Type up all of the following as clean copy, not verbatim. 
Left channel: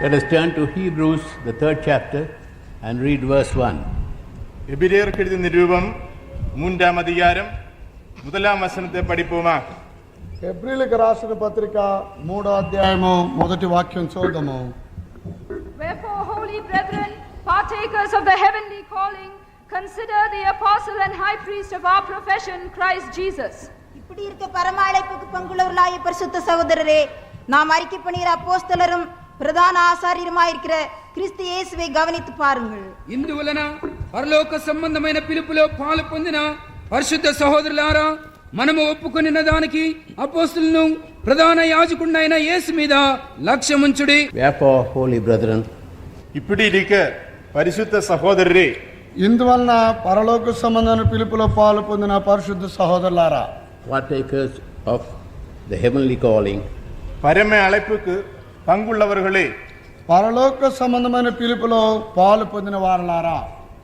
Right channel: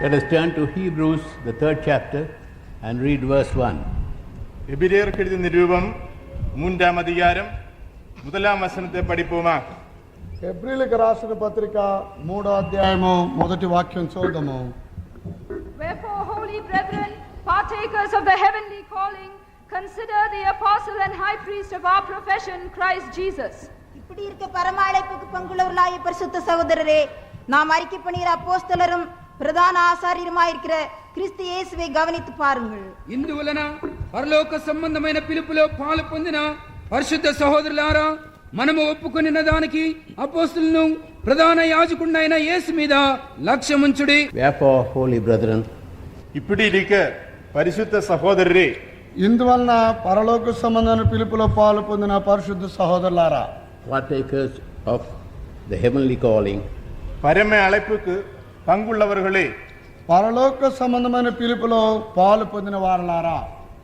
Let us turn to Hebrews, the 3rd chapter, and read verse 1. எபிரேயருக்கு எழுதிய நிருபம் 3ஆம் அதிகாரம் 1ஆம் வசனத்தை படிப்போமா? హెబ్రీయులకు రాసిన పత్రిక 3వ అధ్యాయము మొదటి వాక్యం చూద్దాము. Wherefore, holy brethren, partakers of the heavenly calling, consider the apostle and high priest of our profession, Christ Jesus. இப்படி இருக்க பரம அழைப்புக்கு பங்குள்ளவர்களாகிய பரிசுத்த சகோதரரே, நாம் அறிக்கை பண்ணுகிற அப்போஸ்தலரும் பிரதான ఆచార్యులుమాயிருக்கிற క్రీస్తు యేసుவை గమనించి పారుங்கள். ఇందువలన పరలోక సంబంధమైన పిలుపులో పాలు పొందిన పరిశుద్ధ సహోదరులారా, మనము ఒప్పుకొనిన దానికి అపోస్తలును ప్రధాన యాజకుడైన యేసు మీద లక్ష్యముంచుడి. Wherefore, holy brethren, இப்படி இருக்க பரிசுத்த சகோதரரே, ఇందువలన పరలోక సంబంధమైన పిలుపులో పాలు పొందిన పరిశుద్ధ సహోదరులారా, partakers of the heavenly calling, பரம அழைப்புக்கு பங்குள்ளவர்களே, పరలోక సంబంధమైన పిలుపులో పాలు పొందిన వారలారా,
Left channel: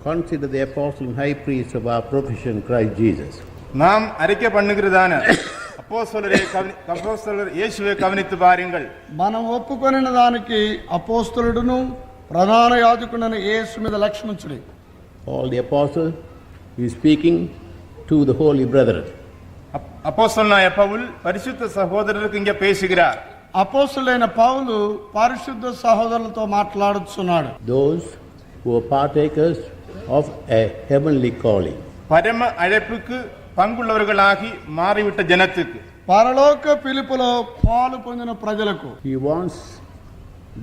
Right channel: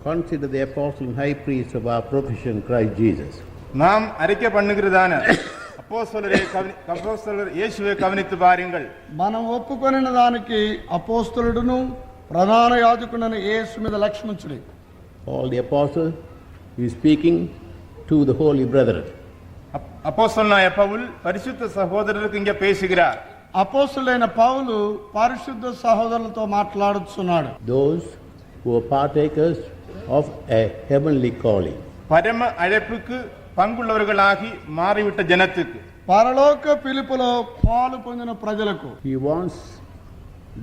consider the apostle and high priest of our profession, Christ Jesus. நாம் அறிக்கை பண்ணுகிறதான அப்போஸ்தலர் இயேசுவை கவனித்து பாருங்கள். మనం ఒప్పుకొనిన దానికి అపోస్తలుడును ప్రధాన యాజకుడైన యేసు మీద లక్ష్యముంచుడి. All the apostle is speaking to the holy brethren. அப்போஸ்தலனாய Pavul பரிசுத்த சகோதரருக்கு இங்கே பேசுகிறார். అపోస్తలుడైన పౌలు పరిశుద్ధ సహోదరులతో మాట్లాడుతున్నాడు. Those who are partakers of a heavenly calling. பரம அழைப்புக்கு பங்குள்ளவர்களாகி மாறிவிட்ட ஜனத்துக்கு, పరలోక పిలుపులో పాలు పొందిన ప్రజలకు He wants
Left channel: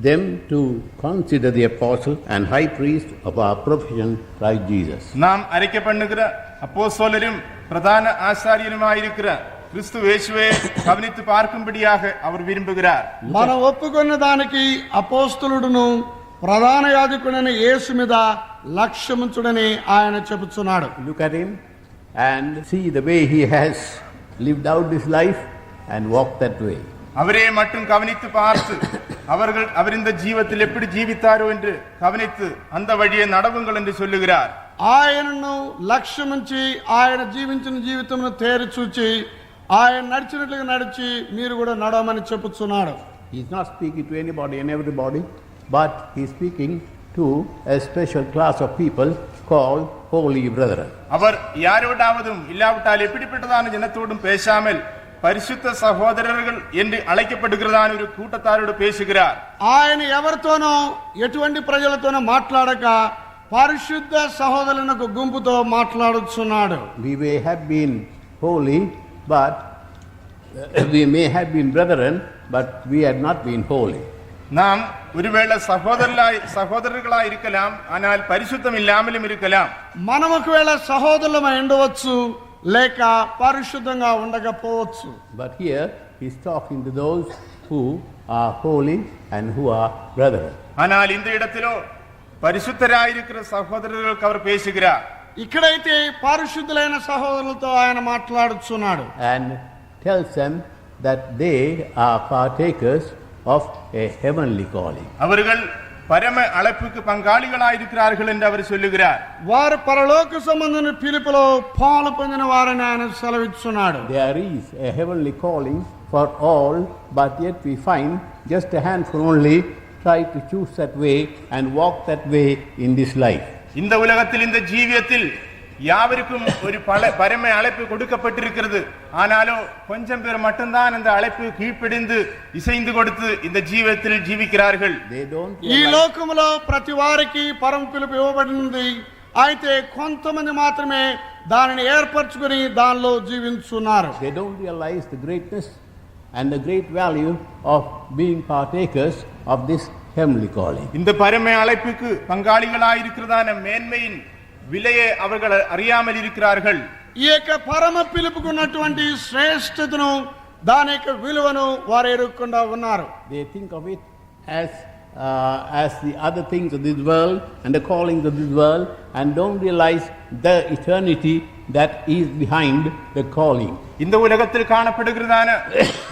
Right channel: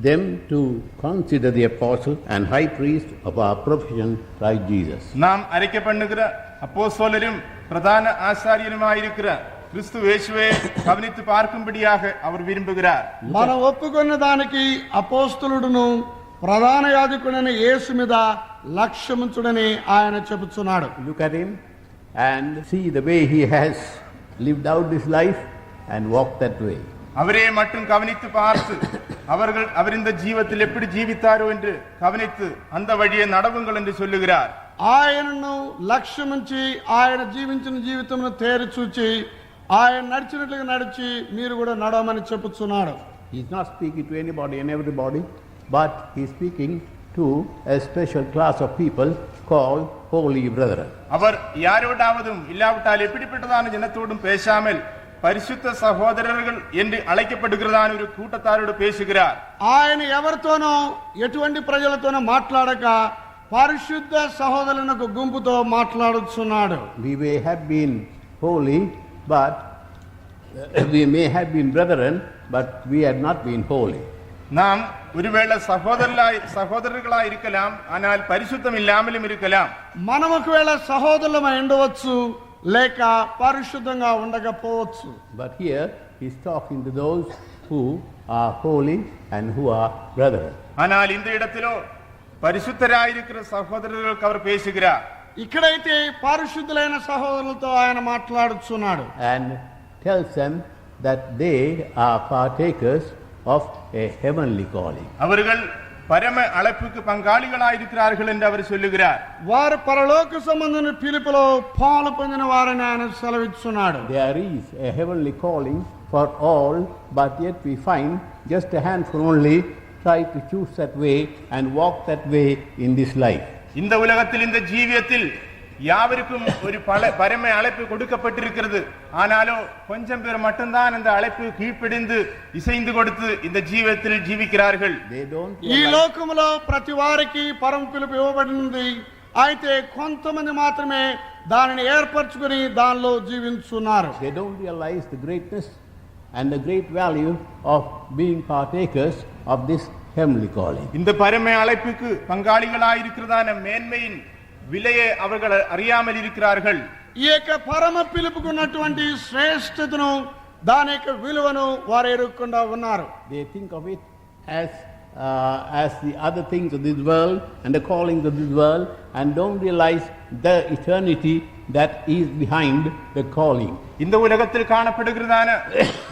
them to consider the apostle and high priest of our profession, Christ Jesus. நாம் அறிக்கை பண்ணுகிற அப்போஸ்தலரும் பிரதான ஆசாரியருமாயிருக்கிற கிறிஸ்து இயேசுவை கவனித்து பார்க்கும்படியாக அவர் விரும்புகிறார். మనం ఒప్పుకున్న దానికి అపోస్తలుడును ప్రధాన యాజకుడైన యేసు మీద లక్ష్యముంచుడని ఆయన చెబుతున్నాడు. Look at him and see the way he has lived out his life and walked that way. அவரே மட்டும் கவனித்து பார்த்து அவர் இந்த ஜீவத்தில் எப்படி ஜீவித்தாரோ என்று கவனித்து அந்த வழியை நடவுங்கள் என்று சொல்லுகிறார். ఆయనను లక్ష్యముంచి ఆయన జీవించిన జీవితమును తేరి చూచి ఆయన నడిచినట్లుగా నడిచి మీరు కూడా నడవమని చెప్పుచున్నాడు. He is not speaking to anybody and everybody, but he is speaking to a special class of people called holy brethren. அவர் யாரோடாவதும் இல்லாவிட்டால் எப்படிப்பட்டதான ஜனத்தோடும் பேசாமல் பரிசுத்த சகோதரர்கள் என்று அழைக்கப்படுகிறதான ஒரு கூட்டத்தாரோடு பேசுகிறார். ఆయన ఎవరితోనో ఎటువంటి ప్రజలతోనో మాట్లాడక పరిశుద్ధ సహోదరులకు గుంపుతో మాట్లాడుచున్నాడు. We may have been holy, but we may have been brethren, but we had not been holy. நாம் ஒருவேளை சகோதரர்களாய் இருக்கலாம், ஆனால் பரிசுத்தம் இல்லாமலும் இருக்கலாம். మనం ఒకవేళ సహోదరులమై ఉండవచ్చు, లేక పరిశుద్ధంగా ఉండకపోవచ్చు. But here he is talking to those who are holy and who are brethren. ஆனால் இந்த இடத்திலோ பரிசுத்தராயிருக்கிற சகோதரர்களுக்கு அவர் பேசுகிறார். ఇక్కడైతే పరిశుద్ధులైన సహోదరులతో ఆయన మాట్లాడుచున్నాడు. And tells them that they are partakers of a heavenly calling. அவர்கள் பரம அழைப்புக்கு பங்காளிகளாயிருக்கிறார்கள் என்று அவர் சொல்லுகிறார். వారు పరలోక సంబంధమైన పిలుపులో పాలు పొందిన వారని ఆయన సెలవిస్తున్నాడు. There is a heavenly calling for all, but yet we find just a handful only try to choose that way and walk that way in this life. இந்த உலகத்தில் இந்த ஜீவியத்தில் யாவருக்கும் ஒரு பரம அழைப்பு கொடுக்கப்பட்டிருக்கிறது. ஆனாலும் கொஞ்சம் பேர் மட்டும்தான் அந்த அழைப்பு கீழ்ப்படிந்து இசைந்து கொடுத்து இந்த ஜீவியத்தில் ஜீவிக்கிறார்கள். ఈ లోకములో ప్రతి వారికి పరమ పిలుపు ఇవ్వబడింది. అయితే కొంతమంది మాత్రమే దానిని ఏర్పరచుకొని దానిలో జీవించున్నారు. They don't realize the greatness and the great value of being partakers of this heavenly calling. இந்த பரம அழைப்புக்கு பங்காளிகளாயிருக்கிறதான மேன்மையின் விலையை அவர்கள் அறியாமல் இருக்கிறார்கள். ఈ యొక్క పరమ పిలుపుకున్నటువంటి శ్రేష్టతను దాని యొక్క విలువను వారు ఎరుగకుండా ఉన్నారు. They think of it as the other things of this world and the callings of this world, and don't realize the eternity that is behind the calling. இந்த உலகத்தில் காணப்படுகிறதான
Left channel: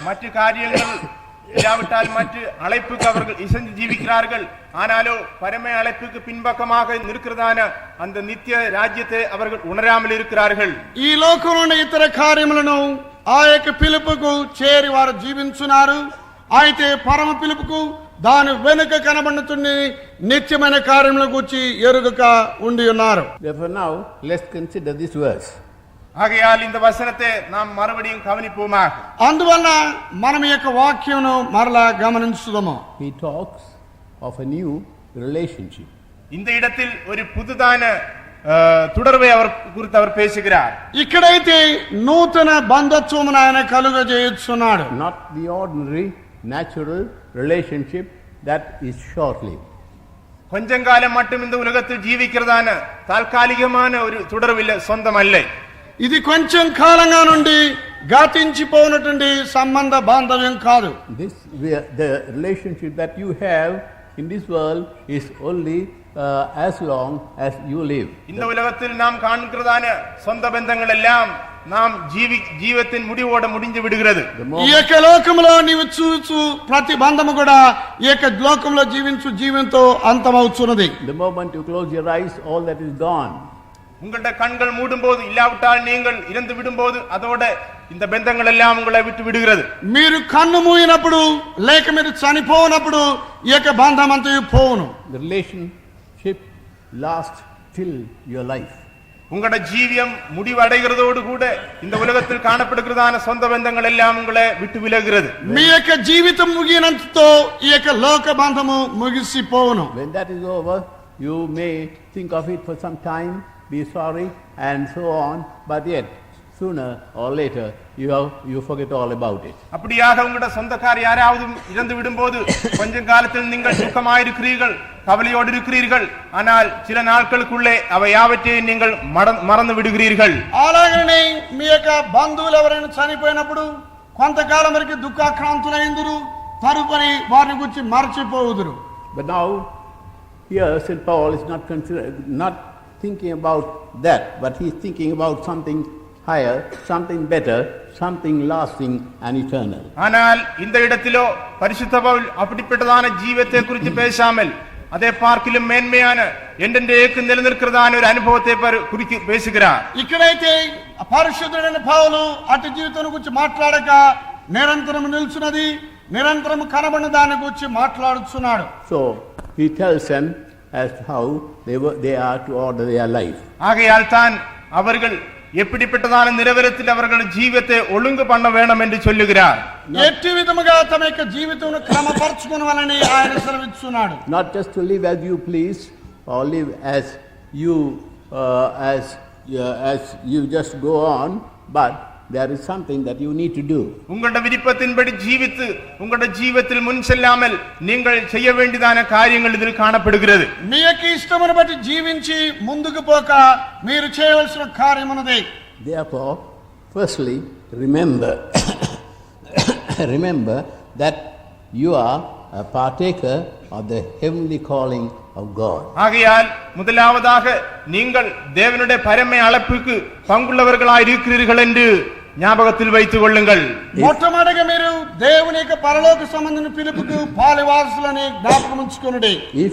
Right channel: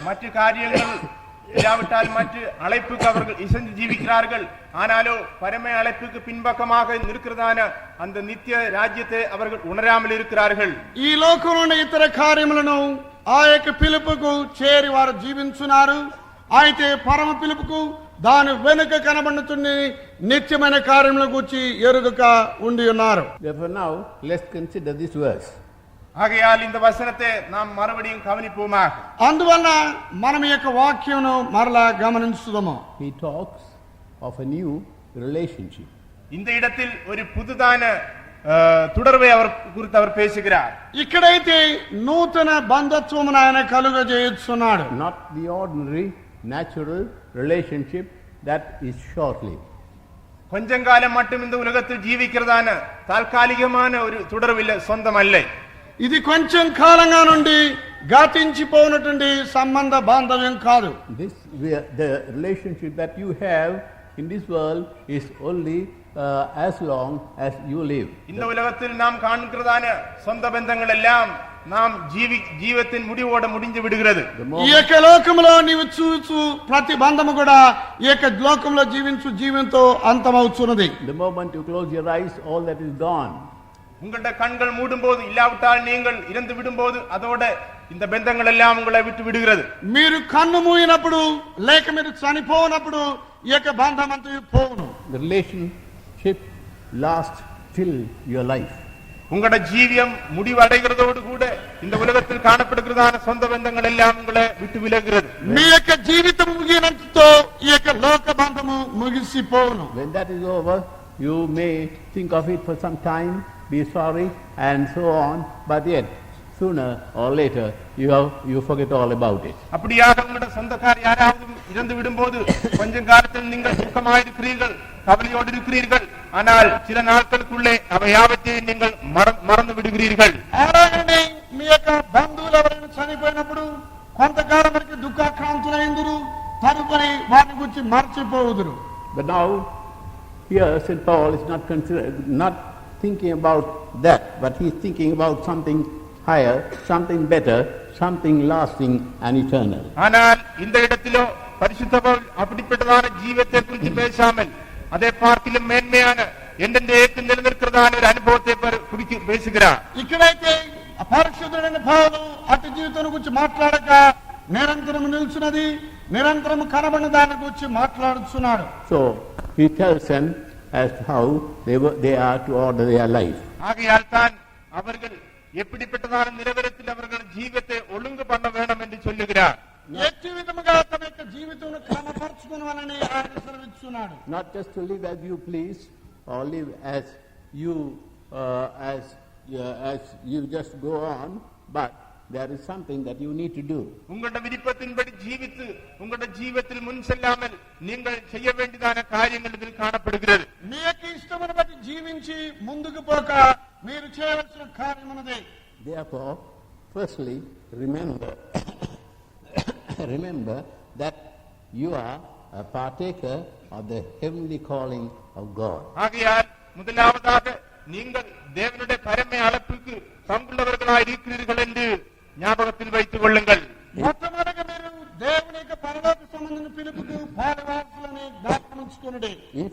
மற்ற காரியங்கள் இல்லாவிட்டால் மற்ற அழைப்புக்கு அவர்கள் இசைந்து ஜீவிக்கிறார்கள். ஆனாலோ பரம அழைப்புக்கு பின்பக்கமாக இருக்கிறதான அந்த நித்திய ராஜ்யத்தை அவர்கள் உணராமல் இருக்கிறார்கள். ఈ లోకంలోని ఇతర కార్యములను ఆ యొక్క పిలుపుకు చేరి వారు జీవించున్నారు. అయితే పరమ పిలుపుకు దాని వెనుక కనబడుతున్న నిత్యమైన కార్యముల గురించి ఎరుగక ఉండి ఉన్నారు. Therefore now, let's consider this verse. ஆகையால் இந்த வசனத்தை நாம் மறுபடியும் கவனிப்போமாக. అందువల్ల మనం ఈ యొక్క వాక్యంను మరలా గమనించుదాము. He talks of a new relationship. இந்த இடத்தில் ஒரு புதுதான தொடர்பை அவர் குறித்து அவர் பேசுகிறார். ఇక్కడైతే నూతన బంధత్వమును ఆయన కలుగజేయుచున్నాడు. Not the ordinary, natural relationship that is short-lived. கொஞ்சம் காலம் மட்டும் இந்த உலகத்தில் ஜீவிக்கிறதான தாற்காலிகமான ஒரு தொடர்பில்லை, சொந்தமல்ல. ఇది కొంచెం కాలంగా నుండి గతించిపోయినటువంటి సంబంధ బాంధవ్యం కాదు. The relationship that you have in this world is only as long as you live. இந்த உலகத்தில் நாம் காண்கிறதான சொந்த பந்தங்கள் எல்லாம் நாம் జీవితத்தின் முடிவோட முடிஞ்சு விடுகிறது. ఈ యొక్క లోకంలో నీవు చూచు ప్రతి బంధము కూడా ఈ యొక్క లోకంలో జీవించు జీవంతో అంతమవుతున్నది. The moment you close your eyes, all that is gone. உங்களுடைய கண்கள் மூடும்போது, இல்லாவிட்டால் நீங்கள் இறந்து விடும்போது, அதோட இந்த பந்தங்கள் எல்லாம் உங்களை விட்டு விடுகிறது. మీరు కన్ను మూయినప్పుడు లేక మీరు చనిపోయినప్పుడు ఈ యొక్క బంధం అంతా పోవును. The relationship lasts till your life. உங்களுடைய ஜீவியம் முடிவடைகிறதோடு கூட இந்த உலகத்தில் காணப்படுகிறதான சொந்த பந்தங்கள் எல்லாம் உங்களை விட்டு விலகுகிறது. మీ యొక్క జీవితం ముగినంతతో ఈ యొక్క లోక బంధము ముగిసిపోవును. When that is over, you may think of it for some time, be sorry and so on, but yet sooner or later you forget all about it. அப்படியாக உங்களுடைய சொந்தக்கார் யாராவது இறந்து விடும்போது கொஞ்சம் காலத்தில் நீங்கள் சுகமாயிருக்கிறீர்கள், கவலையோடு இருக்கிறீர்கள். ஆனால் சில நாட்களுக்குள்ளே அவை யாவற்றையும் நீங்கள் மறந்து விடுகிறீர்கள். అలాగనే మీ యొక్క బంధువులు ఎవరైనా చనిపోయినప్పుడు కొంతకాలం వరకు దుఃఖాక్రాంతులైందురు, తరుపరి వారిని గురించి మర్చిపోవుదురు. But now here St. Paul is not thinking about that, but he is thinking about something higher, something better, something lasting and eternal. ஆனால் இந்த இடத்திலோ பரிசுத்த பவுல் அப்படிப்பட்டதான ஜீவத்தை குறித்து பேசாமல் அதை பார்க்கிலும் மேன்மையான என்றென்றைக்கு நிலைநிற்கிறதான ஒரு அனுபவத்தை குறித்து பேசுகிறார். ఇక్కడైతే పరిశుద్ధుడైన పౌలు అటు జీవితం గురించి మాట్లాడక నిరంతరం నిల్చున్నది, నిరంతరం కనబడిన దాని గురించి మాట్లాడుతున్నాడు. So he tells them as to how they are to order their life. ஆகையால் தான் அவர்கள் எப்படிப்பட்டதான நிலவரத்தில் அவர்கள் ஜீவித்தை ஒழுங்கு பண்ண வேண்டும் என்று சொல்லுகிறார். ఎట్టి విధముగా తమ యొక్క జీవితమును క్రమపరచుకొనవాలని ఆయన సెలవిస్తున్నాడు. Not just to live as you please or live as you just go on, but there is something that you need to do. உங்களுடைய விருப்பத்தின்படி ஜீவித்து உங்களுடைய ஜீவிதத்தில் முன் செல்லாமல் நீங்கள் செய்ய வேண்டியதான காரியங்கள் இதில் காணப்படுகிறது. మీ యొక్క ఇష్టమును బట్టి జీవించి ముందుకు పోక మీరు చేయవలసిన కార్యం ఉన్నది. Therefore, firstly, remember that you are a partaker of the heavenly calling of God. ஆகையால் முதலாவதாக நீங்கள் தேவனுடைய பரம அழைப்புக்கு பங்குள்ளவர்களாய் இருக்கிறீர்கள் என்று ஞாபகத்தில் வைத்துக் கொள்ளுங்கள். మొట్టమొదటిగా మీరు దేవుని యొక్క పరలోక సంబంధించిన పిలుపుకు పాలివారసులని జ్ఞాపకం ఉంచుకొనుడి. If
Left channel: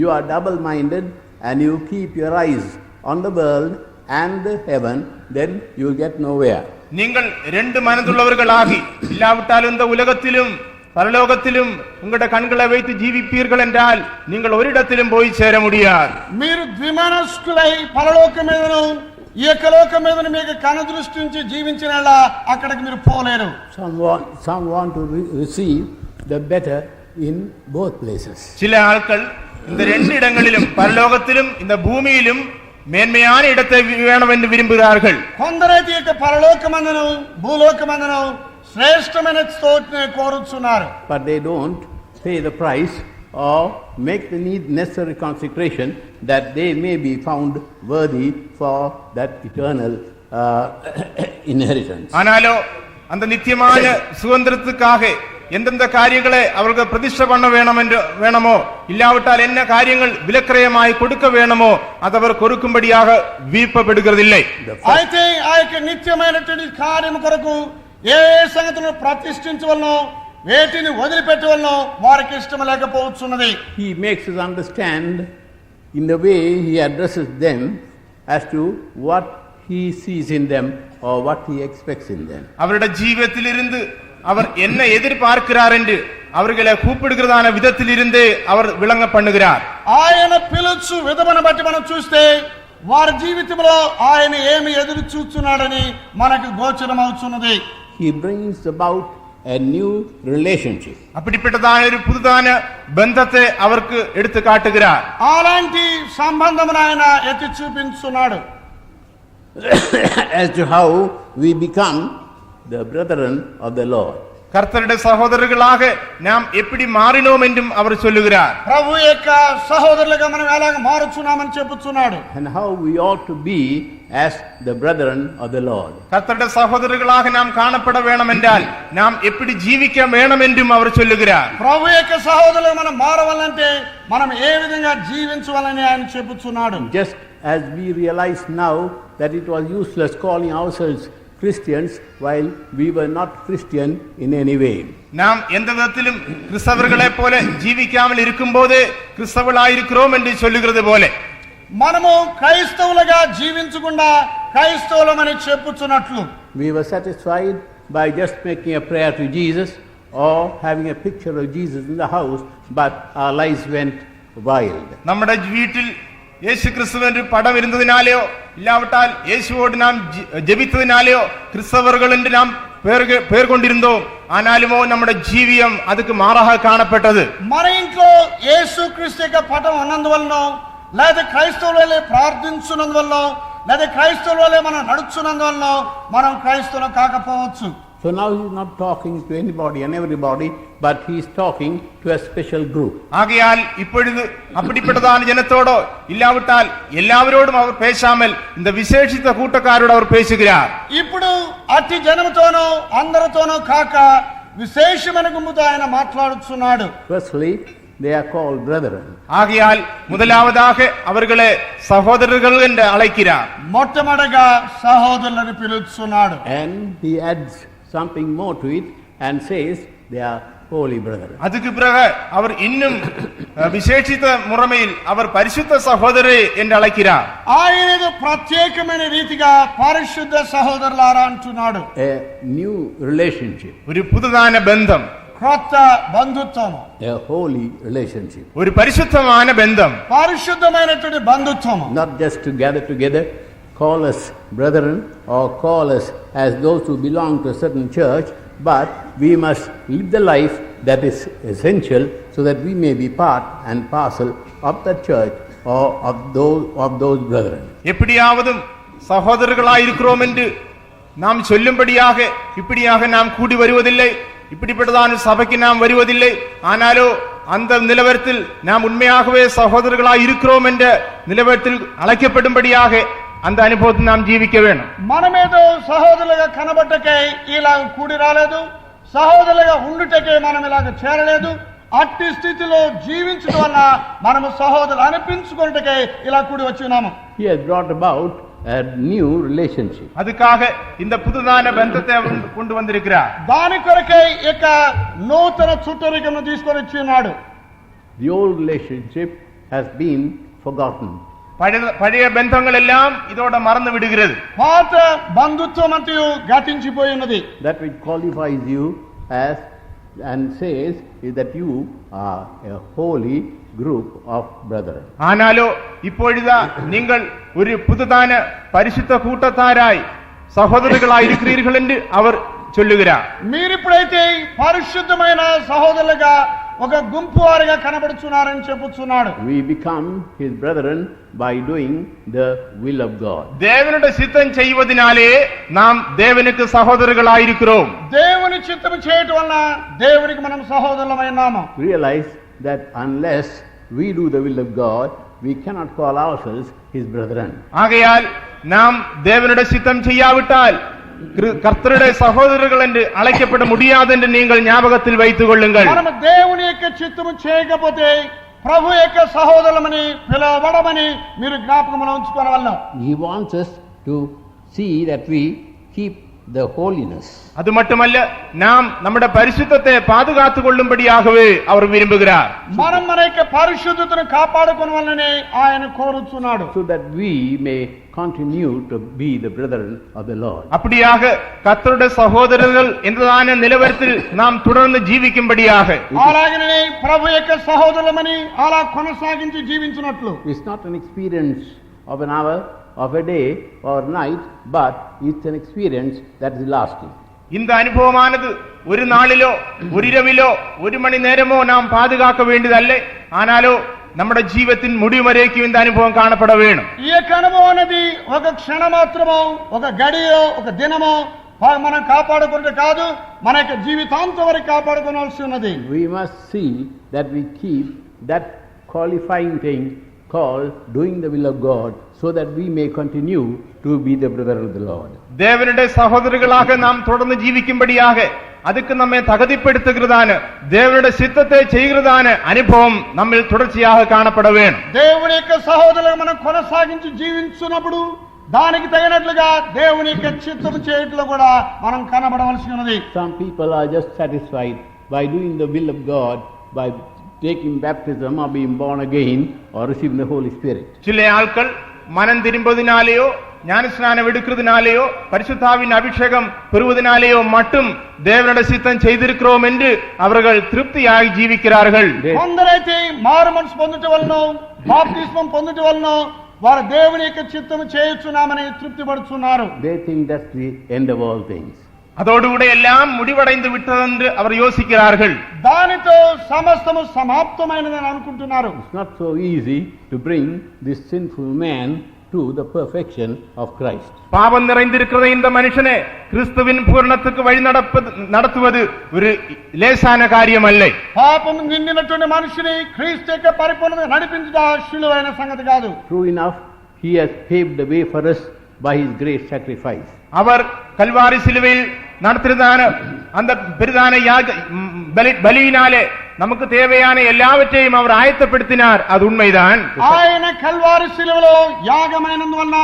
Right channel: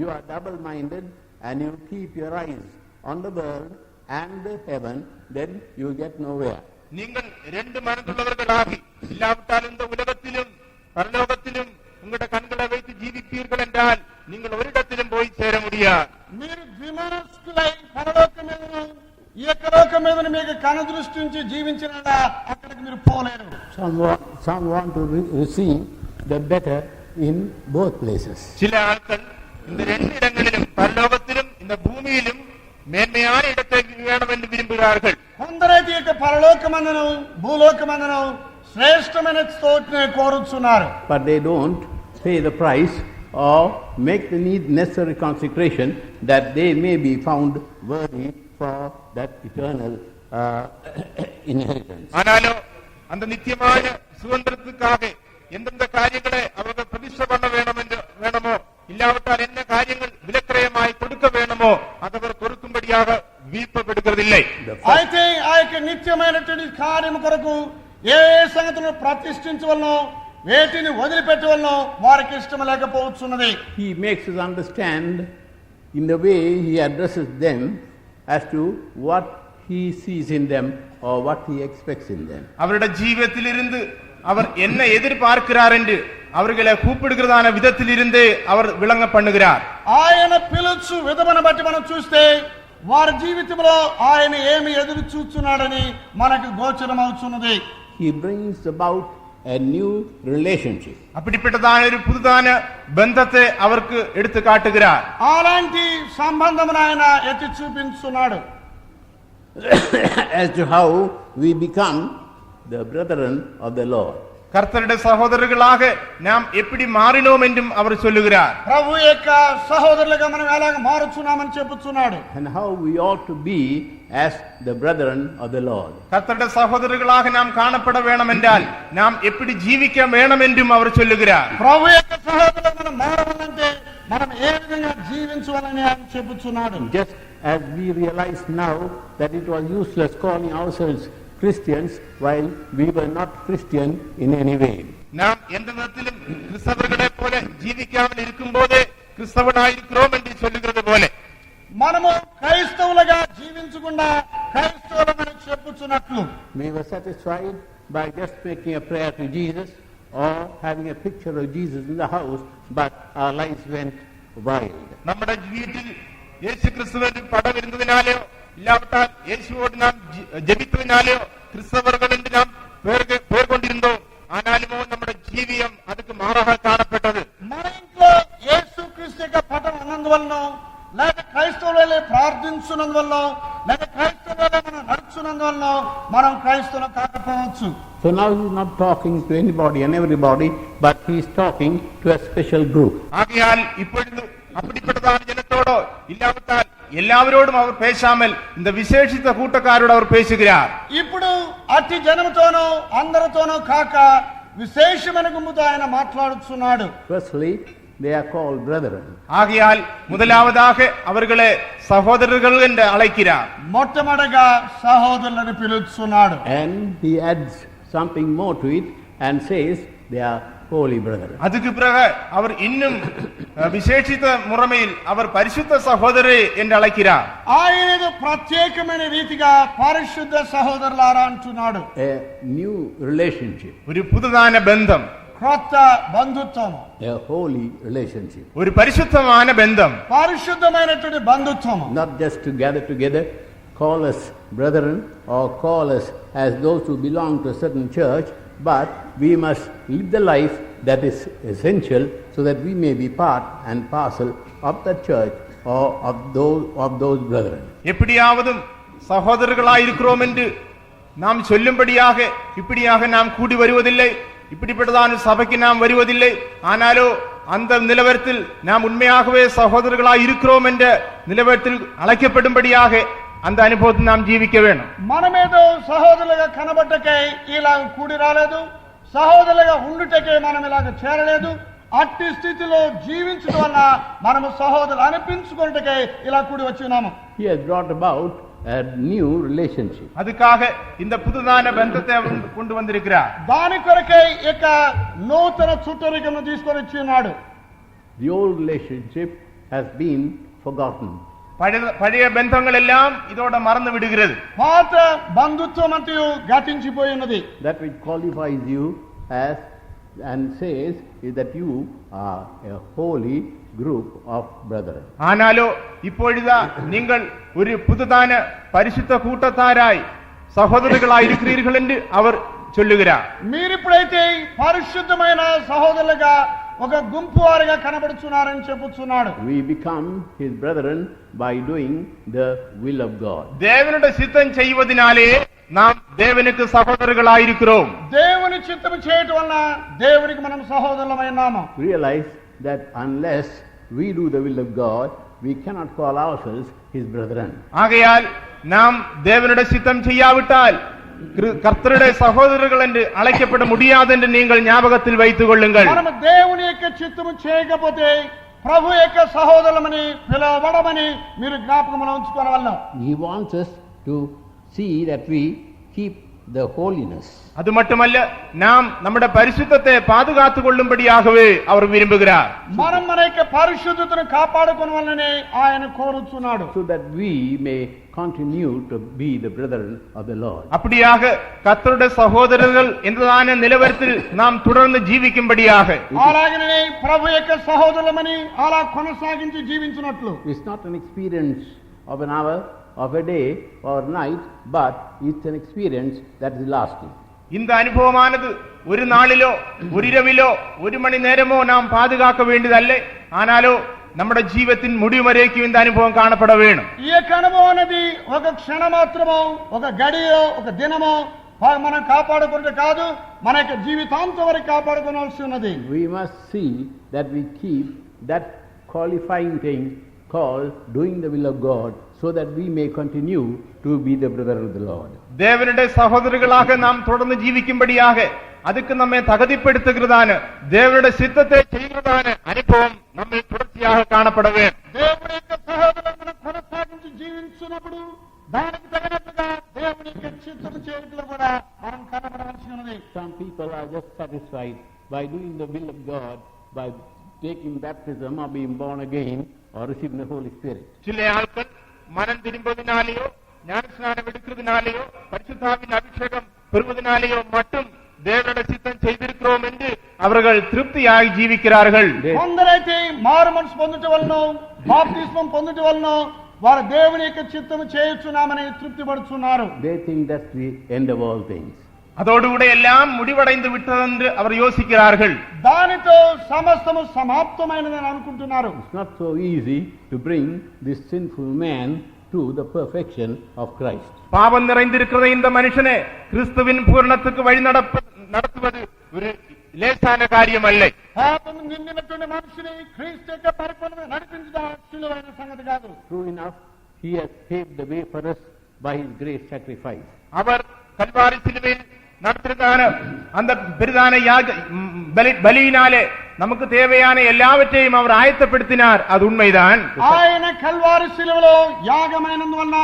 you are double-minded and you keep your eyes on the world and the heaven, then you will get nowhere. நீங்கள் ரெண்டு மனதுள்ளவர்களாகி இல்லாவிட்டால் இந்த உலகத்திலும் பரலோகத்திலும் உங்களுடைய கண்களை வைத்து ஜீவிப்பீர்கள் என்றால் நீங்கள் ஒரு இடத்திலும் போய் சேர முடியாது. మీరు ద్విమనస్కులై పరలోకం మీదను ఈ యొక్క లోకం మీద మీకు కనుదృష్టి నుంచి జీవించిన అక్కడికి మీరు పోలేరు. Some want to receive the better in both places. சில ஆட்கள் இந்த ரெண்டு இடங்களிலும் பரலோகத்திலும் இந்த பூமியிலும் மேன்மையான இடத்தை வேணும் என்று விரும்புகிறார்கள். కొందరైతే యొక్క పరలోకమందును భూలోకమందును శ్రేష్టమైన చోటుని కోరుచున్నారు. But they don't pay the price or make the necessary consecration that they may be found worthy for that eternal inheritance. ஆனாலோ அந்த நித்தியமான சுதந்திரத்துக்காக எந்தெந்த காரியங்களை அவர்கள் பிரதிஷ்டை பண்ண வேணுமோ இல்லாவிட்டால் என்ன காரியங்கள் விலக்கிரயமாய் கொடுக்க வேணுமோ அதை அவர் கொடுக்கும்படியாக விருப்பப்படுகிறதில்லை. అయితే ఆ యొక్క నిత్యమైనటువంటి కార్యం కొరకు ఏ సంగతులను ప్రతిష్ఠించవలనో వేటిని వదిలిపెట్టవలనో వారికి ఇష్టం లేకపోవచ్చున్నది. He makes us understand in the way he addresses them as to what he sees in them or what he expects in them. அவருடைய ஜீவிதத்திலிருந்து அவர் என்ன எதிர்பார்க்கிறார் என்று அவர்களை கூப்பிடுகிறதான விதத்தில் இருந்து அவர் விளங்க பண்ணுகிறார். ఆయన పిలుచు విధమును బట్టి మనం చూస్తే వారి జీవితంలో ఆయన ఏమి ఎదురు చూస్తున్నాడని మనకు గోచరమవుతున్నది. He brings about a new relationship. அப்படிப்பட்டதான ஒரு புதுதான பந்தத்தை அவருக்கு எடுத்து காட்டுகிறார். అలాంటి సంబంధమును ఆయన ఎత్తి చూపించున్నాడు. As to how we become the brethren of the Lord. கர்த்தருடைய சகோதரர்களாக நாம் எப்படி மாறினோம் என்றும் அவர் சொல்லுகிறார். ప్రభు యొక్క సహోదరులుగా మనం ఎలాగ మారుచున్నామని చెప్పుచున్నాడు. And how we ought to be as the brethren of the Lord. கர்த்தருடைய சகோதரர்களாக நாம் காணப்பட வேண்டும் என்றால் நாம் எப்படி ஜீவிக்க வேண்டும் என்றும் அவர் சொல்லுகிறார். ప్రభు యొక్క సహోదరులుగా మనం మారవాలంటే మనం ఏ విధంగా జీవించవాలని ఆయన చెప్పుచున్నాడు. Just as we realize now that it was useless calling ourselves Christians while we were not Christian in any way. நாம் எந்த விதத்திலும் கிறிஸ்தவர்களைப் போல ஜீவிக்காமல் இருக்கும்போது கிறிஸ்தவர்களாயிருக்கிறோம் என்று சொல்லுகிறது போல మనము క్రైస్తవులుగా జీవించకుండా క్రైస్తవులమని చెప్పుచున్నట్లు We were satisfied by just making a prayer to Jesus or having a picture of Jesus in the house, but our lives went wild. നമ്മുടെ വീട്ടിൽ യേശു ക്രിസ്തുവിന്റെ പടം ഇരുന്നതിനാലെയോ ഇല്ലാവിട്ടാൽ യേശുവോട് നാം ജപിത്തതിനാലെയോ கிறிஸ்தவர்கள் என்று நாம் பேர் கொண்டிருந்தோம். ஆனாலுமோ நம்முடைய ஜீவியம் அதுக்கு மாறாக காணப்பட்டது. మన ఇంట్లో యేసుక్రీస్తు యొక్క పటం ఉన్నందువలన లేదా క్రైస్తవులే ప్రార్థించున్నందువలన లేదా క్రైస్తవులే మనం నడుచున్నందువలన మనం క్రైస్తవులు కాకపోవచ్చు. So now he is not talking to anybody and everybody, but he is talking to a special group. ஆகையால் இப்பொழுது அப்படிப்பட்டதான ஜனத்தோடோ இல்லாவிட்டால் எல்லாவரோடும் அவர் பேசாமல் இந்த விசேஷித்த கூட்டக்காரோடு அவர் பேசுகிறார். ఇప్పుడు అట్టి జనముతోనో అందరితోనో కాక విశేషమైన గుంపుతో ఆయన మాట్లాడుచున్నాడు. Firstly, they are called brethren. ஆகையால் முதலாவதாக அவர்களை சகோதரர்கள் என்று அழைக்கிறார். మొట్టమొదటిగా సహోదరులను పిలుచున్నాడు. And he adds something more to it and says they are holy brethren. அதுக்கு பிறகு அவர் இன்னும் விசேஷித்த முறைமையில் அவர் பரிசுத்த சகோதரர் என்று அழைக்கிறார். ఆయన ప్రత్యేకమైన రీతిగా పరిశుద్ధ సహోదరులారా అంటున్నాడు. A new relationship, ஒரு புதுதான பந்தம், క్రొత్త బంధుత్వం, a holy relationship. ஒரு பரிசுத்தமான பந்தம், పరిశుద్ధమైనటువంటి బంధుత్వం. Not just to gather together, call us brethren or call us as those who belong to a certain church, but we must live the life that is essential so that we may be part and parcel of the church or of those brethren. எப்படியாவதும் சகோதரர்களாய் இருக்கிறோம் என்று நாம் சொல்லும்படியாக இப்படியாக நாம் கூடி வருவதில்லை, இப்படிப்பட்டதான சபைக்கு நாம் வருவதில்லை. ஆனாலோ அந்த நிலவரத்தில் நாம் உண்மையாகவே சகோதரர்களாய் இருக்கிறோம் என்ற நிலவரத்தில் அழைக்கப்படும்படியாக அந்த அனுபவத்தை நாம் ஜீவிக்க வேண்டும். మనమేదో సహోదరులుగా కనబట్టకై ఇలా కూడి రాలేదు, సహోదరులుగా ఉండుటకై మనం ఇలాగ చేరలేదు. అట్టి స్థితిలో జీవించడం వల్ల మనము సహోదరులు అనిపించుకున్నటకై ఇలా కూడి వచ్చి ఉన్నాము. He has brought about a new relationship. அதுக்காக இந்த புதுதான பந்தத்தை அவர் கொண்டு வந்திருக்கிறார். దాని కొరకై ఇక నూతన చుట్టరికను తీసుకొని వచ్చి ఉన్నాడు. The old relationship has been forgotten. பழைய பந்தங்கள் எல்லாம் இதோட மறந்து விடுகிறது. పాత బంధుత్వం అంతయు గతించిపోయి ఉన్నది. That which qualifies you as and says is that you are a holy group of brethren. ஆனாலோ இப்பொழுதா நீங்கள் ஒரு புதுதான பரிசுத்த கூட்டத்தாராய் சகோதரர்களாய் இருக்கிறீர்கள் என்று அவர் சொல்லுகிறார். మీరిప్పుడైతే పరిశుద్ధమైన సహోదరులుగా ఒక గుంపు వారిగా కనబడుచున్నారని చెప్పుచున్నాడు. We become his brethren by doing the will of God. தேவனுடைய சித்தம் செய்வதனாலே நாம் தேவனுக்கு சகோதரர்களாய் இருக்கிறோம். దేవుని చిత్తము చేయటం వలన దేవునికి మనం సహోదరులమై ఉన్నాము. Realize that unless we do the will of God, we cannot call ourselves his brethren. ஆகையால் நாம் தேவனுடைய சித்தம் செய்யாவிட்டால் கர்த்தருடைய சகோதரர்கள் என்று அழைக்கப்பட முடியாது என்று நீங்கள் ஞாபகத்தில் வைத்துக் கொள்ளுங்கள். మనము దేవుని యొక్క చిత్తము చేయకపోతే ప్రభు యొక్క సహోదరులమని పిలవబడమని మీరు జ్ఞాపకంలో ఉంచుకోవాలన్నా. He wants us to see that we keep the holiness. அது மட்டுமல்ல, நாம் நம்முடைய பரிசுத்தத்தை பாதுகாத்துக் கொள்ளும்படியாகவே அவர் விரும்புகிறார். మనం మన యొక్క పరిశుద్ధతను కాపాడుకోవాలని ఆయన కోరుతున్నాడు. So that we may continue to be the brethren of the Lord. அப்படியாக கர்த்தருடைய சகோதரர்கள் என்றதான நிலவரத்தில் நாம் தொடர்ந்து జీవిக்கும்படியாக. అలాగనే ప్రభు యొక్క సహోదరులమని అలా కొనసాగించి జీవించున్నట్లు. It's not an experience of an hour, of a day or night, but it's an experience that is lasting. இந்த அனுபவமானது ஒரு நாளிலோ ஒரு இரவிலோ ஒரு மணி நேரமோ நாம் பாதுகாக்க வேண்டியதல்ல, ஆனாலோ நம்முடைய జీవితத்தின் முடிவு வரைக்கும் இந்த அனுபவம் காணப்பட வேண்டும். ఈ యొక్క అనుభవం అనేది ఒక క్షణ మాత్రమో ఒక గడియో ఒక దినమో మనం కాపాడుకుంటే కాదు, మన యొక్క జీవితాంతం వరకు కాపాడుకోవాల్సి ఉన్నది. We must see that we keep that qualifying thing called doing the will of God, so that we may continue to be the brother of the Lord. தேவனுடைய சகோதரர்களாக நாம் தொடர்ந்து ஜீவிக்கும்படியாக அதுக்கு நம்மை தகுதிப்படுத்துகிறதான தேவனுடைய சித்தத்தை செய்கிறதான அனுபவம் நம்மில் தொடர்ச்சியாக காணப்பட வேண்டும். దేవుని యొక్క సహోదరులను మనం కొనసాగించి జీవించున్నప్పుడు దానికి తగినట్లుగా దేవుని యొక్క చిత్తము చేయట్లో కూడా మనం కనబడవలసి ఉన్నది. Some people are just satisfied by doing the will of God, by taking baptism or being born again or receiving the Holy Spirit. சில ஆட்கள் மனம் திரும்புவதனாலேயோ ஞானஸ்நானம் எடுக்கிறதுனாலேயோ பரிசுத்தாவின் அபிஷேகம் பெறுவதனாலேயோ மட்டும் தேவனுடைய சித்தம் செய்திருக்கிறோம் என்று அவர்கள் திருப்தியாகி ஜீவிக்கிறார்கள். కొందరైతే మారు మనసు పొందుట వలన బాప్తిస్మం పొందుట వలన వారు దేవుని యొక్క చిత్తము చేయుచున్నామని తృప్తి పడుతున్నారు. They think that's the end of all things. அதோடு கூட எல்லாம் முடிவடைந்து விட்டதென்று அவர் யோசிக்கிறார்கள். దానితో సమస్తము సమాప్తమైనదని అనుకుంటున్నారు. It's not so easy to bring this sinful man to the perfection of Christ. பாவம் நிறைந்திருக்கிற இந்த மனுஷனே கிறிஸ்துவின் பூரணத்துக்கு வழி நடத்துவது ஒரு லேசான காரியம் அல்ல. పాపము నిండినటువంటి మనిషిని క్రీస్తు యొక్క పరిపూర్ణత నడిపించుట సులువైన సంగతి కాదు. True enough, he has paved the way for us by his great sacrifice. அவர் கல்வாரி சிலுவையில் நடத்தினதான அந்த பெரிதான பலியினாலே நமக்கு தேவையான எல்லாவற்றையும் அவர் ஆயத்தப்படுத்தினார். அது உண்மைதான். ఆయన కల్వారి శిలువలో యాగమైనందువలన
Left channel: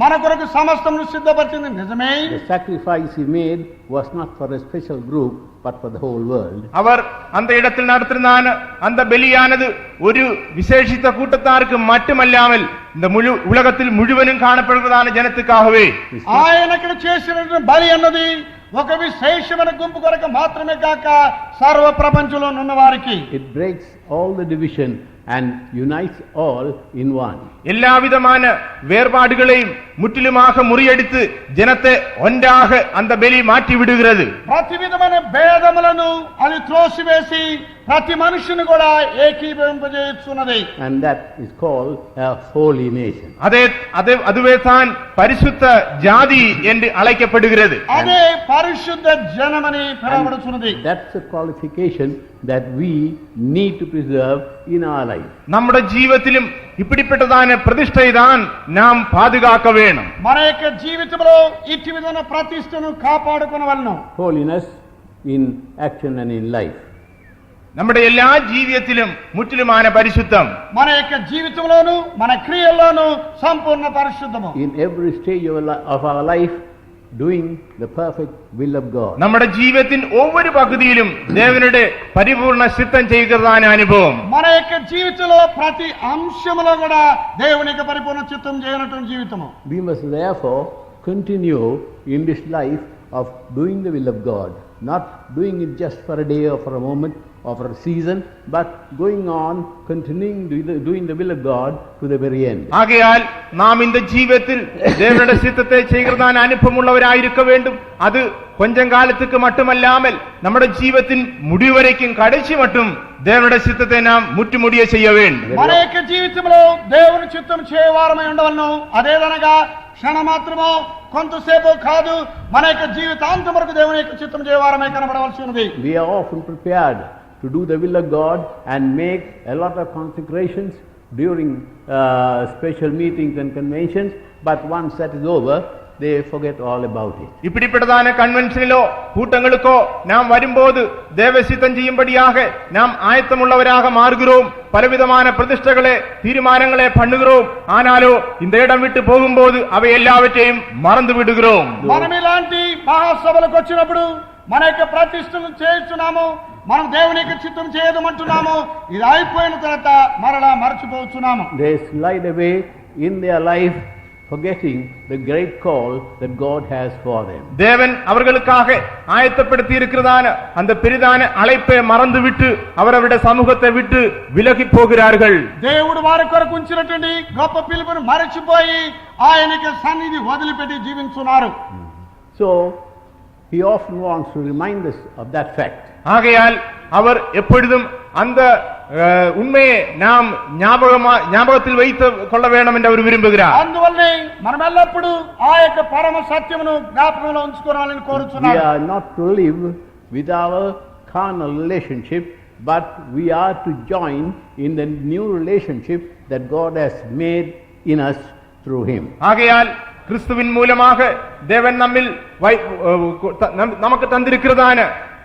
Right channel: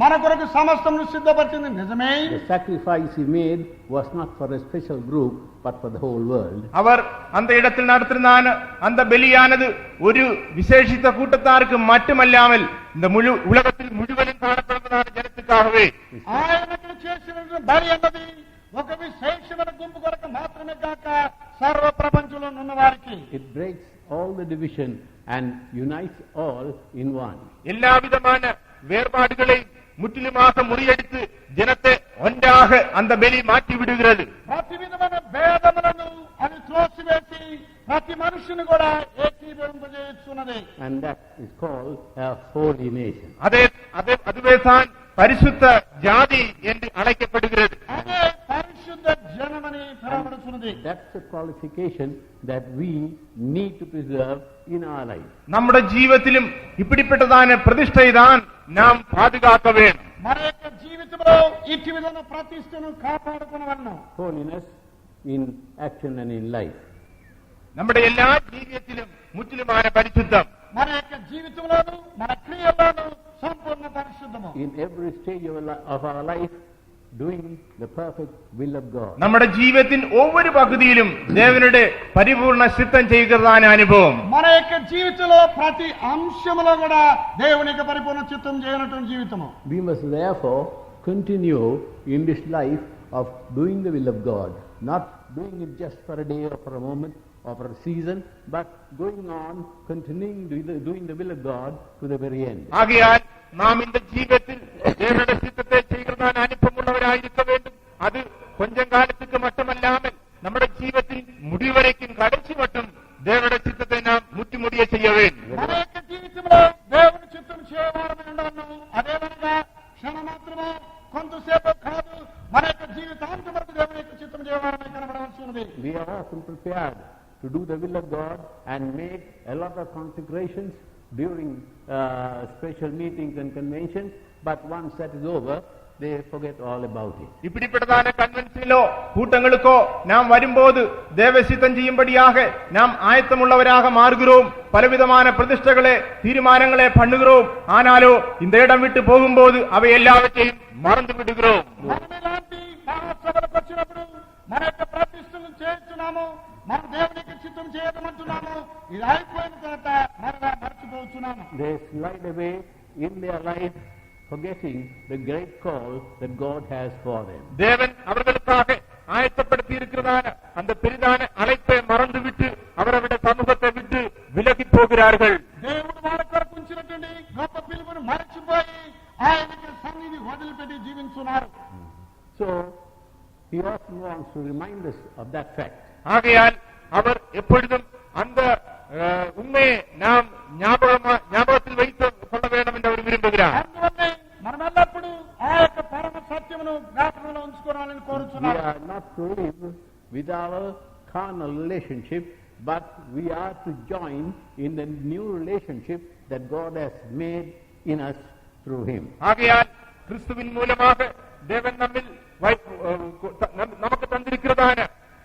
మన కొరకు సమస్తమును సిద్ధపరిచింది నిజమే. The sacrifice he made was not for a special group but for the whole world. அவர் அந்த இடத்தில் நடத்தினான அந்த பலியானது ஒரு விசேஷித்த கூட்டத்தாருக்கு மட்டுமல்லாமல் இந்த முழு உலகத்தில் முழுவதும் காணப்படுகிறதான ஜனத்துக்காகவே. ఆయన ఇక్కడ చేసిన బలి అన్నది ఒక విశేషమైన గుంపు కొరకు మాత్రమే కాక సర్వ ప్రపంచంలో ఉన్న వారికి. It breaks all the division and unites all in one. எல்லா விதமான வேறுபாடுகளையும் முற்றிலுமாக முறியடித்து ஜனத்தை ஒன்றாக அந்த பலி மாற்றி விடுகிறது. ప్రతి విధమైన భేదములను అది త్రోసివేసి ప్రతి మనుషుని కూడా ఏకీభవింపజేస్తున్నది. And that is called a holy nation. அதுவே தான் பரிசுத்த ஜாதி என்று அழைக்கப்படுகிறது. అదే పరిశుద్ధ జనమని పిలువబడుతున్నది. That's a qualification that we need to preserve in our life. நம்முடைய ஜீவிதத்திலும் இப்படிப்பட்டதான பிரதிஷ்டை தான் நாம் பாதுகாக்க வேண்டும். మన యొక్క జీవితంలో ఇట్టి విధమైన ప్రతిష్టను కాపాడుకొనవలెను. Holiness in action and in life. நம்முடைய எல்லா ஜீவியத்திலும் முற்றிலுமான பரிசுத்தம். మన యొక్క జీవితంలోను మన క్రియల్లోను సంపూర్ణ పరిశుద్ధము. In every stage of our life, doing the perfect will of God. நம்முடைய ஜீவியத்தின் ஒவ்வொரு பகுதியிலும் தேவனுடைய பரிபூர்ண சித்தம் செய்கிறதான அனுபவம். మన యొక్క జీవితంలో ప్రతి అంశములో కూడా దేవుని యొక్క పరిపూర్ణ చిత్తం చేయనటువంటి జీవితము. We must therefore continue in this life of doing the will of God, not doing it just for a day or for a moment or for a season, but going on continuing doing the will of God to the very end. ஆகையால் நாம் இந்த ஜீவியத்தில் தேவனுடைய சித்தத்தை செய்கிறதான அனுபவம் உள்ளவராயிருக்க வேண்டும். அது கொஞ்சம் காலத்துக்கு மட்டுமல்லாமல் நம்முடைய ஜீவியத்தின் முடிவு வரைக்கும் கடைசி மட்டும் தேவனுடைய சித்தத்தை நாம் முற்றுமுடிய செய்ய வேண்டும். మన యొక్క జీవితంలో దేవుని చిత్తం చేయవారమై ఉండవలను. అదేదనగా క్షణ మాత్రమో కొంతసేపు కాదు, మన యొక్క జీవితాంతం వరకు దేవుని యొక్క చిత్తం చేయవారమై కనబడవలసి ఉన్నది. We are often prepared to do the will of God and make a lot of consecrations during special meetings and conventions, but once that is over, they forget all about it. இப்படிப்பட்டதான கன்வென்ஷனிலோ கூட்டங்களுக்கோ நாம் வரும்போது தேவ சித்தம் செய்யும்படியாக நாம் ஆயத்தமுள்ளவராக மாறுகிறோம். பலவிதமான பிரதிஷ்டைகளே தீர்மானங்களே பண்ணுகிறோம். ஆனாலோ இந்த இடம் விட்டு போகும்போது அவை எல்லாவற்றையும் மறந்து விடுகிறோம். మనం ఇలాంటి మహాసభలకు వచ్చినప్పుడు మన యొక్క ప్రతిష్టలు చేస్తున్నాము, మనం దేవుని యొక్క చిత్తం చేయదమంటున్నాము. ఇది అయిపోయిన తర్వాత మరలా మరచిపోతున్నాము. They slide away in their life, forgetting the great call that God has for them. தேவன் அவர்களுக்காக ஆயத்தப்படுத்தி இருக்கிறதான அந்த பெரிதான அழைப்பை மறந்துவிட்டு அவரவருடைய சமூகத்தை விட்டு விலகி போகிறார்கள். దేవుడు వారి కొరకు ఉంచినటువంటి గొప్ప పిలుపును మరచిపోయి ఆయనకి సన్నిధి వదిలిపెట్టి జీవిస్తున్నారు. So he often wants to remind us of that fact. ஆகையால் அவர் எப்பொழுதும் அந்த உண்மையை நாம் ஞாபகத்தில் வைத்துக் கொள்ள வேண்டும் என்று அவர் விரும்புகிறார். అందువల్లే మనం ఎల్లప్పుడూ ఆ యొక్క పరమ సత్యమును జ్ఞాపకంలో ఉంచుకోవాలని We కోరుచున్నాను. are not to live with our carnal relationship, but we are to join in the new relationship that God has made in us through him. ஆகையால் கிறிஸ்துவின் மூலமாக தேவன் நம்மில் நமக்கு தந்திருக்கிறதான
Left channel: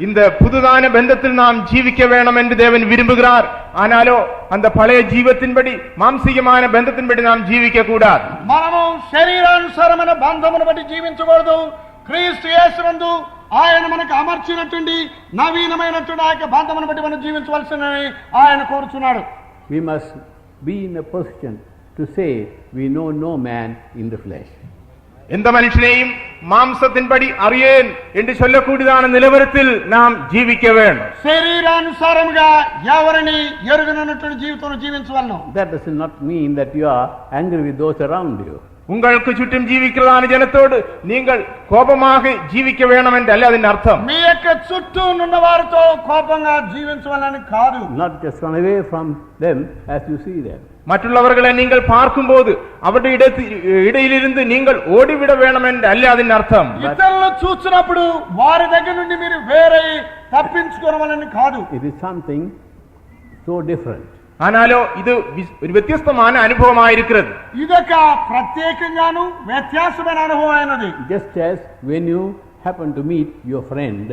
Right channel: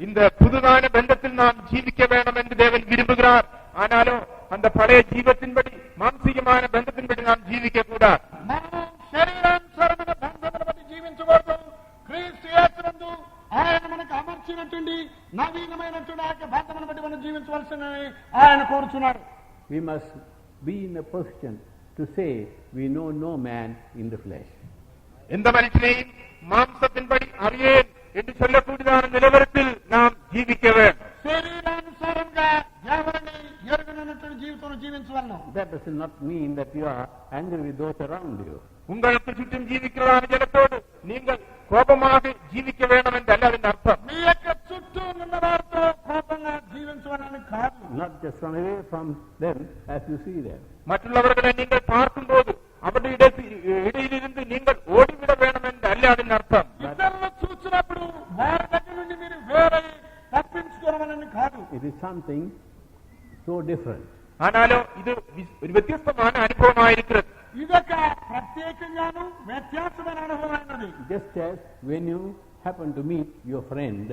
இந்த புதுதான பந்தத்தில் நாம் ஜீவிக்க வேண்டும் என்று தேவன் விரும்புகிறார். ஆனாலோ அந்த பழைய ஜீவத்தின்படி மாம்சீகமான பந்தத்தின்படி நாம் ஜீவிக்க கூடாது. మనము శరీరానుసారమైన బంధమును బట్టి జీవించకూడదు. క్రీస్తు యేసునందు ఆయన మనకు అమర్చినటువంటి నవీనమైనటువంటి ఆ యొక్క బంధమును బట్టి మనం జీవించవలసినని ఆయన కోరుచున్నాడు. We must be in a position to say we know no man in the flesh. எந்த மனுஷனையும் மாம்சத்தின்படி அறியேன் என்று சொல்லக்கூடியதான நிலவரத்தில் நாம் ஜீவிக்க வேண்டும். శరీరానుసారముగా ఎవరిని ఎరుగనటువంటి జీవితం జీవించవలను. That does not mean that you are angry with those around you. உங்களுக்கு சுற்றும் ஜீவிக்கிறதான ஜனத்தோடு நீங்கள் கோபமாக ஜீவிக்க வேண்டும் என்று அல்ல அதன் அர்த்தம். మీ యొక్క చుట్టూ ఉన్న వారితో కోపంగా జీవించవాలని కాదు. Not just run away from them as you see them. மற்றவர்களை நீங்கள் பார்க்கும்போது அவருடைய இடையிலிருந்து நீங்கள் ஓடிவிட வேண்டும் என்று அல்ல அதன் அர்த்தம். ఇతరులను చూసినప్పుడు వారి దగ్గర నుండి మీరు వేరే తప్పించుకోవాలని కాదు. It is something so different. ஆனாலோ இது ஒரு வித்தியாசமான அனுபவமாயிருக்கிறது. ఇదొక ప్రత్యేకంగాను వ్యత్యాసమైన అనుభవం అయినది. Just as when you happen to meet your friend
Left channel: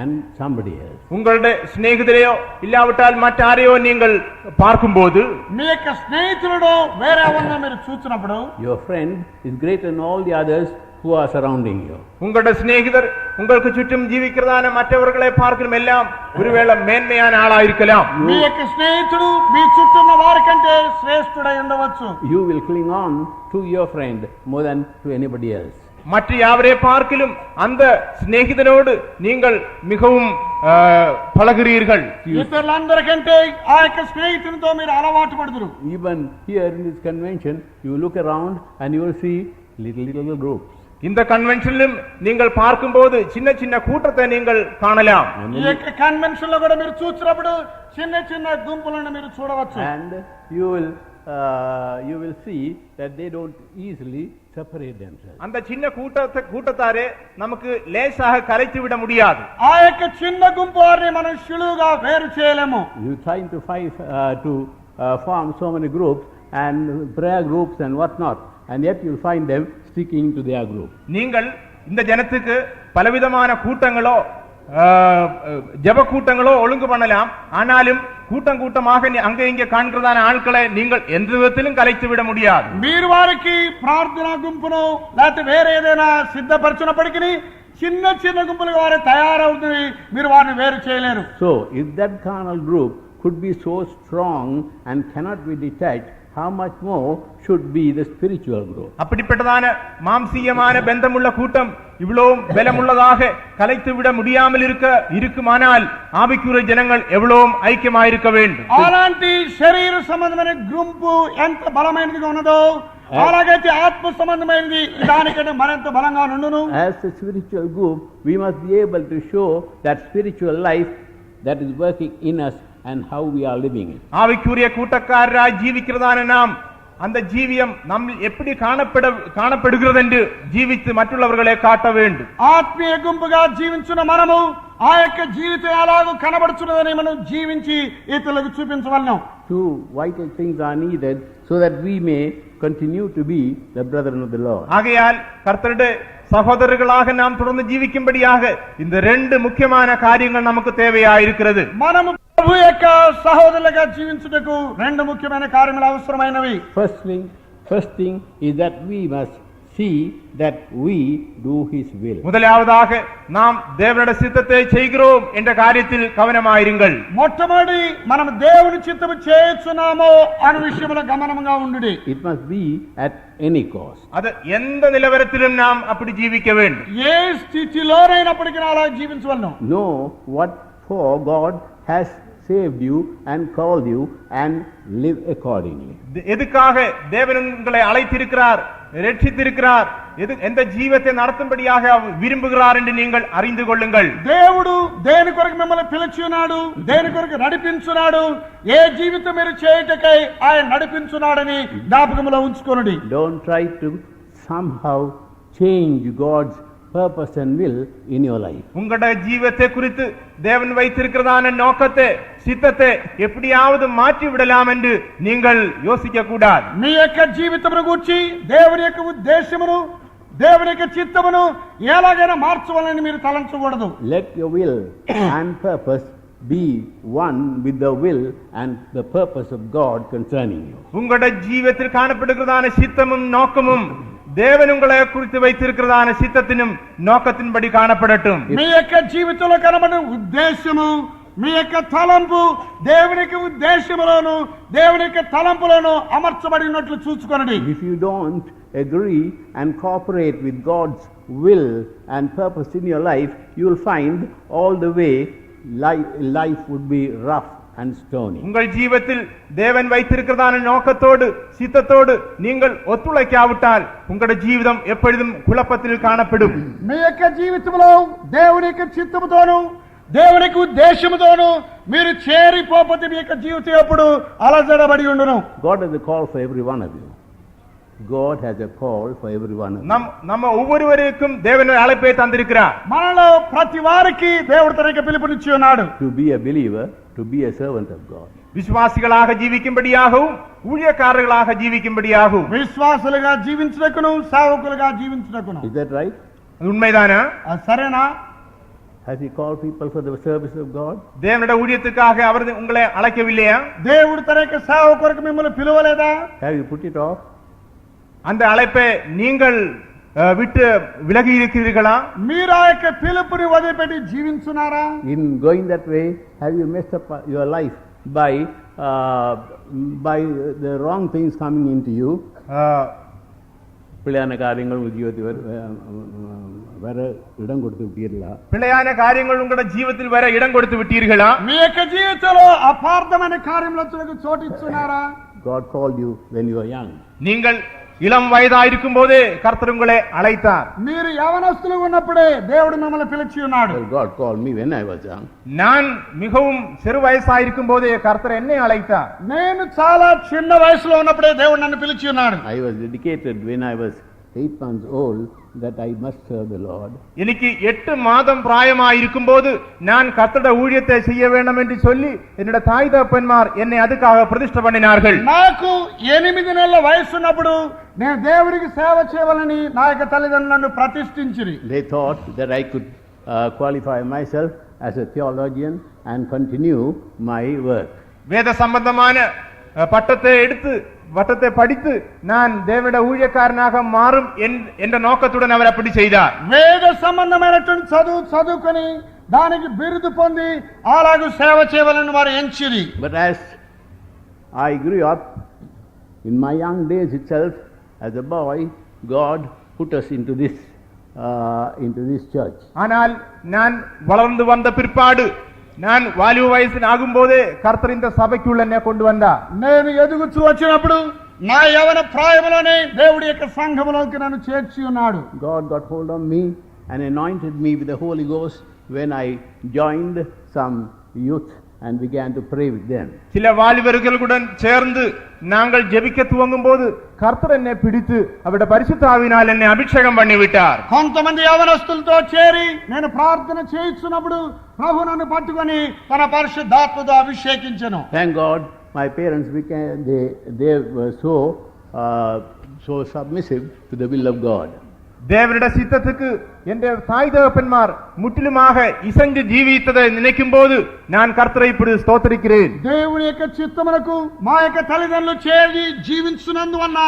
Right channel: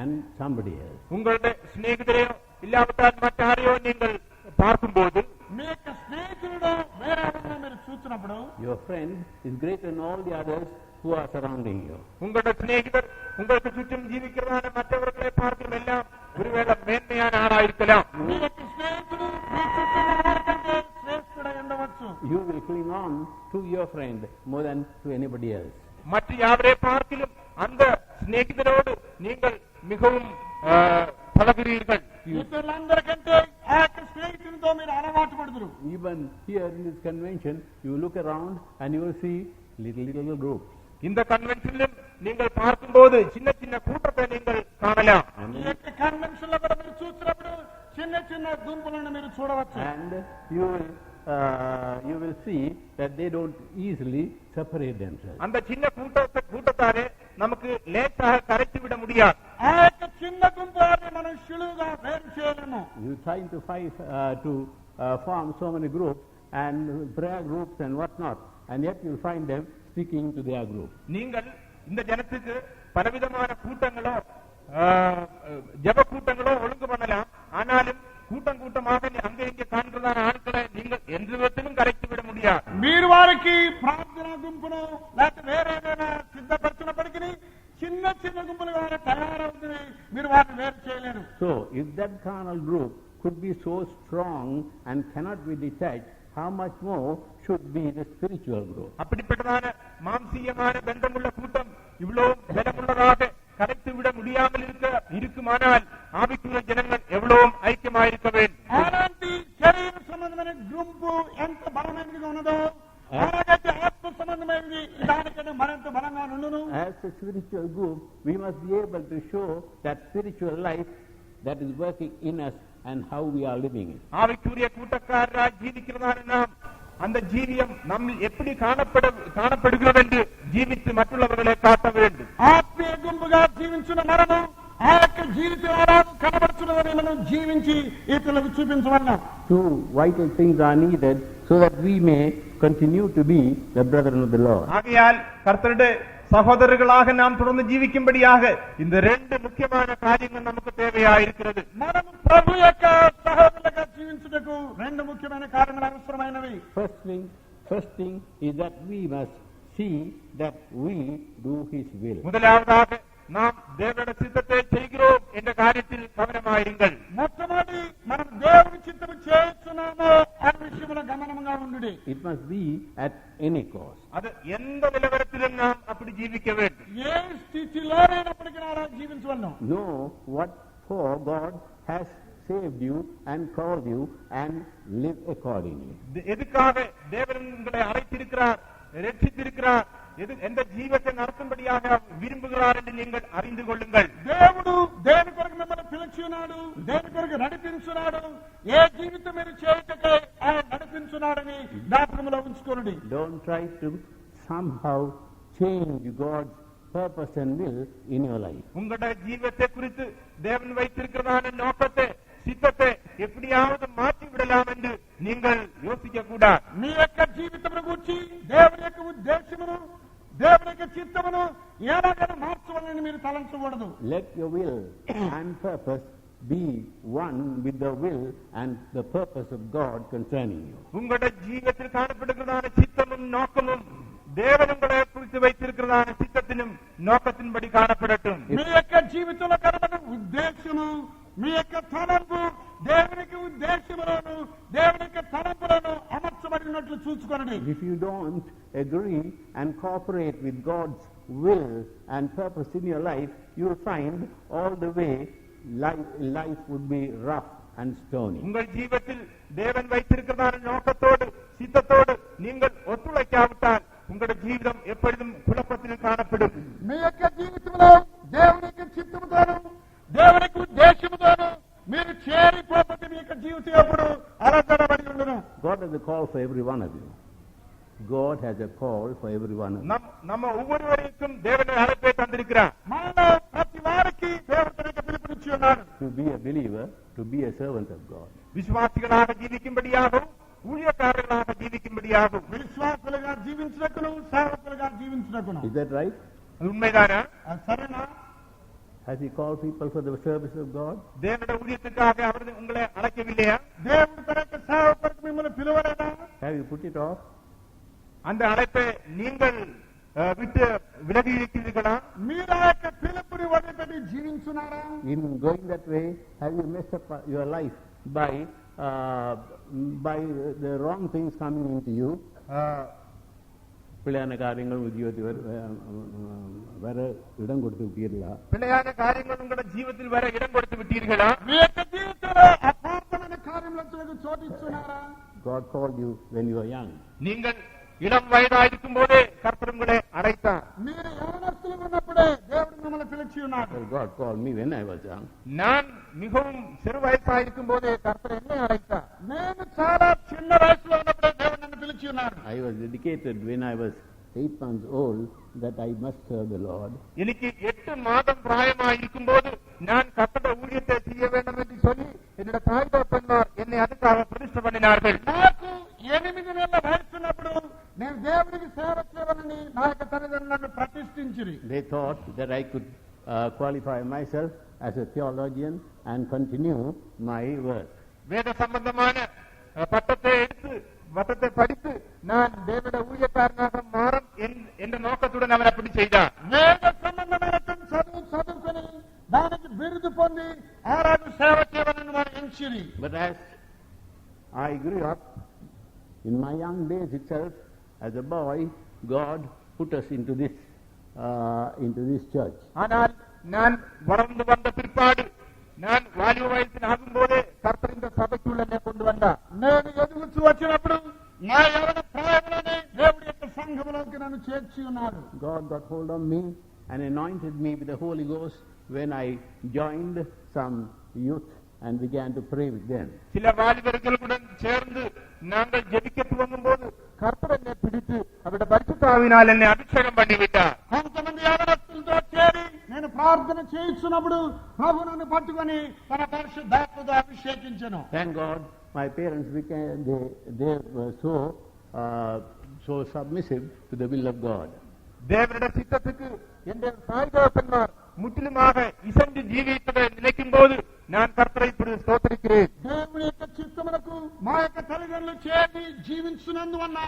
and somebody else. உங்களுடைய சிநேகிதரையோ இல்லாவிட்டால் மற்றாரையோ நீங்கள் பார்க்கும்போது మీ యొక్క స్నేహితులను వేరే ఎవరినో మీరు చూసినప్పుడు Your friend is greater than all the others who are surrounding you. உங்களுடைய சிநேகிதர் உங்களுக்கு சுற்றும் ஜீவிக்கிறதான மற்றவர்களை பார்க்கும் எல்லாம் ஒருவேளை மேன்மையான ஆளாயிருக்கலாம். మీ యొక్క స్నేహితుడు మీ చుట్టూ ఉన్న వారికంటే శ్రేష్ఠుడై ఉండవచ్చు. You will cling on to your friend more than to anybody else. மற்ற யாவரை பார்க்கிலும் அந்த சிநேகிதனோடு நீங்கள் மிகவும் பழகிறீர்கள். ఇతరులందరికంటే ఆ యొక్క స్నేహితునితో మీరు అలవాటు పడుదురు. Even here in this convention, you look around and you will see little groups. இந்த கன்வென்ஷனிலும் நீங்கள் பார்க்கும்போது சின்ன சின்ன கூட்டத்தை நீங்கள் காணலாம். ఈ యొక్క కన్వెన్షన్ లో కూడా మీరు చూసినప్పుడు చిన్న చిన్న గుంపులను మీరు చూడవచ్చు. And you will see that they don't easily separate themselves. அந்த சின்ன கூட்டத்தாரே நமக்கு லேசாக கரைத்து விட முடியாது. ఆ యొక్క చిన్న గుంపు వారిని మనం సులువుగా వేరు చేయలేము. You trying to form so many groups and prayer groups and whatnot, and yet you'll find them sticking to their group. நீங்கள் இந்த ஜனத்துக்கு பலவிதமான கூட்டங்களோ ஜெப கூட்டங்களோ ஒழுங்கு பண்ணலாம். ஆனாலும் கூட்டமாக அங்க இங்க காண்கிறதான ஆட்களை நீங்கள் எந்த விதத்திலும் கலைத்து விட முடியாது. మీరు వారికి ప్రార్థనా గుంపును లేకపోతే వేరే ఏదైనా సిద్ధపరచినప్పటికీ చిన్న చిన్న గుంపులుగా వారు తయారవుతుంది. మీరు వారిని వేరు చేయలేరు. So if that carnal group could be so strong and cannot be detached, how much more should be the spiritual group? அப்படிப்பட்டதான மாம்சீயமான பந்தமுள்ள கூட்டம் இவ்வளவு பலமுள்ளதாக கலைத்து விட முடியாமல் இருக்குமானால் ஆவிக்குரிய ஜனங்கள் எவ்வளவு ஐக்கியமாயிருக்க வேண்டும். అలాంటి శరీర సంబంధమైన గుంపు ఎంత బలమైనదిగా ఉన్నదో అలాగైతే ఆత్మ సంబంధమైనది దానికంటే మరింత బలంగా ఉండును. As a spiritual group, we must be able to show that spiritual life that is working in us and how we are living it. ஆவிக்குரிய கூட்டக்காரராய் ஜீவிக்கிறதான நாம் அந்த ஜீவியம் நம்ம எப்படி காணப்படுகிறது என்று ஜீவித்து மற்றவர்களை காட்ட வேண்டும். ఆత్మీయ గుంపుగా జీవించున్న మనము ఆ యొక్క జీవితం ఎలాగో కనబడుతున్నదని మనం జీవించి ఇతరులకు చూపించవలను. Two vital things are needed so that we may continue to be the brethren of the Lord. ஆகையால் கர்த்தருடைய சகோதரர்களாக நாம் தொடர்ந்து ஜீவிக்கும்படியாக இந்த ரெண்டு முக்கியமான காரியங்கள் நமக்கு தேவையாயிருக்கிறது. మనము ప్రభు యొక్క సహోదరులుగా జీవించుటకు రెండు ముఖ్యమైన కార్యములు అవసరమైనవి. First thing is that we must see that we do His will. முதலாவதாக நாம் தேவனுடைய சித்தத்தை செய்கிறோம் என்ற காரியத்தில் கவனமாயிருங்கள். మొట్టమొదటి మనం దేవుని చిత్తము చేయుచున్నామో అనే విషయంలో గమనముగా ఉండుడి. It must be at any cost. அது எந்த நிலவரத்திலும் நாம் அப்படி ஜீவிக்க வேண்டும். ఏ స్థితిలోనైనప్పటికీ అలా జీవించవలను. Know what for God has saved you and called you and live accordingly. எதுக்காக தேவன் உங்களை அழைத்திருக்கிறார், ரட்சித்திருக்கிறார், எந்த ஜீவத்தை நடத்தும்படியாக விரும்புகிறார் என்று நீங்கள் அறிந்து கொள்ளுங்கள். దేవుడు దేని కొరకు మిమ్మల్ని పిలిచినాడు, దేని కొరకు నడిపించున్నాడు, ఏ జీవితం మీరు చేయుటకై ఆయన నడిపించున్నాడని జ్ఞాపకములో ఉంచుకొనుడి. Don't try to somehow change God's purpose and will in your life. உங்களுடைய ஜீவத்தை குறித்து தேவன் வைத்திருக்கிறதான நோக்கத்தை, சித்தத்தை எப்படியாவது மாற்றி விடலாம் என்று நீங்கள் யோசிக்க கூடாது. మీ యొక్క జీవితమును గూర్చి దేవుని యొక్క ఉద్దేశమును, దేవుని యొక్క చిత్తమును ఎలాగైనా మార్చవాలని మీరు తలంచకూడదు. Let your will and purpose be one with the will and the purpose of God concerning you. உங்களுடைய ஜீவத்தில் காணப்படுகிறதான சித்தமும் நோக்கமும் தேவன் உங்களை குறித்து வைத்திருக்கிறதான சித்தத்தினும் நோக்கத்தின்படி காணப்படட்டும். మీ యొక్క జీవితంలో కనబడిన ఉద్దేశము, మీ యొక్క తలంపు దేవుని యొక్క ఉద్దేశములోను దేవుని యొక్క తలంపులను అమర్చబడినట్లు చూసుకోండి. If you don't agree and cooperate with God's will and purpose in your life, you will find all the way life would be rough and stony. உங்கள் ஜீவத்தில் தேவன் வைத்திருக்கிறதான நோக்கத்தோடு சித்தத்தோடு நீங்கள் ஒத்துழைக்காவிட்டால் உங்களுடைய ஜீவிதம் எப்பொழுதும் குழப்பத்தில் காணப்படும். మీ యొక్క జీవితంలో దేవుని యొక్క చిత్తముతోను దేవుని యొక్క ఉద్దేశముతోను మీరు చేరిపోతే మీ యొక్క జీవితం ఎప్పుడు అలజడబడి ఉండును. God has a call for every one of you. God has a call for every one of you. நம்ம ஒவ்வொருவருக்கும் தேவன் அழைப்பை தந்திருக்கிறார். మనలో ప్రతి వారికి దేవుడు తన యొక్క పిలుపునిచ్చి ఉన్నాడు. To be a believer, to be a servant of God. విశ్వాసిగளாக జీవించుம்படியாகவும் ஊழியக்காரர்களாக జీవించుம்படியாகவும் విశ్వాసులుగా జీవించుటకును సేవకులుగా జీవించుటకును. Is that right? அது உண்மைதானா? అది సరేనా? Has He called people for the service of God? தேவனுடைய ஊழியத்துக்காக அவர் உங்களை அழைக்கவில்லையா? దేవుడు తన యొక్క సేవ కొరకు మిమ్మల్ని పిలువలేదా? Have you put it off? அந்த அழைப்பை நீங்கள் விட்டு விலகி இருக்கிறீர்களா? మీరు ఆ యొక్క పిలుపుని వదిలిపెట్టి జీవించున్నారా? In going that way, have you messed up your life by the wrong things coming into you? பிள்ளையான காரியங்கள் உத்தியோகத்தில் வர இடம் கொடுத்து விட்டீர்களா? பிள்ளையான காரியங்கள் உங்களுடைய ஜீவிதத்தில் வர இடம் கொடுத்து விட்டீர்களா? మీ యొక్క జీవితంలో అపార్థమైన కార్యములకు చోటు ఇస్తున్నారా? God called you when you were young. நீங்கள் இளம் வயதாயிருக்கும் போதே கர்த்தர் உங்களை அழைத்தார். మీరు యవనస్తులుగా ఉన్నప్పుడే దేవుడు మిమ్మల్ని పిలిచి ఉన్నాడు. Well, God called me when I was young. நான் மிகவும் சிறு வயசாயிருக்கும் போதே கர்த்தர் என்னை அழைத்தார். నేను చాలా చిన్న వయసులో ఉన్నప్పుడే దేవుడు నన్ను పిలిచి ఉన్నాడు. I was dedicated when I was 8 months old that I must serve the Lord. எனக்கு 8 மாதம் பிராயமாயிருக்கும் போது நான் கர்த்தருடைய ஊழியத்தை செய்ய வேண்டும் என்று சொல்லி என்னோட தாய் தகப்பன்மார் என்னை அதுக்காக பிரதிஷ்டை பண்ணினார்கள். నాకు 8 నెలల వయసు ఉన్నప్పుడు నేను దేవుడికి సేవ చేయాలని నా యొక్క తల్లిదండ్రులు నన్ను ప్రతిష్ఠించిరి. They thought that I could qualify myself as a theologian and continue my work. வேத சம்பந்தமான பட்டத்தை எடுத்து வட்டத்தை படித்து நான் தேவனுடைய ஊழியக்காரனாக மாறும் என்ற நோக்கத்துடன் அவர் அப்படி செய்தார். వేద సంబంధమైనటువంటి చదువుకొని దానికి బిరుదు పొంది అలాగూ సేవ చేయాలని వారు ఎంచిరి. But as I grew up in my young days itself, as a boy, God put us into this church. ஆனால் நான் வளர்ந்து வந்த பிற்பாடு நான் వాలివ వయసుని ఆగుம்போదే కర్తర్ ఇంత సభకి என்னை கொண்டு வந்தார். నేను ఎదుగుతూ వచ్చినప్పుడు నా యవన ప్రాయములోనే దేవుడి యొక్క సంఘములోకి నన్ను చేర్చి ఉన్నాడు. God got hold of me and anointed me with the Holy Ghost when I joined some youth and began to pray with them. சில வாலிபர்களுடன் சேர்ந்து நாங்கள் ஜெபிக்க துவங்கும் போது கர்த்தர் என்னை பிடித்து அவருடைய பரிசுத்த ஆவியினால் என்னை அபிஷேகம் பண்ணி விட்டார். కొంతమంది యవనస్తులతో చేరి నేను ప్రార్థన చేయించున్నప్పుడు ప్రభు నన్ను పట్టుకొని తన పరిశుద్ధాత్మతో అభిషేకించెను. Thank God, my parents became they were so submissive to the will of God. தேவனுடைய சித்தத்துக்கு என்ற தாய் தகப்பன்மார் முற்றிலுமாக இசைந்து ஜீவித்ததை நினைக்கும் போது நான் கர்த்தரை இப்படி ஸ்தோத்திரிக்கிறேன். దేవుని యొక్క చిత్తమునకు మా యొక్క తల్లిదండ్రులు చేరి జీవించున్నందువల్ల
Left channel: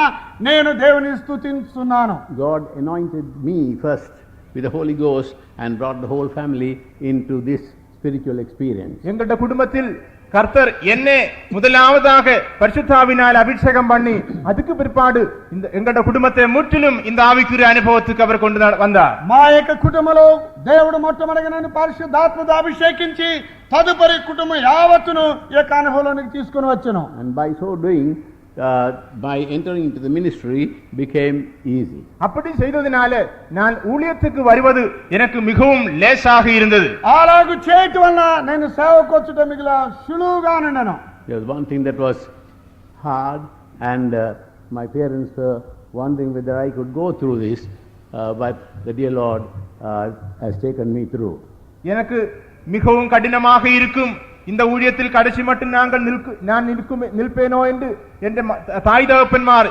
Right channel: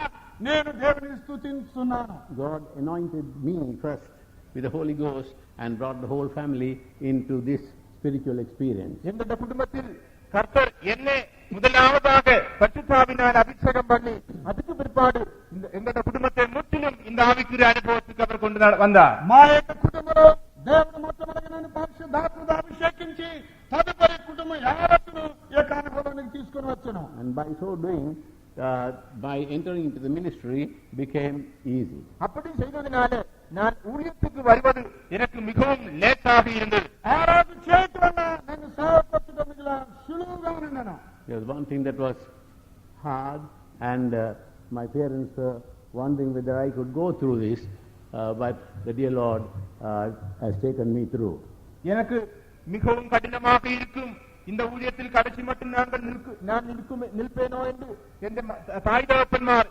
నేను దేవుని స్తుతిస్తున్నాను. God anointed me first with the Holy Ghost and brought the whole family into this spiritual experience. எங்களுடைய குடும்பத்தில் கர்த்தர் என்னை முதலாவதாக பரிசுத்த ஆவியினால் அபிஷேகம் பண்ணி அதுக்கு பிற்பாடு இந்த எங்களுடைய குடும்பத்தை முற்றிலும் இந்த ஆவிக்குரிய அனுபவத்துக்கு அவர் கொண்டு வந்தார். మా యొక్క కుటుంబంలో దేవుడు మొట్టమొదటిగా నన్ను పరిశుద్ధాత్మతో అభిషేకించి తదుపరి కుటుంబం యావత్తును ఈ యొక్క అనుభవంలోనికి తీసుకొని వచ్చెను. And by so doing, by entering into the ministry became easy. அப்படி செய்ததினால நான் ஊழியத்துக்கு வருவது எனக்கு மிகவும் லேசாக இருந்தது. అలాగు చేయటం వల్ల నేను సేవకు వచ్చటం మిగిలిన సులువుగా ఉండెను. There was one thing that was hard, and my parents were wondering whether I could go through this, but the dear Lord has taken me through. எனக்கு மிகவும் கடினமாக இருக்கும் இந்த ஊழியத்தில் கடைசி மட்டும் நான் நிற்பேனோ என்று என்ற தாய் தகப்பன்மார்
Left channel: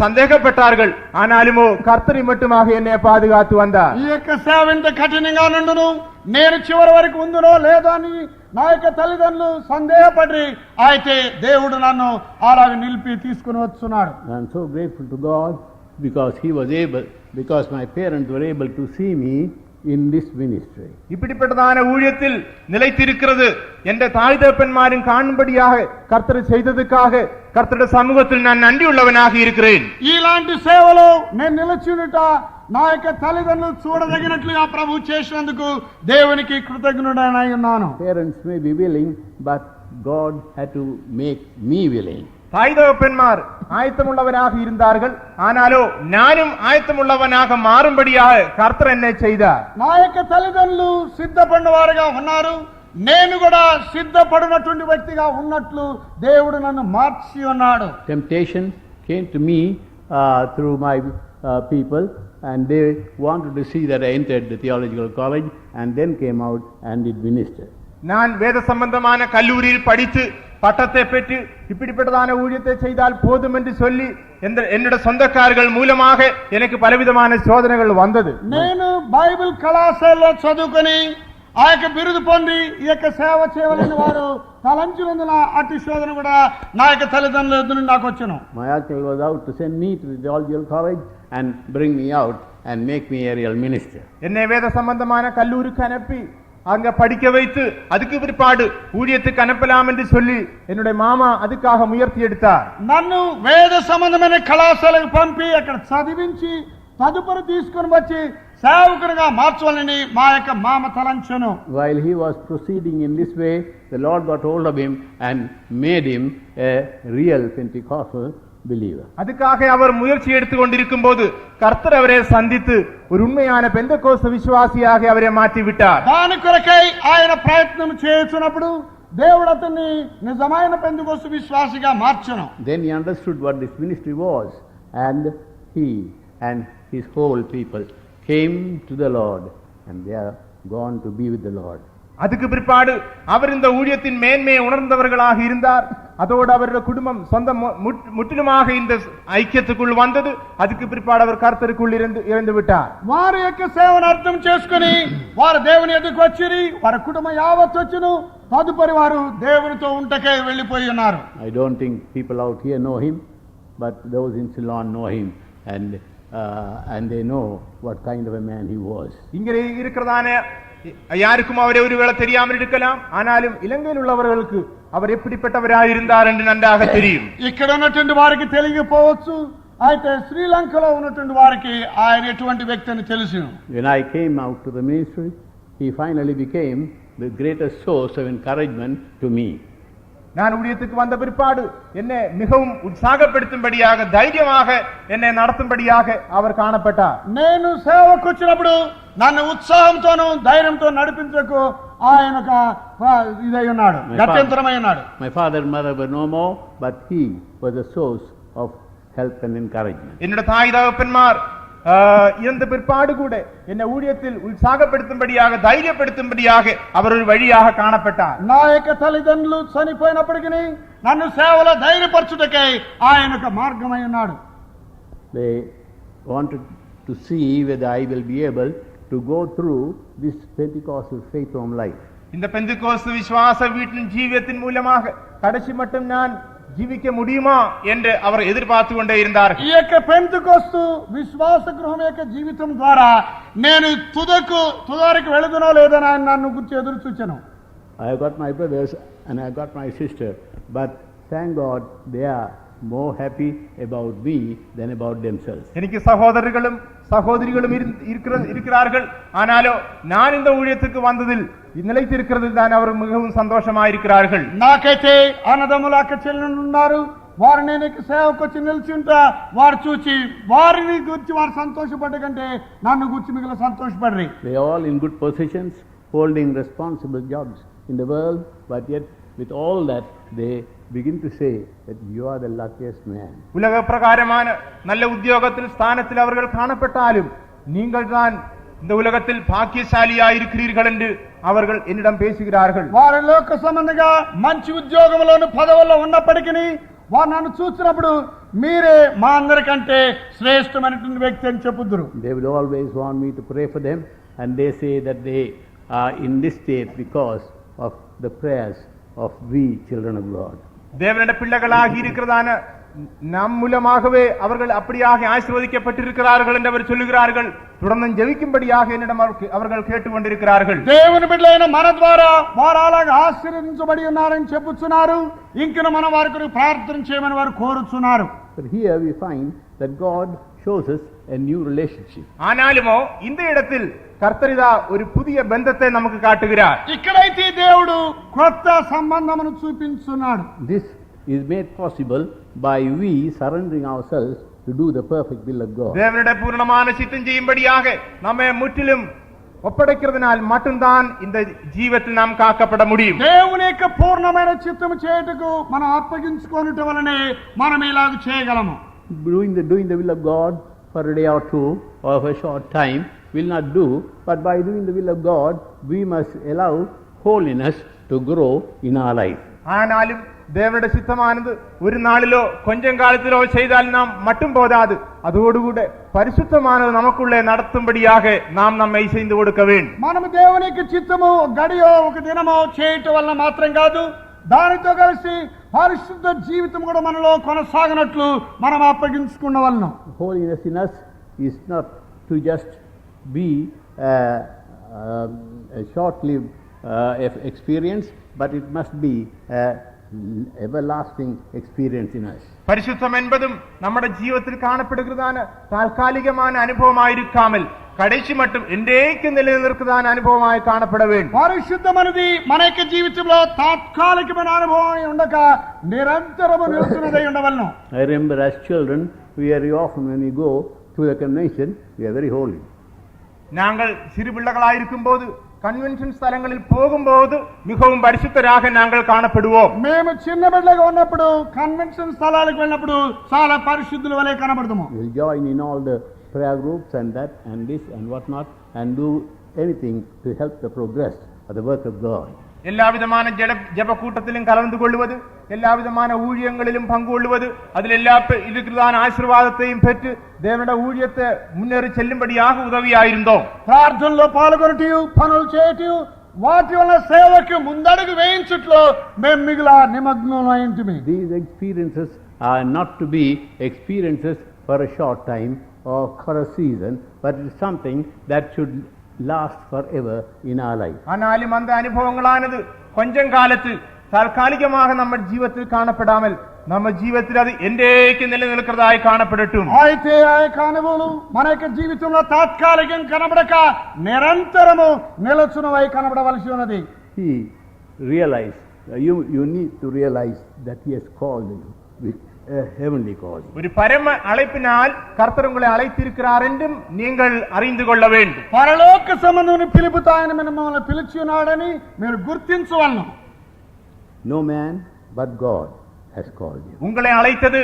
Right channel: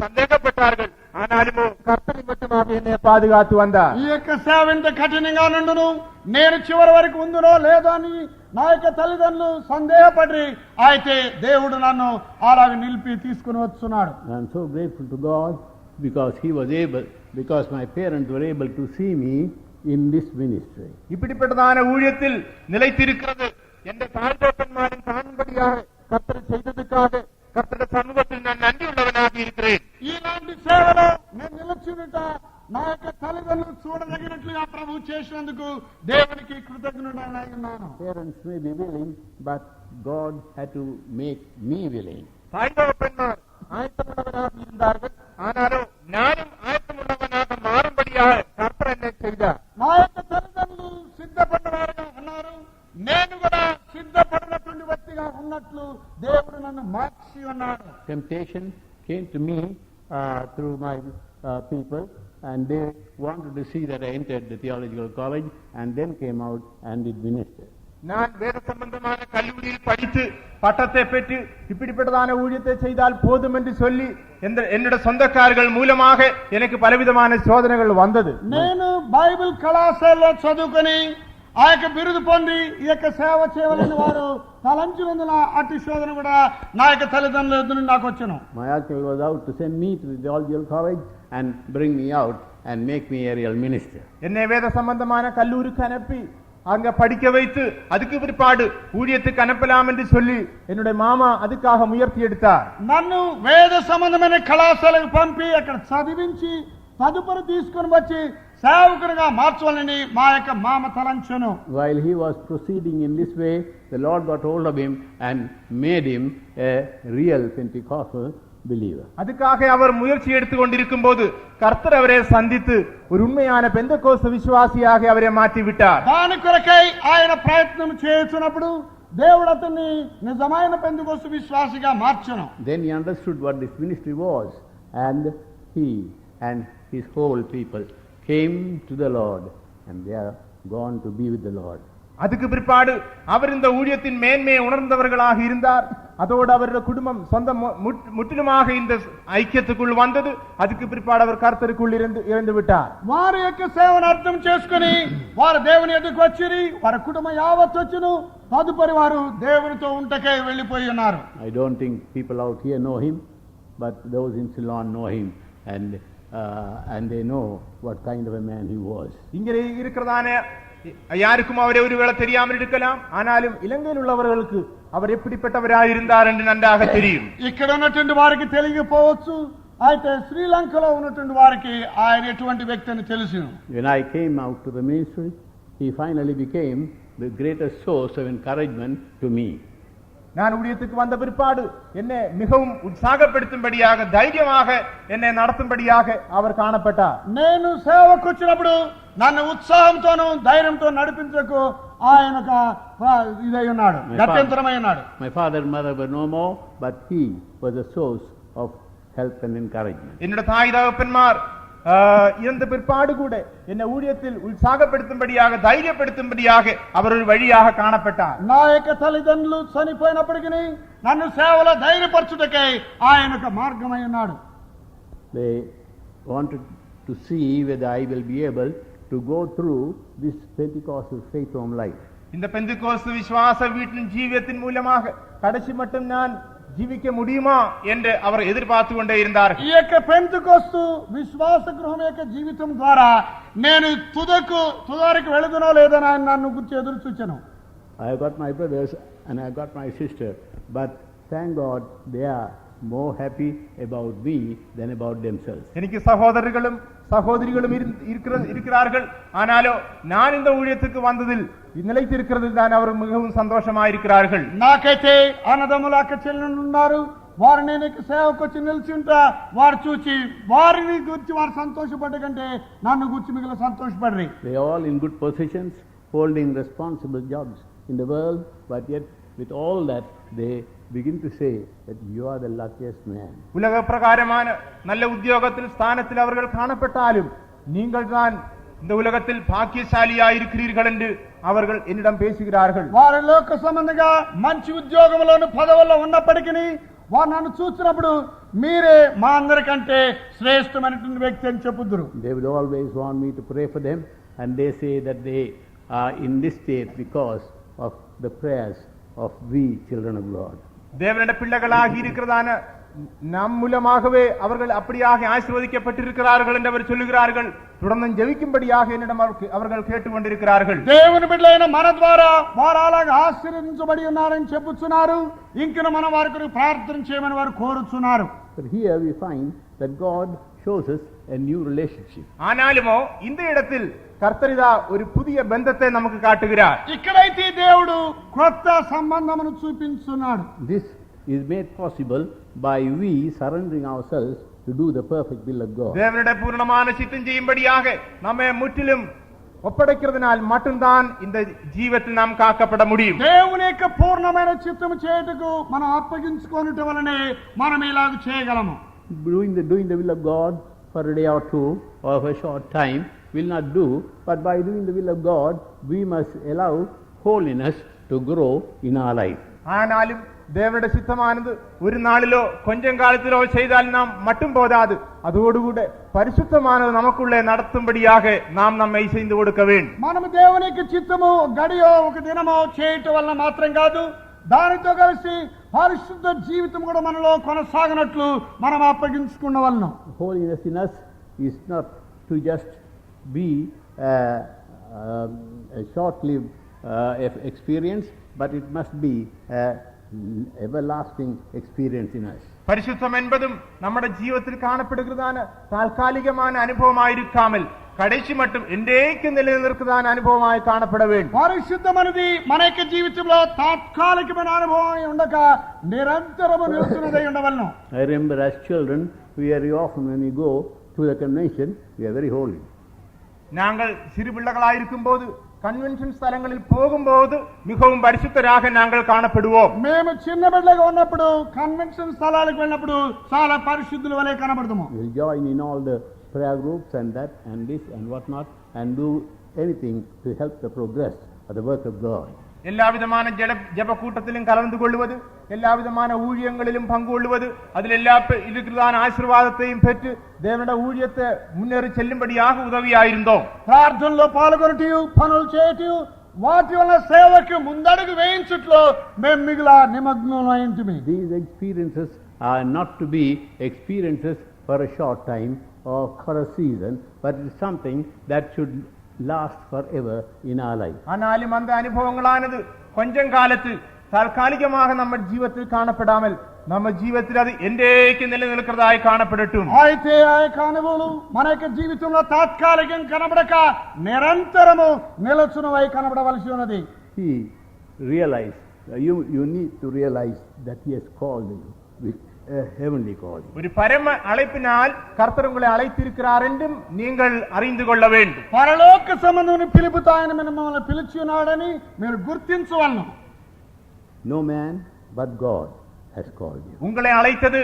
சந்தேகப்பட்டார்கள். ஆனாலுமோ கர்த்தரை மட்டுமாக என்னை பாதுகாத்து வந்தார். ఈ యొక్క సేవ ఇంత కఠినంగా నుండును నేను చివరి వరకు ఉందునో లేదో అని నా యొక్క తల్లిదండ్రులు సందేహపడి అయితే దేవుడు నన్ను అలాగ నిలిపి తీసుకుని వస్తున్నాడు. I am so grateful to God because my parents were able to see me in this ministry. இப்படிப்பட்டதான ஊழியத்தில் நிலைத்திருக்கிறது என்ற தாய் தகப்பன்மாரின் காணும்படியாக கர்த்தர் செய்ததுக்காக கர்த்தருடைய சமூகத்தில் நான் நன்றி உள்ளவனாக இருக்கிறேன். ఇలాంటి సేవలో నేను నిలిచినట నా యొక్క తల్లిదండ్రులు చూడదగినట్లుగా ప్రభు చేసినందుకు దేవునికి కృతజ్ఞుడనై ఉన్నాను. Parents may be willing, but God had to make me willing. தாய் தகப்பன்மார் ஆயத்தமுள்ளவராக இருந்தார்கள். ஆனாலோ நானும் ஆயத்தமுள்ளவனாக மாறும்படியாக கர்த்தர் என்னை செய்தார். నా యొక్క తల్లిదండ్రులు సిద్ధపడిన వారుగా ఉన్నారు, నేను కూడా సిద్ధపడినటువంటి వ్యక్తిగా ఉన్నట్లు దేవుడు నన్ను మార్చి ఉన్నాడు. Temptation came to me through my people, and they wanted to see that I entered the theological college and then came out and did minister. நான் வேத சம்பந்தமான கல்லூரியில் படித்து பட்டத்தை பெற்று இப்படிப்பட்டதான ஊழியத்தை செய்தால் போதும் என்று சொல்லி என்னுடைய சொந்தக்காரர்கள் மூலமாக எனக்கு பலவிதமான சோதனைகள் வந்தது. నేను బైబిల్ కళాశాలలో చదువుకొని ఆ యొక్క బిరుదు పొంది ఈ యొక్క సేవ చేయవలని వారు తలంచులందున అట్టి శోధన కూడా నా యొక్క తల్లిదండ్రుల ఎదురు నాకు వచ్చాను. My uncle was out to send me to the theological college and bring me out and make me a real minister. என்னை வேத சம்பந்தமான கல்லூரிக்கு அனுப்பி அங்க படிக்க வைத்து அதுக்கு பிற்பாடு ஊழியத்துக்கு அனுப்பலாம் என்று சொல்லி என்னுடைய மாமா அதுக்காக முயற்சி எடுத்தார். నన్ను వేద సంబంధమైన కళాశాలకు పంపి అక్కడ చదివించి తదుపరి తీసుకుని వచ్చి సేవకునిగా మార్చాలని మా యొక్క మామ తలంచెను. While he was proceeding in this way, the Lord got hold of him and made him a real Pentecostal believer. அதுக்காக அவர் முயற்சி எடுத்துக் கொண்டிருக்கும் போது கர்த்தர் அவரை சந்தித்து ஒரு உண்மையான பெந்தெகோஸ்து விசுவாசியாக அவரை மாற்றி விட்டார். దాని కొరకై ఆయన ప్రయత్నం చేస్తున్నప్పుడు దేవుడు అతన్ని నిజమైన Pentecost విశ్వాసిగా మార్చెను. Then he understood what this ministry was, and he and his whole people came to the Lord, and they are gone to be with the Lord. அதுக்கு பிற்பாடு அவர் இந்த ஊழியத்தின் மேன்மையை உணர்ந்தவர்களாக இருந்தார். அதோடு அவருடைய குடும்பம் சொந்த முற்றிலுமாக இந்த ஐக்கியத்துக்குள் வந்தது. அதுக்கு பிற்பாடு அவர் கர்த்தருக்குள் இருந்து விட்டார். వారి యొక్క సేవను అర్థం చేసుకుని వారు దేవుని ఎదుకు వచ్చిరి, వారి కుటుంబం యావత్ వచ్చును. తదుపరి వారు దేవునితో ఉంటకే వెళ్లిపోయి ఉన్నారు. I don't think people out here know him, but those in Ceylon know him, and they know what kind of a man he was. இங்கே இருக்கிறதான யாருக்கும் அவரை ஒருவேளை தெரியாமல் இருக்கலாம். ஆனாலும் இலங்கையில் உள்ளவர்களுக்கு அவர் எப்படிப்பட்டவராயிருந்தார் என்று நன்றாக தெரியும். ఇక్కడ ఉన్నటువంటి వారికి తెలియకపోవచ్చు, అయితే శ్రీలంకలో ఉన్నటువంటి వారికి ఆయన ఎటువంటి వ్యక్తి అని తెలుసు. When I came out to the ministry, he finally became the greatest source of encouragement to me. நான் ஊழியத்துக்கு வந்த பிற்பாடு என்னை மிகவும் உற்சாகப்படுத்தும்படியாக தைரியமாக என்னை நடத்தும்படியாக அவர் காணப்பட்டார். నేను సేవకు వచ్చినప్పుడు నన్ను ఉత్సాహంతోనూ ధైర్యంతో నడిపించకు ఆయన ఇదై ఉన్నాడు, గత్యంతరమై ఉన్నాడు. My father and mother were no more, but he was a source of help and encouragement. என்னோட தாய் தகப்பன்மார் இந்த பிற்பாடு கூட என்னை ஊழியத்தில் உற்சாகப்படுத்தும்படியாக தைரியப்படுத்தும்படியாக அவர் ஒரு வழியாக காணப்பட்டார். నా యొక్క తల్లిదండ్రులు చనిపోయినప్పటికీ నన్ను సేవలో ధైర్యపరచుటకై ఆయన ఒక మార్గమై ఉన్నాడు. They wanted to see whether I will be able to go through this Pentecostal faith home life. இந்த பெந்தெகோஸ்து விசுவாச வீட்டின் ஜீவியத்தின் மூலமாக கடைசி மட்டும் நான் జీవిக்க முடியுமா என்று அவர் எதிர்பார்த்து கொண்டே இருந்தார். ఈ యొక్క పెంతెకోస్తు విశ్వాస గృహం యొక్క జీవితం ద్వారా నేను తుదకు వెళుదునో లేదని ఆయన నన్ను గురించి ఎదురు చూచాను. I got my brothers and I got my sister, but thank God they are more happy about me than about themselves. எனக்கு சகோதரர்களும் சகோதரிகளும் இருக்கிறார்கள். ஆனாலோ நான் இந்த ஊழியத்துக்கு வந்ததில் நிலைத்திருக்கிறது தான் அவர் மிகவும் சந்தோஷமாயிருக்கிறார்கள். నాకైతే అన్నదమ్ముల అక్క చెల్లెళ్ళు ఉన్నారు. వారు నేను సేవకు వచ్చి నిలిచి ఉంటా వారు చూచి వారిని గురించి వారు సంతోషపడ్డ కంటే నన్ను గురించి మిగిలిన సంతోషపడ్రి. They are all in good positions, holding responsible jobs in the world, but yet with all that they begin to say that you are the luckiest man. உலக பிரகாரமான நல்ல உத்தியோகத்தில் ஸ்தானத்தில் அவர்கள் காணப்பட்டாலும் நீங்கள் தான் இந்த உலகத்தில் பாக்கியசாலியாய் இருக்கிறீர்கள் என்று அவர்கள் என்னிடம் பேசுகிறார்கள். వారి లోక సంబంధంగా మంచి ఉద్యోగంలోని పదవుల్లో ఉన్నప్పటికీ వారు నన్ను చూసినప్పుడు మీరే మా అందరికంటే శ్రేష్టమైనటువంటి వ్యక్తి అని చెప్పుదురు. They will always want me to pray for them, and they say that they are in this state because of the prayers of we children of God. தேவனுடைய பிள்ளைகளாகி இருக்கிறதான நம் மூலமாகவே அவர்கள் அப்படியாக ஆசீர்வதிக்கப்பட்டிருக்கிறார்கள் என்று அவர் சொல்லுகிறார்கள். தொடர்ந்து ஜெபிக்கும்படியாக என்னிடம் அவர்கள் கேட்டுக்கொண்டிருக்கிறார்கள். దేవుని బిడ్డలైన మన ద్వారా వారు అలాగే ఆశీర్వదించబడి ఉన్నారని చెప్పుచున్నారు. ఇంకను మన వారి కొరకు ప్రార్థన చేయమని వారు కోరుచున్నారు. But here we find that God shows us a new relationship. ஆனாலுமோ இந்த இடத்தில் கர்த்தரிதா ஒரு புதிய பந்தத்தை நமக்கு காட்டுகிறார். ఇక్కడైతే దేవుడు కొత్త సంబంధమును చూపించున్నాడు. This is made possible by we surrendering ourselves to do the perfect will of God. தேவனுடைய பூரணமான சித்தம் செய்யும்படியாக நம்மை முற்றிலும் ఒప్పడెక్కిరదనాల్ மட்டும்தான் இந்த జీవితం நாம் కాக்கப்பட முடியும். దేవుని యొక్క పూర్ణమైన చిత్తము చేయుటకు మనం అప్పగించుకొనుట వలనే మనం ఇలాగ చేయగలము. Doing the will of God for a day or two or for a short time will not do, but by doing the will of God we must allow holiness to grow in our life. ஆனாலும் தேவனுடைய சித்தமானது ஒரு நாளிலோ கொஞ்சம் காலத்திலோ செய்தால் நாம் மட்டும் போதாது, அதோடு கூட பரிசுத்தமானது நமக்குள்ளே நடத்தும்படியாக நாம் நம்மை செய்து கொடுக்க வேண்டும். మనము దేవుని యొక్క చిత్తము గడియో ఒక దినమో చేయటం వల్ల మాత్రం కాదు, దానితో కలిసి పరిశుద్ధ జీవితం కూడా మనలో కొనసాగనట్లు మనం అప్పగించుకున్నవలను. Holiness in us is not to just be a short-lived experience, but it must be everlasting experience in us. பரிசுத்தம் என்பதும் நம்முடைய ஜீவிதத்தில் காணப்படுகிறதான தற்காலிகமான அனுபவமாயிருக்காமல் கடைசி மட்டும் என்றைக்கு நிலைநிற்கிறதான அனுபவமாய் காணப்பட வேண்டும். పరిశుద్ధం అనేది మన యొక్క జీవితంలో తాత్కాలికమైన అనుభవం ఉండక నిరంతరము నిలుచున్నదై ఉండవలను. I remember as children, very often when we go to the convention, we are very holy. நாங்கள் சிறு பிள்ளைகளாயிருக்கும் போது கன்வென்ஷன் ஸ்தலங்களில் போகும்போது மிகவும் பரிசுத்தராக நாங்கள் காணப்படுவோம். మేము చిన్న బిడ్డగా ఉన్నప్పుడు కన్వెన్షన్ స్థలాలకు వెళ్ళినప్పుడు చాలా పరిశుద్ధుల వలె కనబడతాము. We will join in all the prayer groups and that and this and what not and do anything to help the progress of the work of God. எல்லா விதமான ஜெப கூட்டத்திலும் கலந்து கொள்வது, எல்லா விதமான ஊழியங்களிலும் பங்கு கொள்வது, அதில் எல்லா இருக்கிறதான ஆசீர்வாதத்தையும் பெற்று தேவனுடைய ஊழியத்தை முன்னேறி செல்லும்படியாக உதவியாயிருந்தோம். ప్రార్థనలో పాల్గొనటం, పనులు చేయటం, వాటి వల్ల సేవకు ముందడుగు వేయించుట్లో మేము మిగిలిన నిమగ్నమైంటిమి. These experiences are not to be experiences for a short time or for a season, but it is something that should last forever in our life. ஆனாலும் அந்த அனுபவங்களானது கொஞ்சம் காலத்தில் தற்காலிகமாக நம்ம ஜீவிதத்தில் காணப்படாமல் நம்ம ஜீவிதத்தில் அது என்றைக்கு நிலைநிற்கிறதாய் காணப்படட்டும். అయితే ఆ యొక్క అనుభవం మన యొక్క జీవితంలో తాత్కాలికం కనబడక నిరంతరము నిలచునవై కనబడవలసి ఉన్నది. He realized you need to realize that He has called you with a heavenly call. ஒரு பரம அழைப்பினால் கர்த்தர் உங்களை அழைத்திருக்கிறார் என்றும் நீங்கள் அறிந்து கொள்ள வேண்டும். పరలోక సంబంధమైన పిలుపుతో ఆయన మిమ్మల్ని పిలిచి ఉన్నాడని మీరు గుర్తించవలను. No man but God has called you. உங்களை அழைத்தது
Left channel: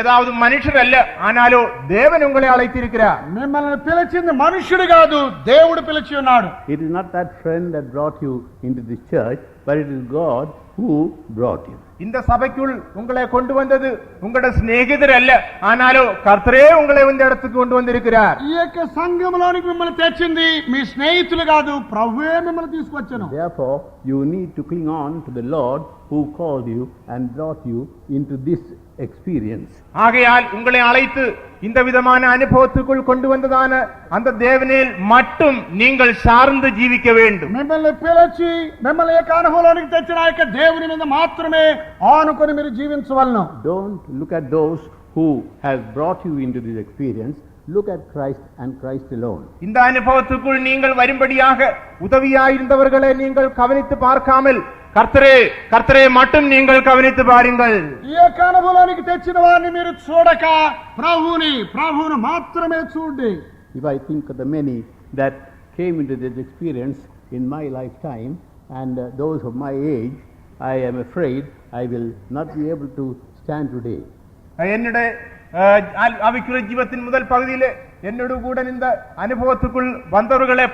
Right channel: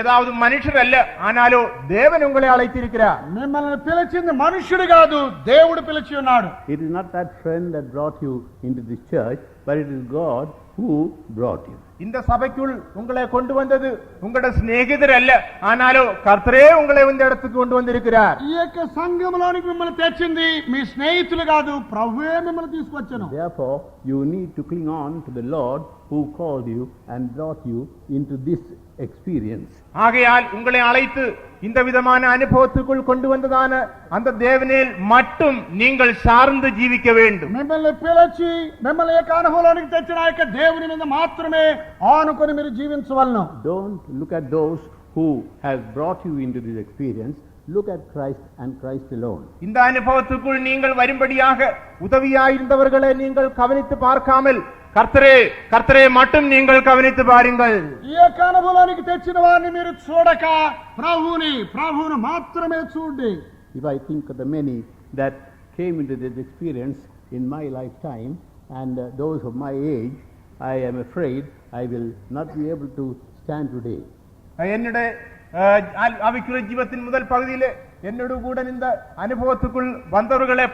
ஏதாவது மனுஷர் அல்ல, ஆனாலோ தேவன் உங்களை அழைத்திருக்கிறார். మిమ్మల్ని పిలిచింది మనుషుడు కాదు, దేవుడు పిలిచి ఉన్నాడు. It is not that friend that brought you into this church, but it is God who brought you. இந்த சபைக்குள் உங்களை கொண்டு வந்தது உங்களுடைய சிநேகிதர் அல்ல, ஆனாலோ கர்த்தரே உங்களை இந்த இடத்துக்கு கொண்டு வந்திருக்கிறார். ఈ యొక్క సంఘంలోనికి మిమ్మల్ని తెచ్చింది మీ స్నేహితులు కాదు, ప్రభువే మిమ్మల్ని తీసుకొచ్చాను. Therefore, you need to cling on to the Lord who called you and brought you into this experience. ஆகையால் உங்களை அழைத்து இந்த விதமான அனுபவத்துக்குள் கொண்டு வந்ததான அந்த தேவனில் மட்டும் நீங்கள் சார்ந்து ஜீவிக்க வேண்டும். మిమ్మల్ని పిలిచి మిమ్మల్ని యొక్క అనుభవంలోనికి తెచ్చిన యొక్క దేవుని మీద మాత్రమే ఆనుకొని మీరు జీవించవలను. Don't look at those who have brought you into this experience. Look at Christ and Christ alone. இந்த அனுபவத்துக்குள் நீங்கள் வரும்படியாக உதவியாயிருந்தவர்களை நீங்கள் கவனித்து பார்க்காமல் கர்த்தரே கர்த்தரே மட்டும் நீங்கள் கவனித்து பாருங்கள். ఈ యొక్క అనుభవంలోనికి తెచ్చిన వారిని మీరు చూడక ప్రభువును మాత్రమే చూడండి. If I think of the many that came into this experience in my lifetime and those of my age, I am afraid I will not be able to stand today. என்னுடைய ஆவிக்குரிய ஜீவத்தின் முதல் பகுதியிலே என்னோடு கூட இந்த அனுபவத்துக்குள் வந்தவர்களை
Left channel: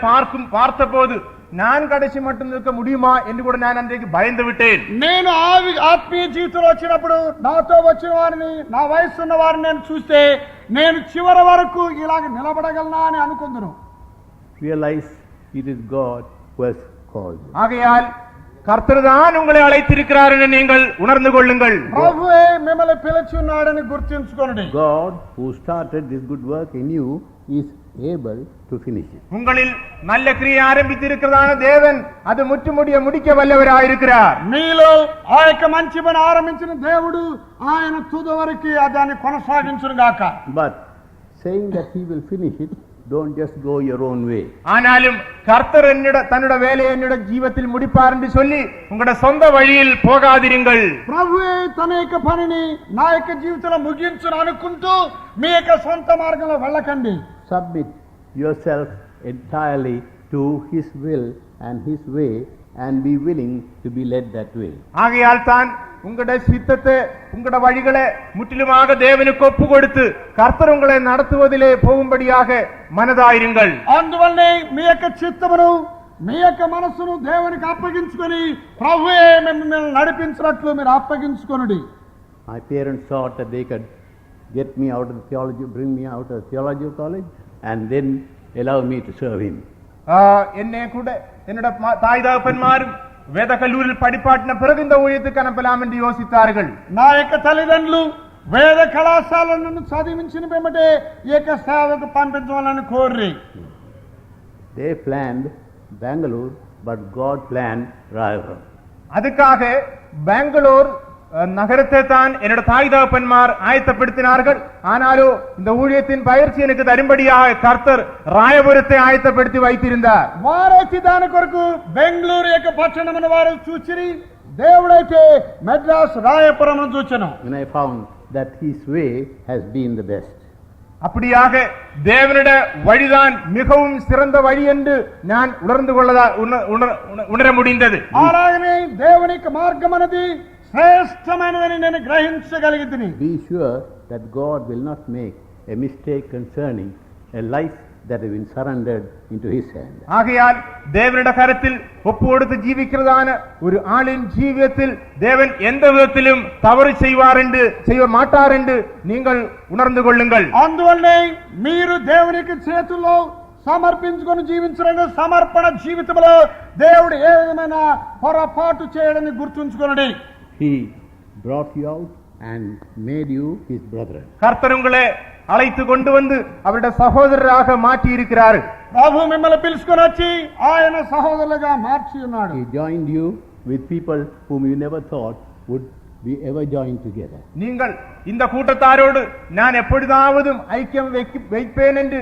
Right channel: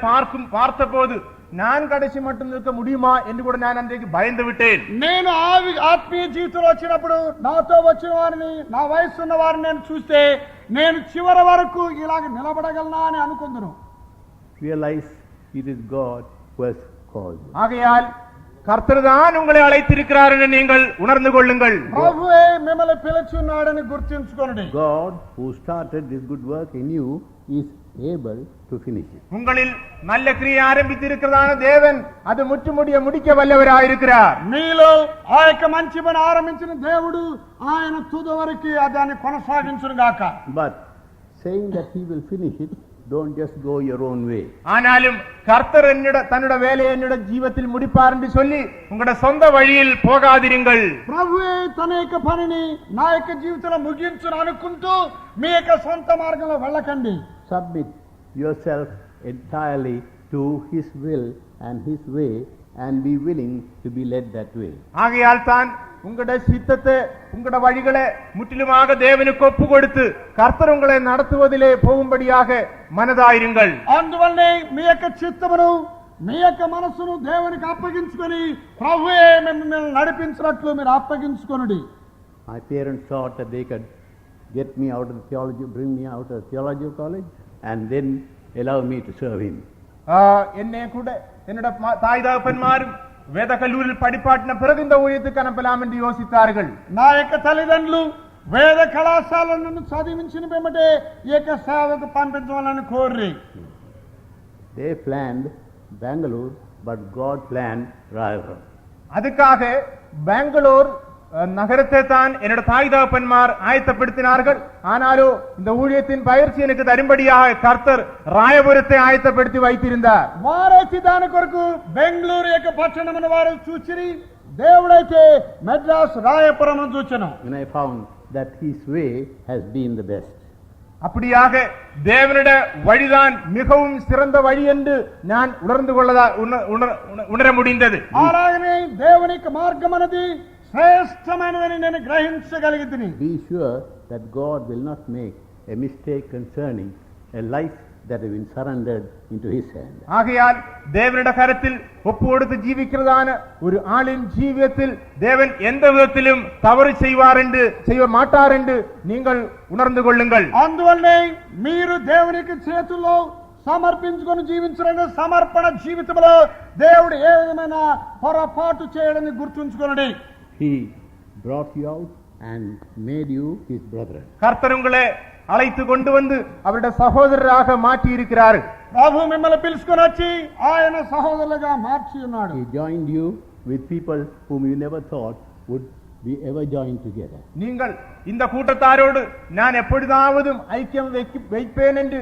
பார்த்தபோது நான் கடைசி மட்டும் நிற்க முடியுமா என்று கூட நான் அன்றைக்கு பயந்து விட்டேன். నేను ఆత్మీయ జీవితంలో వచ్చినప్పుడు నాతో వచ్చిన వారిని, నా వయసు ఉన్న వారిని నేను చూస్తే నేను చివరి వరకు ఇలాగ నిలబడగలనా అని అనుకుందును. Realize it is God who has called you. ஆகையால் கர்த்தர் தான் உங்களை அழைத்திருக்கிறார் என்று நீங்கள் உணர்ந்து கொள்ளுங்கள். ప్రభువే మిమ్మల్ని పిలిచి ఉన్నాడని గుర్తుంచుకోండి. God who started this good work in you is able to finish it. உங்களில் நல்ல கிரியை ஆரம்பித்திருக்கிறதான தேவன் அது முடிக்க வல்லவராயிருக்கிறார். మీలో ఆ యొక్క మంచి పని ఆరంభించిన దేవుడు ఆయన తుది వరకు దాన్ని కొనసాగించును గాక. But saying that He will finish it, don't just go your own way. ஆனாலும் கர்த்தர் தன்னுடைய வேலையை என்னுடைய ஜீவத்தில் முடிப்பார் என்று சொல்லி உங்களுடைய சொந்த வழியில் போகாதிருங்கள். ప్రభువే తన యొక్క పనిని నా యొక్క జీవితంలో ముగించును అనుకుంటూ మీ యొక్క సొంత మార్గంలో వెళ్ళకండి. Submit yourself entirely to His will and His way and be willing to be led that way. ஆகையால் தான் உங்களுடைய சித்தத்தை உங்களுடைய வழிகளை முற்றிலுமாக தேவனுக்கு ஒப்பு கொடுத்து கர்த்தர் உங்களை நடத்துவதிலே போகும்படியாக மனதாயிருங்கள். అందువల్లనే మీ యొక్క చిత్తమును మీ యొక్క మనసును దేవునికి అప్పగించుకొని ప్రభువే మిమ్మల్ని నడిపించినట్లు మీరు అప్పగించుకొనుడి. My parents thought that they could get me out of theology, bring me out of theology college and then allow me to serve Him. என்னை கூட என்னோட தாய் தகப்பன்மாரும் வேத கல்லூரியில் படிப்பாட்டின பிறகு இந்த ஊழியத்துக்கு அனுப்பலாம் என்று யோசித்தார்கள். నా యొక్క తల్లిదండ్రులు వేద కళాశాలను చదివించిన వెంబడే ఈ యొక్క సేవకు పంపించాలని కోరి They planned Bangalore, but God planned Rayagam. அதுக்காக பெங்களூர் நகரத்தை தான் என்னோட தாய் தகப்பன்மார் ஆயத்தப்படுத்தினார்கள். ஆனாலும் இந்த ஊழியத்தின் பயிற்சி எனக்கு தரும்படியாக கர்த்தர் ராயபுரத்தை ஆயத்தப்படுத்தி வைத்திருந்தார். వారైతే దాని కొరకు బెంగళూరు యొక్క పట్టణమును వారు చూచిరి, దేవుడైతే మెడ్రాస్ రాయపురమును చూచెను. And I found that His way has been the best. அப்படியாக தேவனுடைய வழிதான் மிகவும் சிறந்த வழி என்று நான் உணர முடிந்தது. అలాగనే దేవుని యొక్క మార్గం అనేది శ్రేష్టమైనదని నేను గ్రహించగలిగితిని. Be sure that God will not make a mistake concerning a life that has been surrendered into His hand. ஆகையால் தேவனுடைய கரத்தில் ஒப்பு கொடுத்து ஜீவிக்கிறதான ஒரு ஆளின் ஜீவியத்தில் தேவன் எந்த விதத்திலும் தவறு செய்ய மாட்டார் என்று நீங்கள் உணர்ந்து கொள்ளுங்கள். అందువల్లనే మీరు దేవునికి చేతుల్లో సమర్పించుకొని జీవించడం సమర్పణ జీవితంలో దేవుడు ఏ విధమైన పొరపాటు చేయడని గుర్తుంచుకోండి. He brought you out and made you His brethren. கர்த்தர் உங்களை அழைத்து கொண்டு வந்து அவருடைய சகோதரராக மாற்றி இருக்கிறார். ప్రభు మిమ్మల్ని పిలుచుకొని వచ్చి ఆయన సహోదరులుగా మార్చి ఉన్నాడు. He joined you with people whom you never thought would be ever joined together. நீங்கள் இந்த கூட்டத்தாரோடு நான் எப்பொழுதாவதும் ஐக்கியம் வைப்பேன் என்று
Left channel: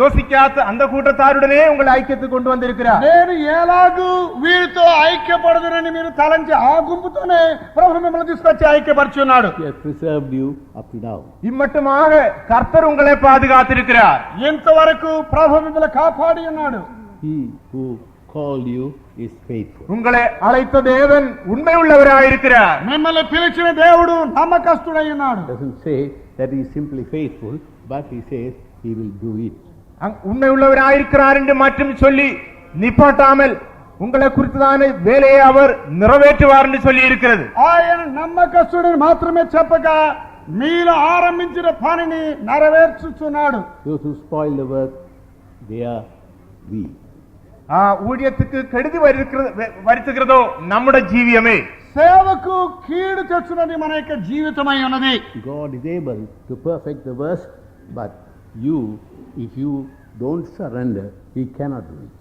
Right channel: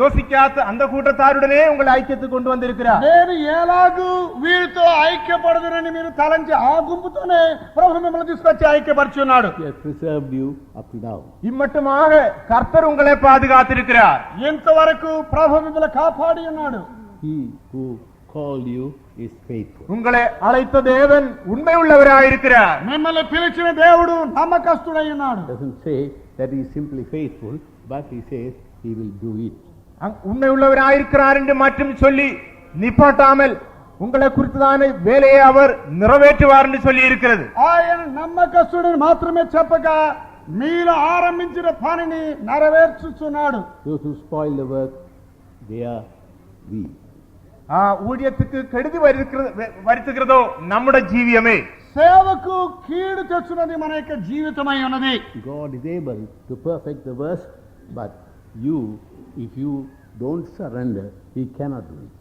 யோசிக்காத அந்த கூட்டத்தாருடனே உங்களை ஐக்கியத்துக்கு கொண்டு வந்திருக்கிறார். నేను ఎలాగూ వీరితో ఐక్యపడదునని మీరు తలంచి ఆ గుంపుతోనే ప్రభు మిమ్మల్ని తీసుకొచ్చి ఐక్యపరచున్నాడు. He has preserved you up to now. இம்மட்டுமாக கர்த்தர் உங்களை பாதுகாத்திருக்கிறார். ఇంతవరకు ప్రభు మిమ్మల్ని కాపాడి ఉన్నాడు. He who called you is faithful. உங்களை அழைத்த தேவன் உண்மை உள்ளவராயிருக்கிறார். మిమ్మల్ని పిలిచిన దేవుడు నమ్మకస్తుడై ఉన్నాడు. Doesn't say that he is simply faithful, but he says he will do it. உண்மை உள்ளவராயிருக்கிறார் என்று மட்டும் சொல்லி நிப்பாட்டாமல் உங்களை குறித்ததான வேலையை அவர் நிறைவேற்றுவார் என்று சொல்லி இருக்கிறது. ఆయన నమ్మకస్తుడని మాత్రమే చెప్పగా మీలో ఆరంభించిన పనిని నెరవేర్చుచున్నాడు. Those who spoil the work, they are we. ஊழியத்துக்கு கெடுதி வருத்துகிறதோ நம்முடைய ஜீவியமே. సేవకు కీడు తెచ్చున్నది మన యొక్క జీవితమై ఉన్నది. God is able to perfect the work, but you, if you don't surrender, he cannot do it.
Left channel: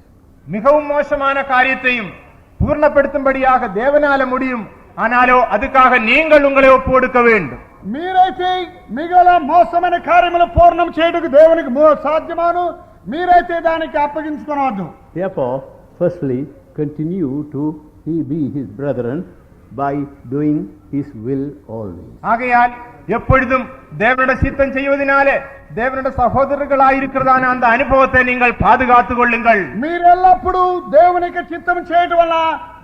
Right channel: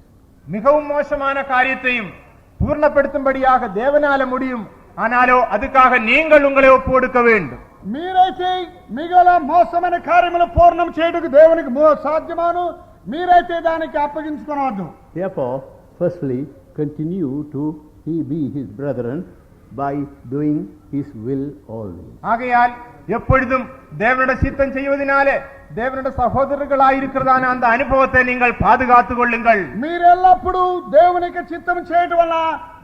மிகவும் மோசமான காரியத்தையும் பூர்ணப்படுத்தும்படியாக தேவனால முடியும். ஆனாலோ அதுக்காக நீங்கள் உங்களை ஒப்பு கொடுக்க வேண்டும். మీరైతే మిగల మోసమైన కార్యములు పూర్ణం చేయడానికి దేవునికి సాధ్యమాను. మీరైతే దానికి అప్పగించుకోవద్దు. Therefore, firstly, continue to be his brethren by doing his will always. ஆகையால் எப்பொழுதும் தேவனுடைய சித்தம் செய்வதனாலே தேவனுடைய சகோதரர்களாயிருக்கிறதான அந்த அனுபவத்தை நீங்கள் பாதுகாத்துக் கொள்ளுங்கள். మీరెల్లప్పుడూ దేవుని యొక్క చిత్తం చేయడం వల్ల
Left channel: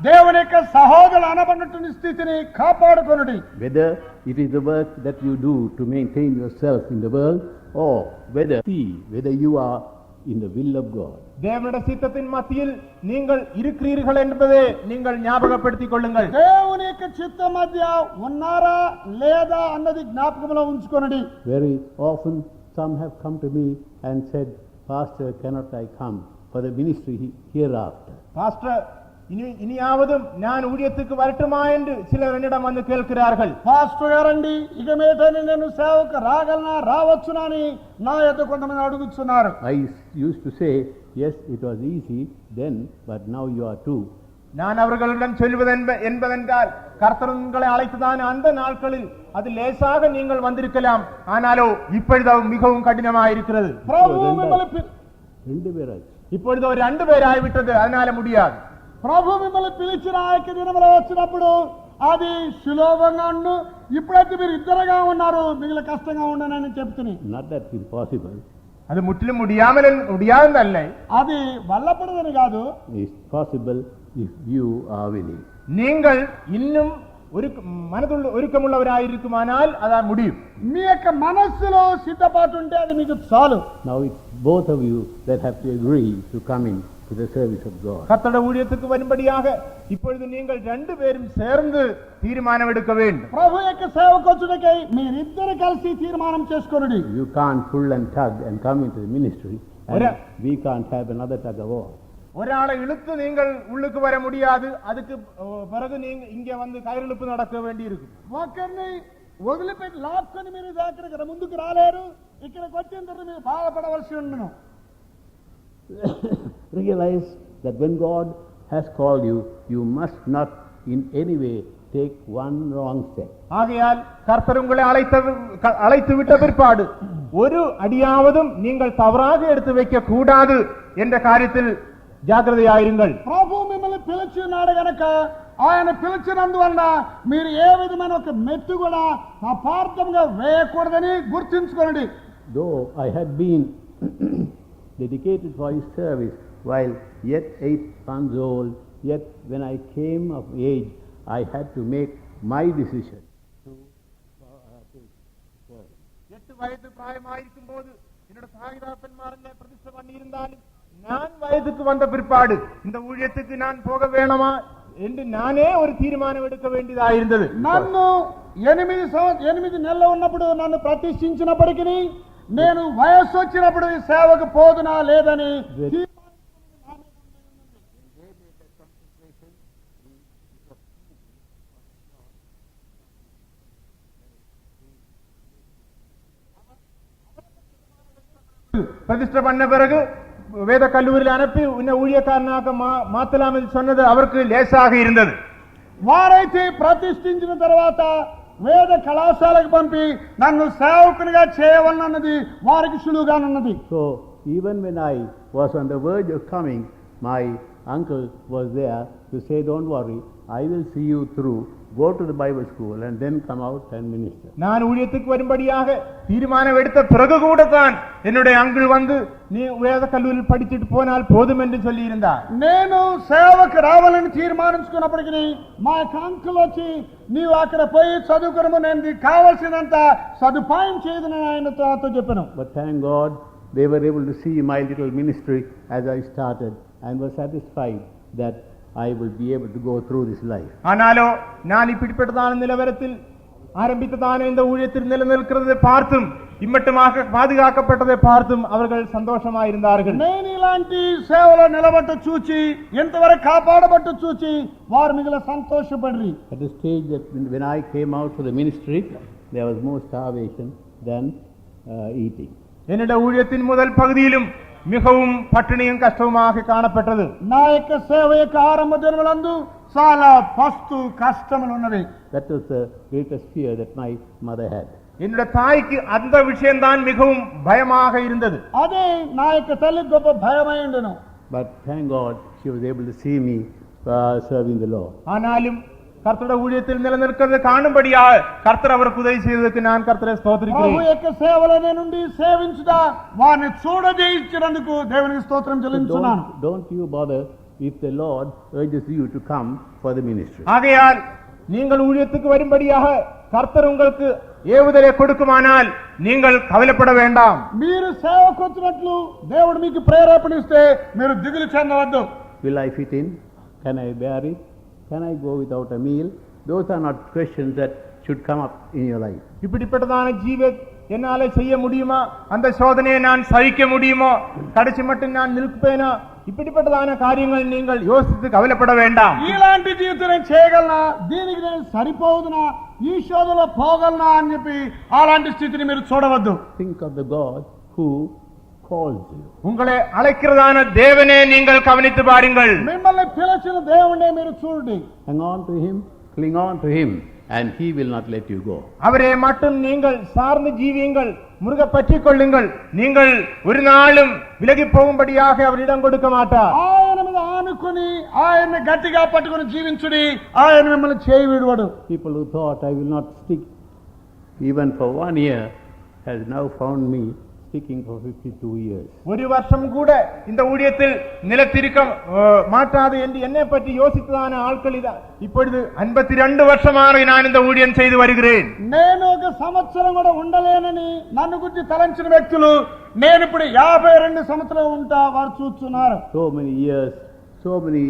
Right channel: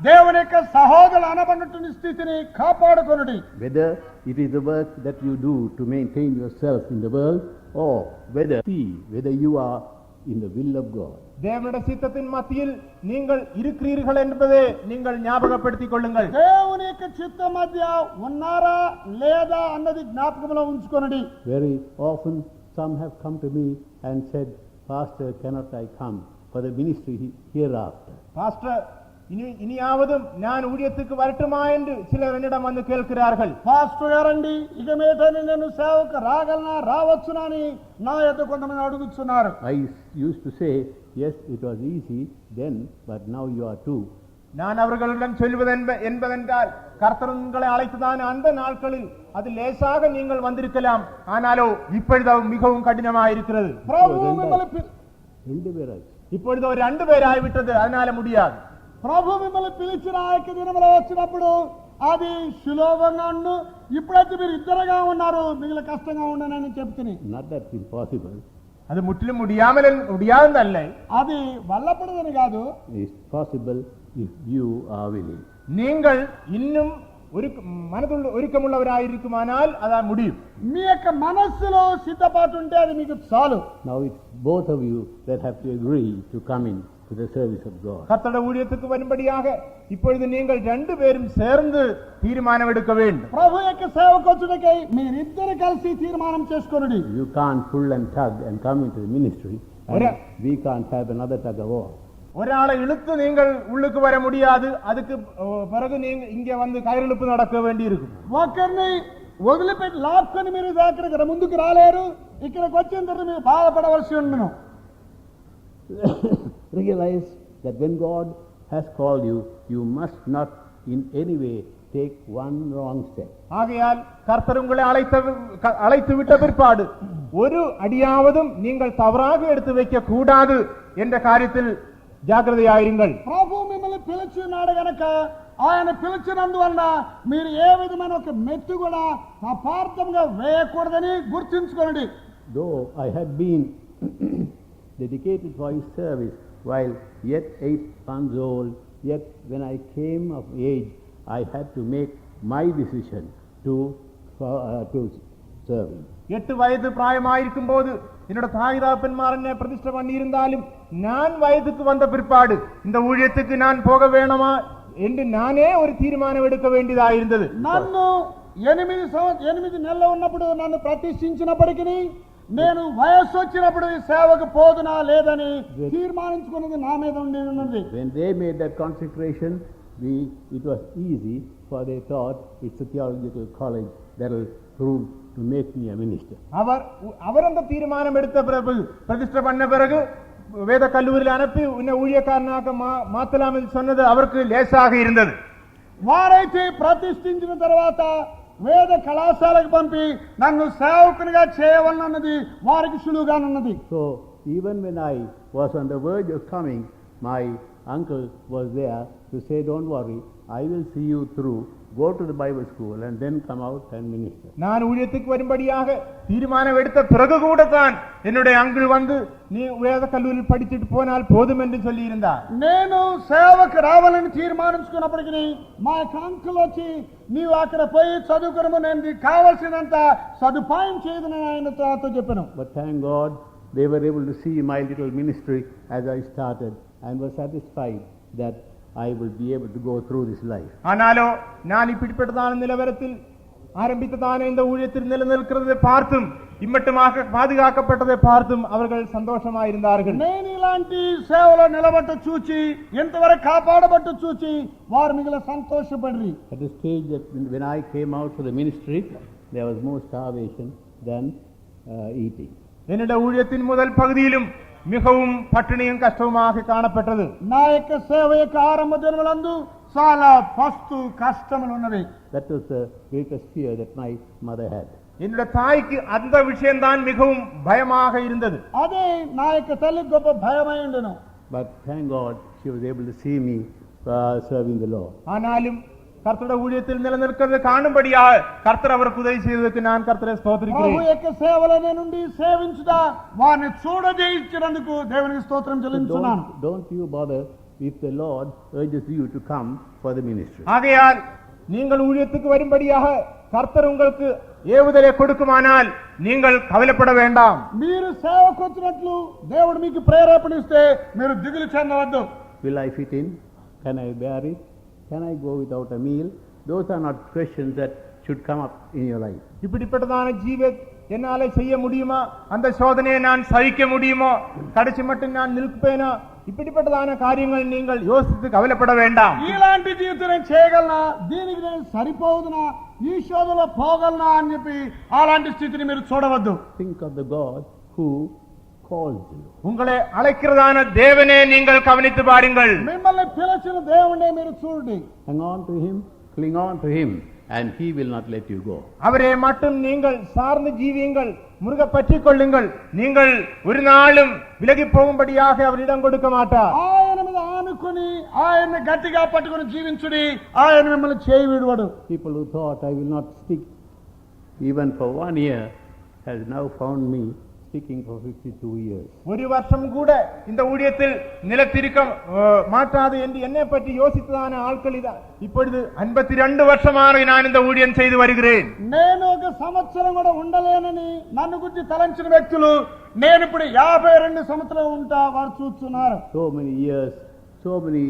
దేవుని యొక్క సహోదరులు అనబడినటువంటి స్థితిని కాపాడుకొనుడి. Whether it is the work that you do to maintain yourself in the world, or whether you are in the will of God. தேவனுடைய சித்தத்தின் மத்தியில் நீங்கள் இருக்கிறீர்கள் என்பதை நீங்கள் ஞாபகப்படுத்திக் கொள்ளுங்கள். దేవుని యొక్క చిత్తం మధ్య ఉన్నారా లేదా అన్నది జ్ఞాపకంలో ఉంచుకొనండి. Very often some have come to me and said, Pastor, cannot I come for the ministry hereafter? Pastor, இனியாவதும் நான் ஊழியத்துக்கு வரட்டுமா என்று சிலர் என்னிடம் வந்து கேட்கிறார்கள். పాస్టర్ గారండి ఇక మీదట నేను సేవకు రాగలనా రావచ్చునా అని నా యొద్ద కొంతమంది అడుగుతున్నారు. I used to say, yes, it was easy then, but now you are too. நான் அவர்களிடம் சொல்வது என்பதென்றால் கர்த்தர் உங்களை அழைத்ததான அந்த நாட்களில் அது லேசாக நீங்கள் வந்திருக்கலாம். ஆனாலோ இப்பொழுது மிகவும் கடினமாக இருக்கிறது. இப்பொழுது ஒரு 2 பேர் ஆகிவிட்டது. அதனால முடியாது. ప్రభు మిమ్మల్ని పిలిచిన ఆ యొక్క దినములో వచ్చినప్పుడు అది సులభంగా ఉండు. ఇప్పుడైతే మీరు ఇద్దరుగా ఉన్నారు, మిగిలిన కష్టంగా ఉండనని చెప్తున్నా. Not that impossible. அது முற்றிலும் முடியாதல்ல. అది వల్లపడదని కాదు. It's possible if you are willing. நீங்கள் இன்னும் மனதுள்ள ஒருக்கமுள்ளவராயிருக்குமானால் அதான் முடியும். మీ యొక్క మనస్సులో సిద్ధపాటు ఉంటే అది మీకు చాలు. Now it's both of you that have to agree to come in to the service of God. கர்த்தருடைய ஊழியத்துக்கு வரும்படியாக இப்பொழுது நீங்கள் 2 பேரும் சேர்ந்து தீர்மானம் எடுக்க வேண்டும். ప్రభు యొక్క సేవకు వచ్చుటకై మీరిద్దరు కలిసి తీర్మానం చేసుకోండి. You can't pull and tug and come into the ministry, and we can't have another tug of war. ஒராளை இழுத்து நீங்கள் உள்ளுக்கு வர முடியாது. அதுக்கு பிறகு நீங்க இங்கே வந்து கயிறிழுப்பு நடக்க வேண்டி இருக்கும். ఒకరిని వదిలిపెట్టి లాక్కొని మీరు అక్కడికి ముందుకు రాలేరు. ఇక్కడికి వచ్చిన తర్వాత మీరు బాధపడవలసి ఉండను. Realize that when God has called you, you must not in any way take one wrong step. ஆகையால் கர்த்தர் உங்களை அழைத்து விட்ட பிற்பாடு ஒரு அடியாவதும் நீங்கள் தவறாக எடுத்து வைக்க கூடாது என்ற காரியத்தில் జాగ్రత్తయాயிருங்கள். ప్రభు మిమ్మల్ని పిలిచినాడు గనక ఆయన పిలిచినందువల్ల మీరు ఏ విధమైన ఒక మెట్టు కూడా అపార్థంగా వేయకూడదని గుర్తుంచుకోండి. Though I had been dedicated for his service while yet 8 months old, yet when I came of age, I had to make my decision to serve him. 8 வயது பிராயமாயிருக்கும் போது என்னோட தாய் தகப்பன்மார் என்னை பிரதிஷ்டை பண்ணி இருந்தாலும் நான் வயதுக்கு வந்த பிற்பாடு இந்த ஊழியத்துக்கு நான் போக வேணுமா என்று நானே ஒரு தீர்மானம் எடுக்க வேண்டியதாயிருந்தது. నన్ను 8 నెలలు ఉన్నప్పుడు నన్ను ప్రతిష్ఠించినప్పటికీ నేను వయస్సు వచ్చినప్పుడు ఈ సేవకు పోదునా లేదని తీర్మానించుకున్నది నా మీద ఉండేది. When they made that consecration, it was easy, for they thought it's a theological college that will prove to make me a minister. அவர் அந்த தீர்மானம் எடுத்த பிறகு பிரதிஷ்டை பண்ண பிறகு வேத கல்லூரியில் அனுப்பி உன்னை ஊழியக்காரனாக மாத்தலாம் என்று சொன்னது அவருக்கு லேசாக இருந்தது. వారైతే ప్రతిష్ఠించిన తర్వాత వేద కళాశాలకు పంపి నన్ను సేవకునిగా చేయవలనన్నది వారికి సులువుగానున్నది. So even when I was on the verge of coming, my uncle was there to say, don't worry, I will see you through, go to the Bible school and then come out and minister. நான் ஊழியத்துக்கு வரும்படியாக தீர்மானம் எடுத்த பிறகு கூட தான் என்னுடைய uncle வந்து நீ வேத கல்லூரியில் படிச்சுட்டு போனால் போதும் என்று சொல்லி இருந்தார். నేను సేవకు రావాలని తీర్మానించుకున్నప్పటికీ మా యొక్క అంకుల్ వచ్చి నీవు అక్కడ పోయి చదువుకునము, నేను నీకు కావాల్సినంత సదుపాయం చేయదని ఆయనతో నాతో చెప్పాను. But thank God they were able to see my little ministry as I started and were satisfied that I will be able to go through this life. ஆனாலோ நான் இப்படிப்பட்டதான நிலவரத்தில் ஆரம்பித்ததான இந்த ஊழியத்தில் நிலைநிற்கிறதை பார்த்தும் இம்மட்டுமாக பாதுகாக்கப்பட்டதை பார்த்தும் அவர்கள் சந்தோஷமாயிருந்தார்கள். నేను ఇలాంటి సేవలో నిలబట్టు చూచి ఎంతవరకు కాపాడబట్టు చూచి వారు మిగిలిన సంతోషపడ్రి. At the stage that when I came out for the ministry, there was more starvation than eating. என்னுடைய ஊழியத்தின் முதல் பகுதியிலும் மிகவும் பட்டினியும் கஷ்டமாக காணப்பட்டது. నా యొక్క సేవ యొక్క ఆరంభ దినములందు చాలా పస్తు కష్టములు ఉన్నవి. That was the greatest fear that my mother had. என்னுடைய தாய்க்கு அந்த விஷயம்தான் மிகவும் பயமாக இருந்தது. అదే నా యొక్క తల్లి గొప్ప భయమై ఉండెను. But thank God she was able to see me serving the Lord. ஆனாலும் கர்த்தருடைய ஊழியத்தில் நிலைநிற்கிறது காணும்படியாக கர்த்தர் அவருக்கு உதவி செய்ததற்கு நான் கர்த்தரை ஸ்தோத்திரிக்கிறேன். ప్రభు యొక్క సేవలోనే నుండి సేవించుట వారిని చూడజేయించినందుకు దేవునికి స్తోత్రం చెల్లించున్నాను. Don't you bother if the Lord urges you to come for the ministry. ஆகையால் நீங்கள் ஊழியத்துக்கு வரும்படியாக கர்த்தர் உங்களுக்கு ஏவுதலை கொடுக்குமானால் நீங்கள் கவலைப்பட வேண்டாம். మీరు సేవకు వచ్చినట్లు దేవుడు మీకు ప్రేరేపణ ఇస్తే మీరు దిగులు చెందవద్దు. Will I fit in? Can I bear it? Can I go without a meal? Those are not questions that should come up in your life. இப்படிப்பட்டதான ஜீவன் என்னால செய்ய முடியுமா, அந்த சோதனையை நான் சகிக்க முடியுமோ, கடைசி மட்டும் நான் நிற்பேனா, இப்படிப்பட்டதான காரியங்கள் நீங்கள் யோசித்து கவலைப்பட வேண்டாம். ఇలాంటి జీవితం నేను చేయగలనా, దీనికి నేను సరిపోదునా, ఈ శోధనలో పోగలనా అని చెప్పి అలాంటి స్థితిని మీరు చూడవద్దు. Think of the God who calls you. உங்களை அழைக்கிறதான தேவனே நீங்கள் கவனித்து பாருங்கள். మిమ్మల్ని పిలిచిన దేవుణ్ణే మీరు చూడండి. Hang on to Him, cling on to Him, and He will not let you go. அவரே மட்டும் நீங்கள் சார்ந்து ஜீவியுங்கள், முருக பற்றிக் கொள்ளுங்கள். நீங்கள் ஒரு நாளும் விலகி போகும்படியாக அவர் இடம் கொடுக்க மாட்டார். ఆయన మీద ఆనుకుని ఆయన్ని గట్టిగా పట్టుకుని జీవించుడి, ఆయన మిమ్మల్ని చేయి విడువడు. People who thought I will not stick even for 1 year has now found me sticking for 52 years. ஒரு வருஷம் கூட இந்த ஊழியத்தில் நிலத்திருக்க மாட்டாது என்று என்னை பற்றி யோசித்ததான ஆட்கள் இப்பொழுது 52 வருஷமாக நான் இந்த ஊழியம் செய்து வருகிறேன். నేను ఒక సంవత్సరం కూడా ఉండలేనని నన్ను గురించి తలంచిన వ్యక్తులు నేను ఇప్పుడు 52 సంవత్సరాలు ఉంటా వారు చూస్తున్నారు. So many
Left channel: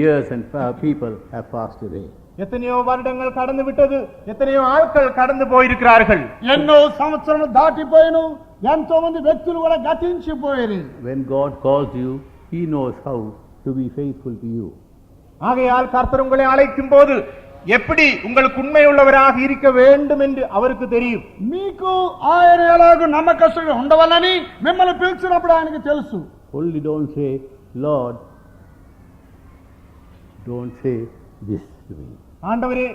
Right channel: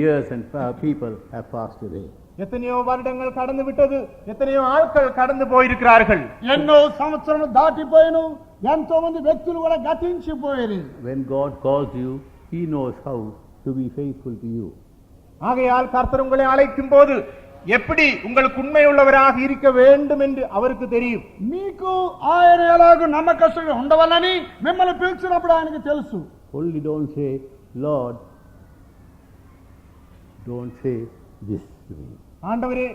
years and people have passed away. எத்தனையோ வருடங்கள் கடந்து விட்டது, எத்தனையோ ஆட்கள் கடந்து போயிருக்கிறார்கள். ఎన్నో సంవత్సరాలు దాటిపోయిను, ఎంతో మంది వ్యక్తులు కూడా గతించిపోయారు. When God calls you, He knows how to be faithful to you. ஆகையால் கர்த்தர் உங்களை அழைக்கும் போது எப்படி உங்களுக்கு உண்மை உள்ளவராக இருக்க வேண்டும் என்று அவருக்கு தெரியும். మీకు ఆయన ఎలాగో నమ్మకస్తుగా ఉండవాలని మిమ్మల్ని పిలిచినప్పుడు ఆయనకు తెలుసు. Only don't say, Lord, don't say this to me. ஆண்டவரே,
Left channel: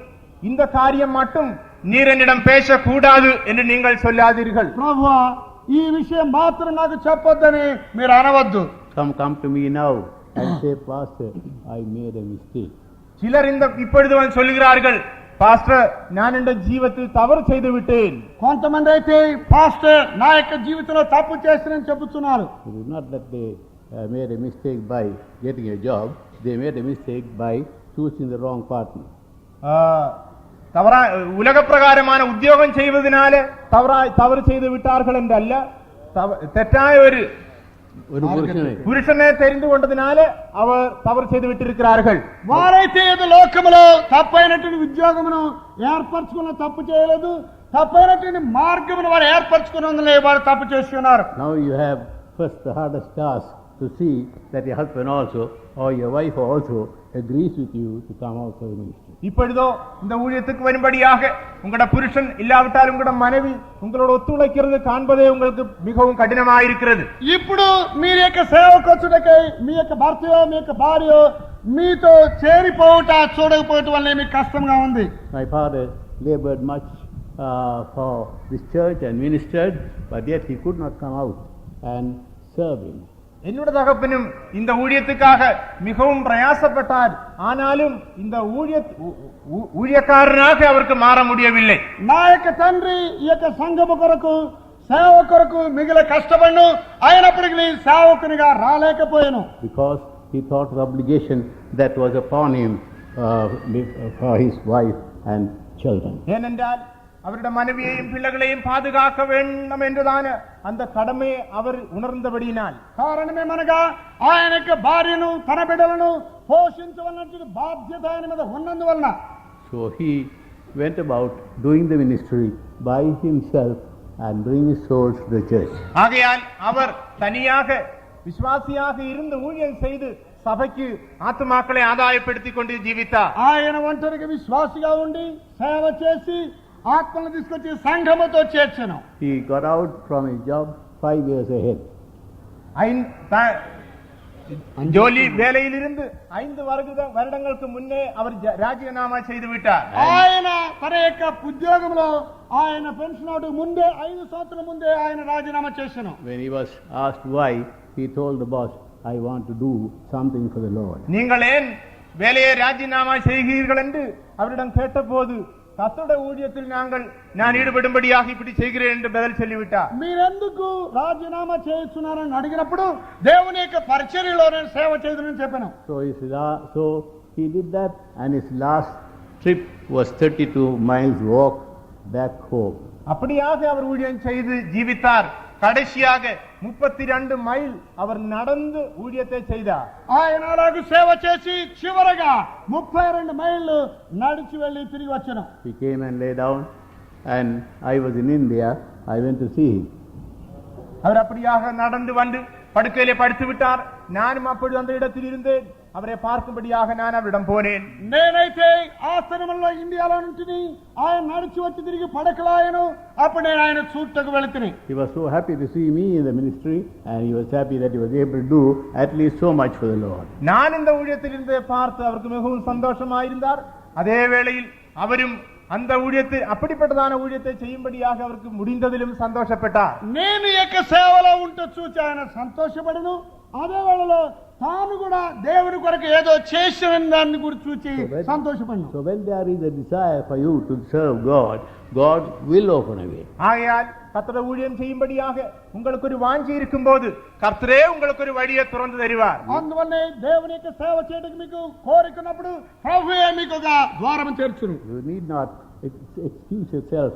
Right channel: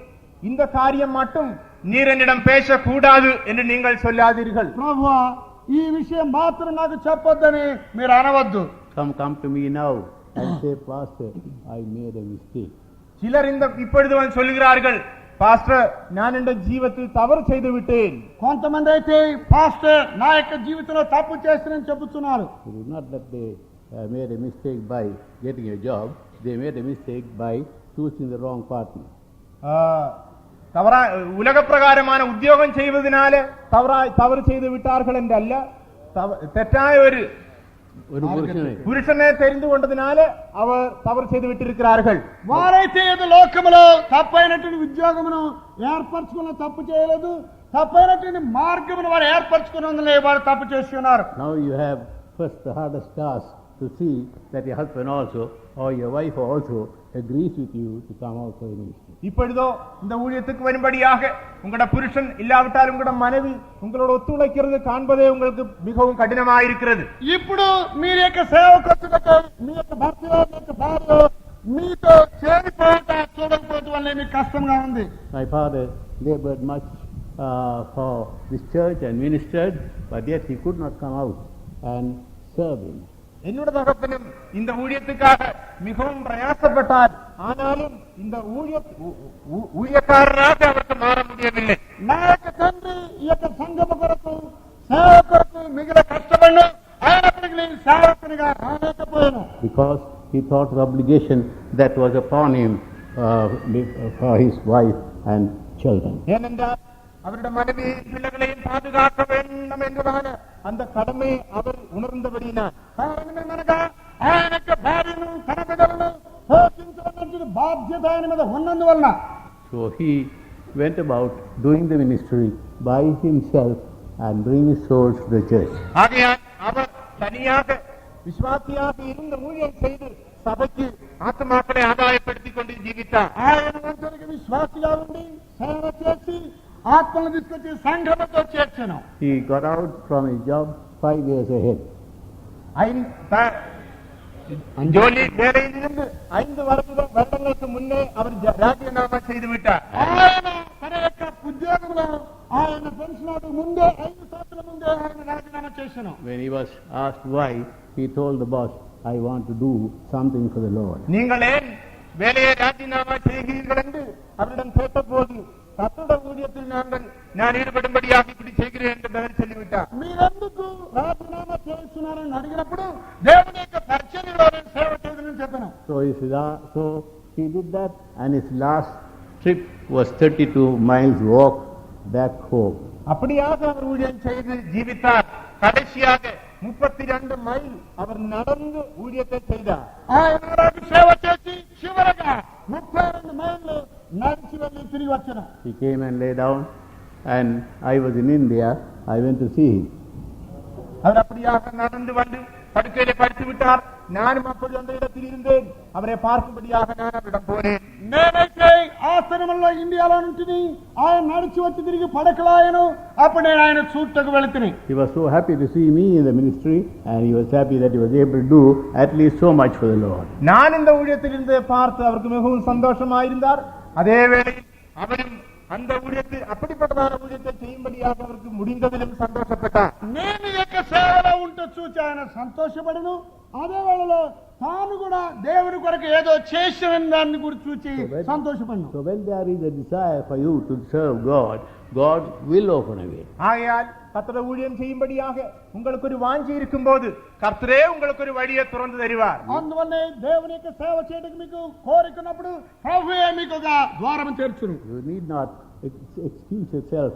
இந்த காரியம் மட்டும் நீர் என்னிடம் பேசக்கூடாது என்று நீங்கள் சொல்லாதீர்கள். ప్రభువా, ఈ విషయం మాత్రం నాకు చెప్పొద్దని మీరు అనవద్దు. Come to me now and say, Pastor, I made a mistake. சிலர் இப்பொழுது வந்து சொல்லுகிறார்கள், பாஸ்டர், நான் என்ற ஜீவத்தில் தவறு செய்து விட்டேன். కొంతమంది అయితే పాస్టర్ నా యొక్క జీవితంలో తప్పు చేస్తానని చెబుతున్నారు. It is not that they made a mistake by getting a job, they made a mistake by choosing the wrong partner. உலக பிரகாரமான உத்தியோகம் செய்வதனாலே தவறு செய்து விட்டார்கள் என்றல்ல, தெற்றாய ஒரு పురుషనే தெரிந்து கொண்டதினால அவர் தவறு செய்து விட்டிருக்கிறார்கள். వారైతే ఏదో లోకములో తప్పైనటువంటి ఉద్యోగమును ఏర్పరచుకున్న తప్పు చేయలేదు, తప్పైనటువంటి మార్గమును వారు ఏర్పరచుకున్నందునే వారు తప్పు చేసి ఉన్నారు. Now you have first the hardest task to see that your husband also or your wife also agrees with you to come out for the ministry. இப்பொழுதோ இந்த ஊழியத்துக்கு வரும்படியாக உங்களோட புருஷன் இல்லாவிட்டால் உங்களோட மனைவி உங்களோட ஒத்துழைக்கிறது காண்பதே உங்களுக்கு மிகவும் கடினமாயிருக்கிறது. ఇప్పుడు మీ యొక్క సేవకు వచ్చుటకై మీ యొక్క భర్తయో మీ యొక్క భార్యో మీతో చేరిపోవుట చూడకపోవటం వల్ల మీకు కష్టంగా ఉంది. My father labored much for this church and ministered, but yet he could not come out and serve him. என்னோட தகப்பனும் இந்த ஊழியத்துக்காக மிகவும் பிரயாசப்பட்டார். ஆனாலும் இந்த ஊழியக்காரனாக அவருக்கு மாற முடியவில்லை. నా యొక్క తండ్రి ఈ యొక్క సంఘము కొరకు సేవ కొరకు మిగిలిన కష్టపడ్ను, అయినప్పటికీ సేవకునిగా రాలేకపోయాను. Because he thought the obligation that was upon him for his wife and children. ஏனென்றால் அவருடைய மனைவியையும் பிள்ளைகளையும் பாதுகாக்க வேண்டும் என்றுதான் அந்த கடமையை அவர் உணர்ந்தபடியினால், కారణమేమనగా ఆయన యొక్క భార్యను తన బిడ్డలను పోషించవలసిన బాధ్యత ఆయన మీద ఉన్నందువలన So he went about doing the ministry by himself and bringing souls to the church. ஆகையால் அவர் தனியாக விசுவாசியாக இருந்து ஊழியம் செய்து சபைக்கு ஆத்துமாக்களை ஆதாயப்படுத்திக் கொண்டு ஜீவித்தார். ఆయన ఒంటరిగా విశ్వాసిగా ఉండి సేవ చేసి ఆత్మను తీసుకొచ్చి సంఘముతో చేర్చను. He got out from his job 5 years ahead. ஜோலி வேலையில் இருந்து 5 வருடங்களுக்கு முன்னே அவர் ராஜினாமா செய்து விட்டார். ఆయన తన యొక్క ఉద్యోగంలో ఆయన పెన్షన్ అవడానికి ముందే 5 సంవత్సరాల ముందే ఆయన రాజీనామా చేశాను. When he was asked why, he told the boss, I want to do something for the Lord. நீங்கள் ஏன் வேலையை ராஜினாமா செய்கிறீர்கள் என்று அவரிடம் கேட்டபோது, கர்த்தருடைய ஊழியத்தில் நான் ஈடுபடும்படியாக இப்படி செய்கிறேன் என்று பதில் சொல்லிவிட்டார். మీరెందుకు రాజీనామా చేస్తున్నారని అడిగినప్పుడు దేవుని యొక్క పరిచర్యలో నేను సేవ చేయదని చెప్పాను. So he did that, and his last trip was 32 miles walk back home. அப்படியாக அவர் ஊழியம் செய்து ஜீவித்தார். கடைசியாக 32 மைல் அவர் நடந்து ஊழியத்தை செய்தார். ఆయన నాకు సేవ చేసి చివరగా 32 మైళ్ళు నడిచి వెళ్ళి తిరిగి వచ్చాను. He came and lay down, and I was in India. I went to see him. அவர் அப்படியாக நடந்து வந்து படுக்கையிலே படுத்து விட்டார். நானும் அப்பொழுது அந்த இடத்தில் இருந்தேன். அவரை பார்க்கும்படியாக நான் அவரிடம் போனேன். నేనైతే ఆశ్రమంలో ఇండియాలో ఉంటుంది. ఆయన నడిచి వచ్చి తిరిగి పడకలాయను. అప్పుడు నేను ఆయన చూడటకు వెళుతుని. He was so happy to see me in the ministry, and he was happy that he was able to do at least so much for the Lord. நான் இந்த ஊழியத்தில் இருந்து பார்த்து அவருக்கு மிகவும் சந்தோஷமாயிருந்தார். அதே வேளையில் அவரும் அந்த ஊழியத்தை, அப்படிப்பட்டதான ஊழியத்தை செய்யும்படியாக அவருக்கு முடிந்ததிலும் சந்தோஷப்பட்டார். నేను యొక్క సేవలో ఉంటూ చూచి ఆయన సంతోషపడను. అదే వేళలో తాను కూడా దేవుని కొరకు ఏదో చేసిన దాన్ని కూడా చూచి సంతోషపడను. So when there is a desire for you to serve God, God will open a way. ஆகையால் கர்த்தருடைய ஊழியம் செய்யும்படியாக உங்களுக்கு ஒரு வாஞ்சி இருக்கும்போது கர்த்தரே உங்களுக்கு ஒரு வழியை திறந்து தருவார். అందువల్లే దేవుని యొక్క సేవ చేయడానికి మీకు కోరికనప్పుడు ప్రభువే మీకు ఒక ద్వారం తెరుచును. You need not excuse yourself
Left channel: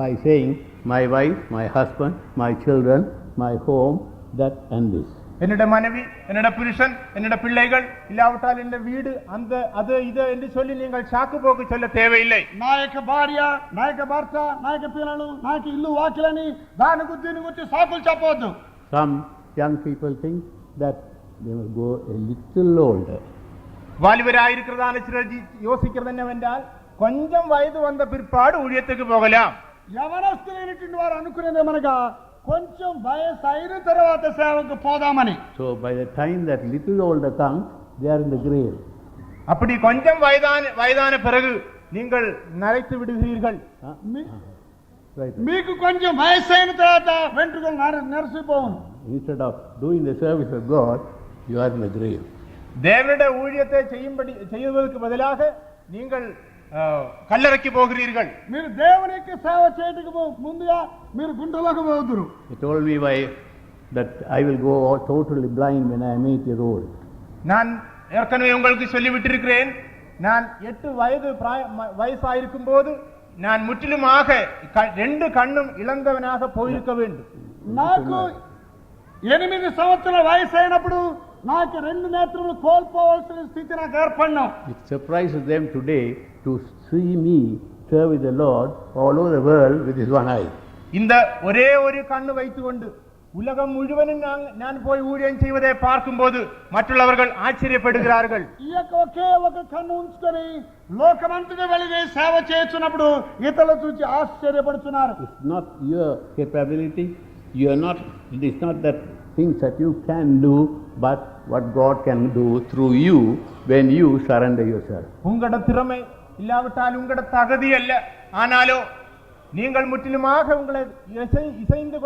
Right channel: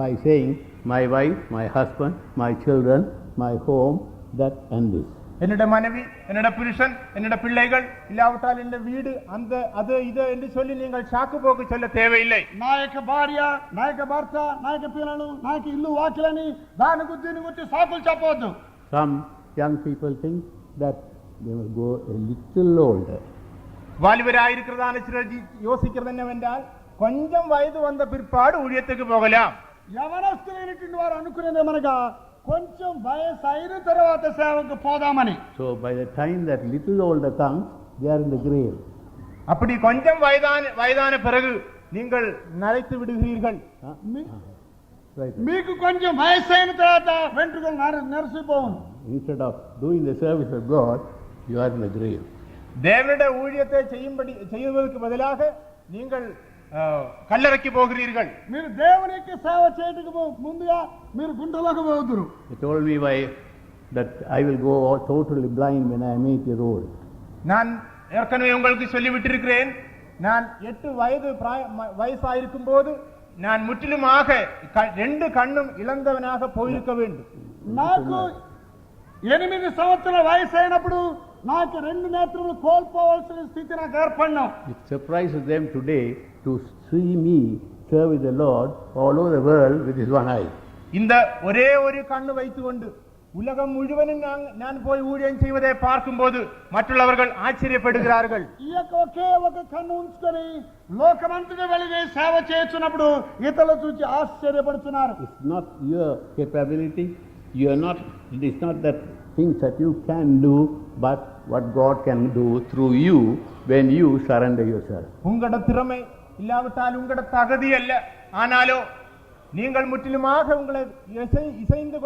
by saying, my wife, my husband, my children, my home, that and this. என்னோட மனைவி, என்னோட புருஷன், என்னோட பிள்ளைகள், இல்லாவிட்டால் என்னோட வீடு, அந்த அது இது என்று சொல்லி நீங்கள் சாக்கு போக்கு சொல்ல தேவையில்லை. నా యొక్క భార్య, నా యొక్క భర్త, నా యొక్క పిల్లలు, నాకు ఇల్లు వాకిలని దాని గురించి సాకులు చెప్పవద్దు. Some young people think that they will go a little older. வாலிபராயிருக்கிறதான சிலர் யோசிக்கிறது என்னவென்றால், கொஞ்சம் வயது வந்த பிற்பாடு ஊழியத்துக்கு போகலாம். యవనస్తులైనటువంటి వారు అనుకునేదేమనగా కొంచెం వయసు అయిన తర్వాత సేవకు పోదామని. So by the time that little older comes, they are in the grave. அப்படி கொஞ்சம் வயதான பிறகு நீங்கள் நரைத்து விடுகிறீர்கள். Right. మీకు కొంచెం వయసు అయిన తర్వాత వెంట్రుకలు నెరసిపోవును. Instead of doing the service of God, you are in the grave. தேவனுடைய ஊழியத்தை செய்வதற்கு பதிலாக நீங்கள் కల్లెరకి పోகிறீர்கள். మీరు దేవుని యొక్క సేవ చేయడానికి ముందుగా మీరు గుంటలోకి పోతురు. He told me why that I will go totally blind when I am 8 years old. நான் ஏற்கனவே உங்களுக்கு சொல்லிவிட்டிருக்கிறேன். நான் 8 வயசாயிருக்கும் போது நான் முற்றிலுமாக 2 கண்ணும் இழந்தவனாக போயிருக்க வேண்டும். నాకు 8 సంవత్సరాల వయసు అయినప్పుడు నాకు 2 నేత్రములు కోల్పోవాల్సిన స్థితి నాకు ఏర్పడినా. It surprises them today to see me serve with the Lord all over the world with his one eye. இந்த ஒரே ஒரு கண்ணு வைத்துக்கொண்டு உலகம் முழுவதும் நான் போய் ஊழியம் செய்வதை பார்க்கும்போது மற்றவர்கள் ஆச்சரியப்படுகிறார்கள். ఈ యొక్క ఒకే ఒక కన్ను ఉంచుకొని లోకమంతటా వెళ్ళి సేవ చేస్తున్నప్పుడు ఇతరులు చూసి ఆశ్చర్యపడుతున్నారు. It's not your capability. It's not that things that you can do, but what God can do through you when you surrender yourself. உங்களோட திறமை இல்லாவிட்டால் உங்களோட தகுதி அல்ல, ஆனாலோ நீங்கள் முற்றிலுமாக உங்களை இசைந்து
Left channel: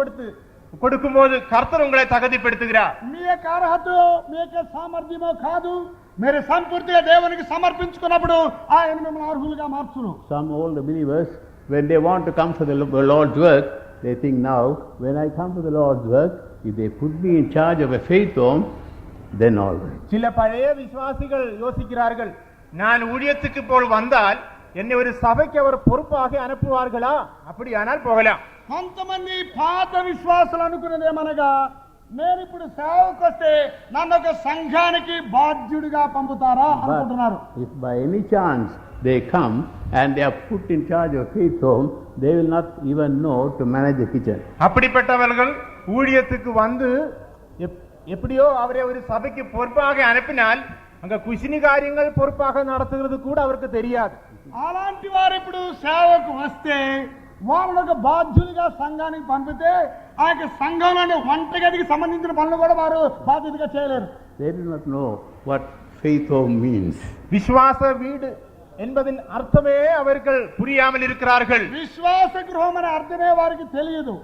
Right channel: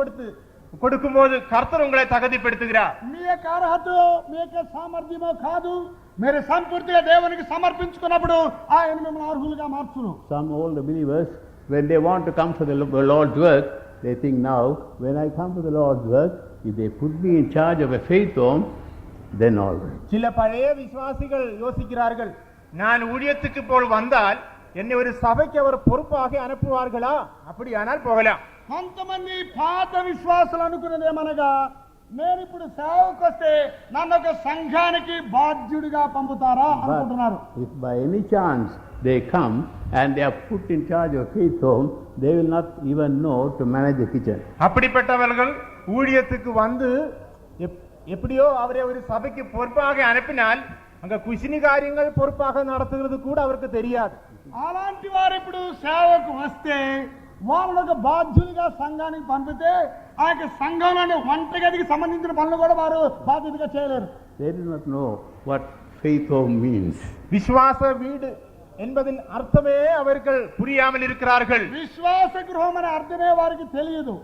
கொடுக்கும்போது கர்த்தர் உங்களை தகுதிப்படுத்துகிறார். మీ యొక్క అర్హతలో మీ యొక్క సామర్థ్యమో కాదు, మీరు సంపూర్తిగా దేవునికి సమర్పించుకున్నప్పుడు ఆయన మిమ్మల్ని అర్హులుగా మార్చును. Some old believers, when they want to come for the Lord's work, they think, now when I come to the Lord's work, if they put me in charge of a faith home, then all right. சில பழைய விசுவாசிகள் யோசிக்கிறார்கள், நான் ஊழியத்துக்கு போல் வந்தால் என்னை ஒரு சபைக்கு அவர் பொறுப்பாக அனுப்புவார்களா, அப்படியானால் போகலாம். కొంతమంది పాత విశ్వాసాలు అనుకున్నది ఏమనగా, నేను ఇప్పుడు సేవకు వస్తే నన్ను ఒక సంఘానికి బాధ్యుడిగా పంపుతారా అనుకుంటున్నారు. If by any chance they come and they are put in charge of faith home, they will not even know to manage the kitchen. அப்படிப்பட்டவர்கள் ஊழியத்துக்கு வந்து எப்படியோ அவரை ஒரு சபைக்கு பொறுப்பாக அனுப்பினால் அங்க குஷினி காரியங்கள் பொறுப்பாக நடத்துகிறது கூட அவருக்கு தெரியாது. అలాంటి వారు ఇప్పుడు సేవకు వస్తే వాళ్ళకు బాధ్యులుగా సంఘానికి పంపితే ఆ యొక్క సంఘంలోని వంటగదికి సంబంధించిన పనులు కూడా వారు బాధ్యతగా చేయలేరు. They do not know what faith home means. விசுவாச வீடு என்பதின் அர்த்தமே அவர்கள் புரியாமல் இருக்கிறார்கள். విశ్వాస గృహం అనే అర్థమే వారికి తెలియదు.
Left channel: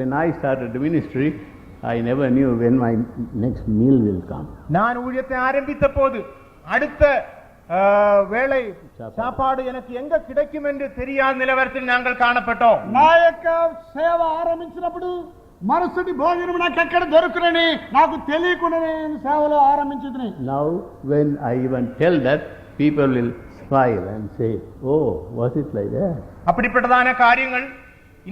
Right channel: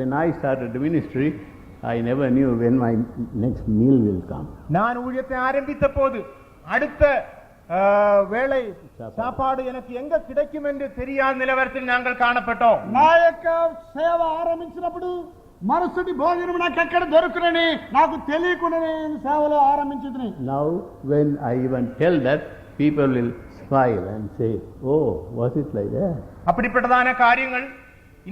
When I started the ministry, I never knew when my next meal will come. நான் ஊழியத்தை ஆரம்பித்த போது அடுத்த வேளை சாப்பாடு எனக்கு எங்க கிடைக்கும் என்று தெரியாத நிலவரத்தில் நாங்கள் காணப்பட்டோம். నా యొక్క సేవ ఆరంభించినప్పుడు మరుసటి భోజనం నాకు ఎక్కడ దొరుకునని నాకు తెలియకుండా నేను సేవలో ఆరంభించింది. Now when I even tell that, people will smile and say, oh, was it like that? அப்படிப்பட்டதான காரியங்கள்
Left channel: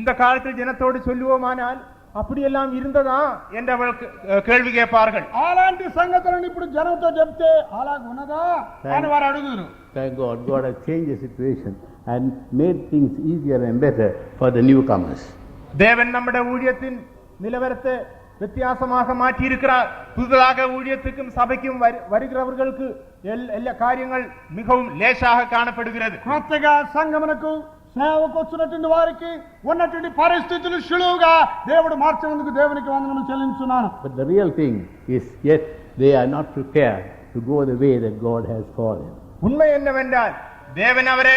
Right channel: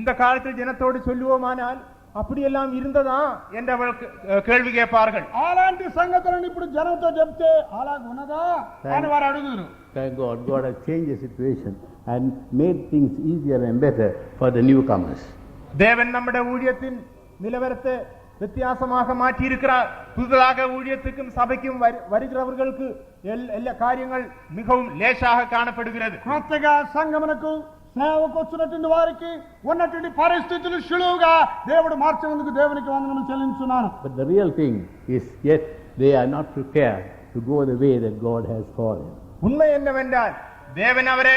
இந்த காலத்தில் ஜனத்தோடு சொல்லுவோமானால் அப்படியெல்லாம் இருந்ததா என்று அவர்கள் கேள்வி கேட்பார்கள். అలాంటి సంగతులను ఇప్పుడు జనంతో చెప్తే అలాగ ఉన్నదా అని వారు అడుగుతారు. Thank God, God has changed the situation and made things easier and better for the newcomers. தேவன் நம்முடைய ஊழியத்தின் நிலவரத்தை வித்தியாசமாக மாற்றி இருக்கிறார். புதிதாக ஊழியத்துக்கும் சபைக்கும் வருகிறவர்களுக்கு எல்லா காரியங்கள் மிகவும் லேசாக காணப்படுகிறது. కొత్తగా సంఘమునకు సేవకు వచ్చినటువంటి వారికి ఉన్నటువంటి పరిస్థితులు సులువుగా దేవుడు మార్చినందుకు దేవునికి వందనములు చెల్లించున్నాను. But the real thing is, yet they are not prepared to go the way that God has called them. உண்மை என்னவென்றால் தேவன் அவரை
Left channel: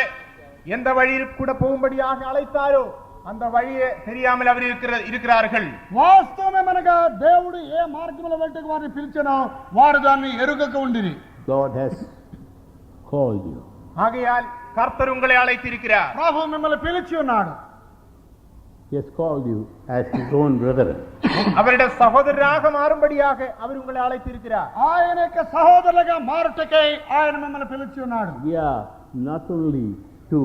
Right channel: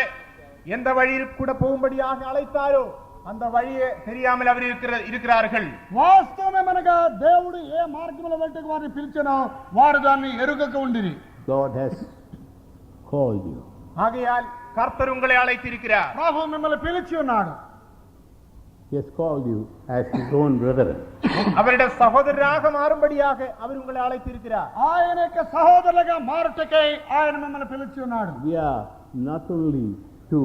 எந்த வழியில் கூட போகும்படியாக அழைத்தாரோ அந்த வழியே தெரியாமல் அவர் இருக்கிறார்கள். వాస్తవమేమనగా దేవుడు ఏ మార్గములో వెళ్తే వారిని పిలిచెనో వారు దాన్ని ఎరుగక ఉండిరి. God has called you. ஆகையால் கர்த்தர் உங்களை அழைத்திருக்கிறார். ప్రభు మిమ్మల్ని పిలిచి ఉన్నాడు. He has called you as his own brother. அவருடைய சகோதரராக மாறும்படியாக அவர் உங்களை அழைத்திருக்கிறார். ఆయన యొక్క సహోదరులుగా మారుటకై ఆయన మిమ్మల్ని పిలిచి ఉన్నాడు. We are not only to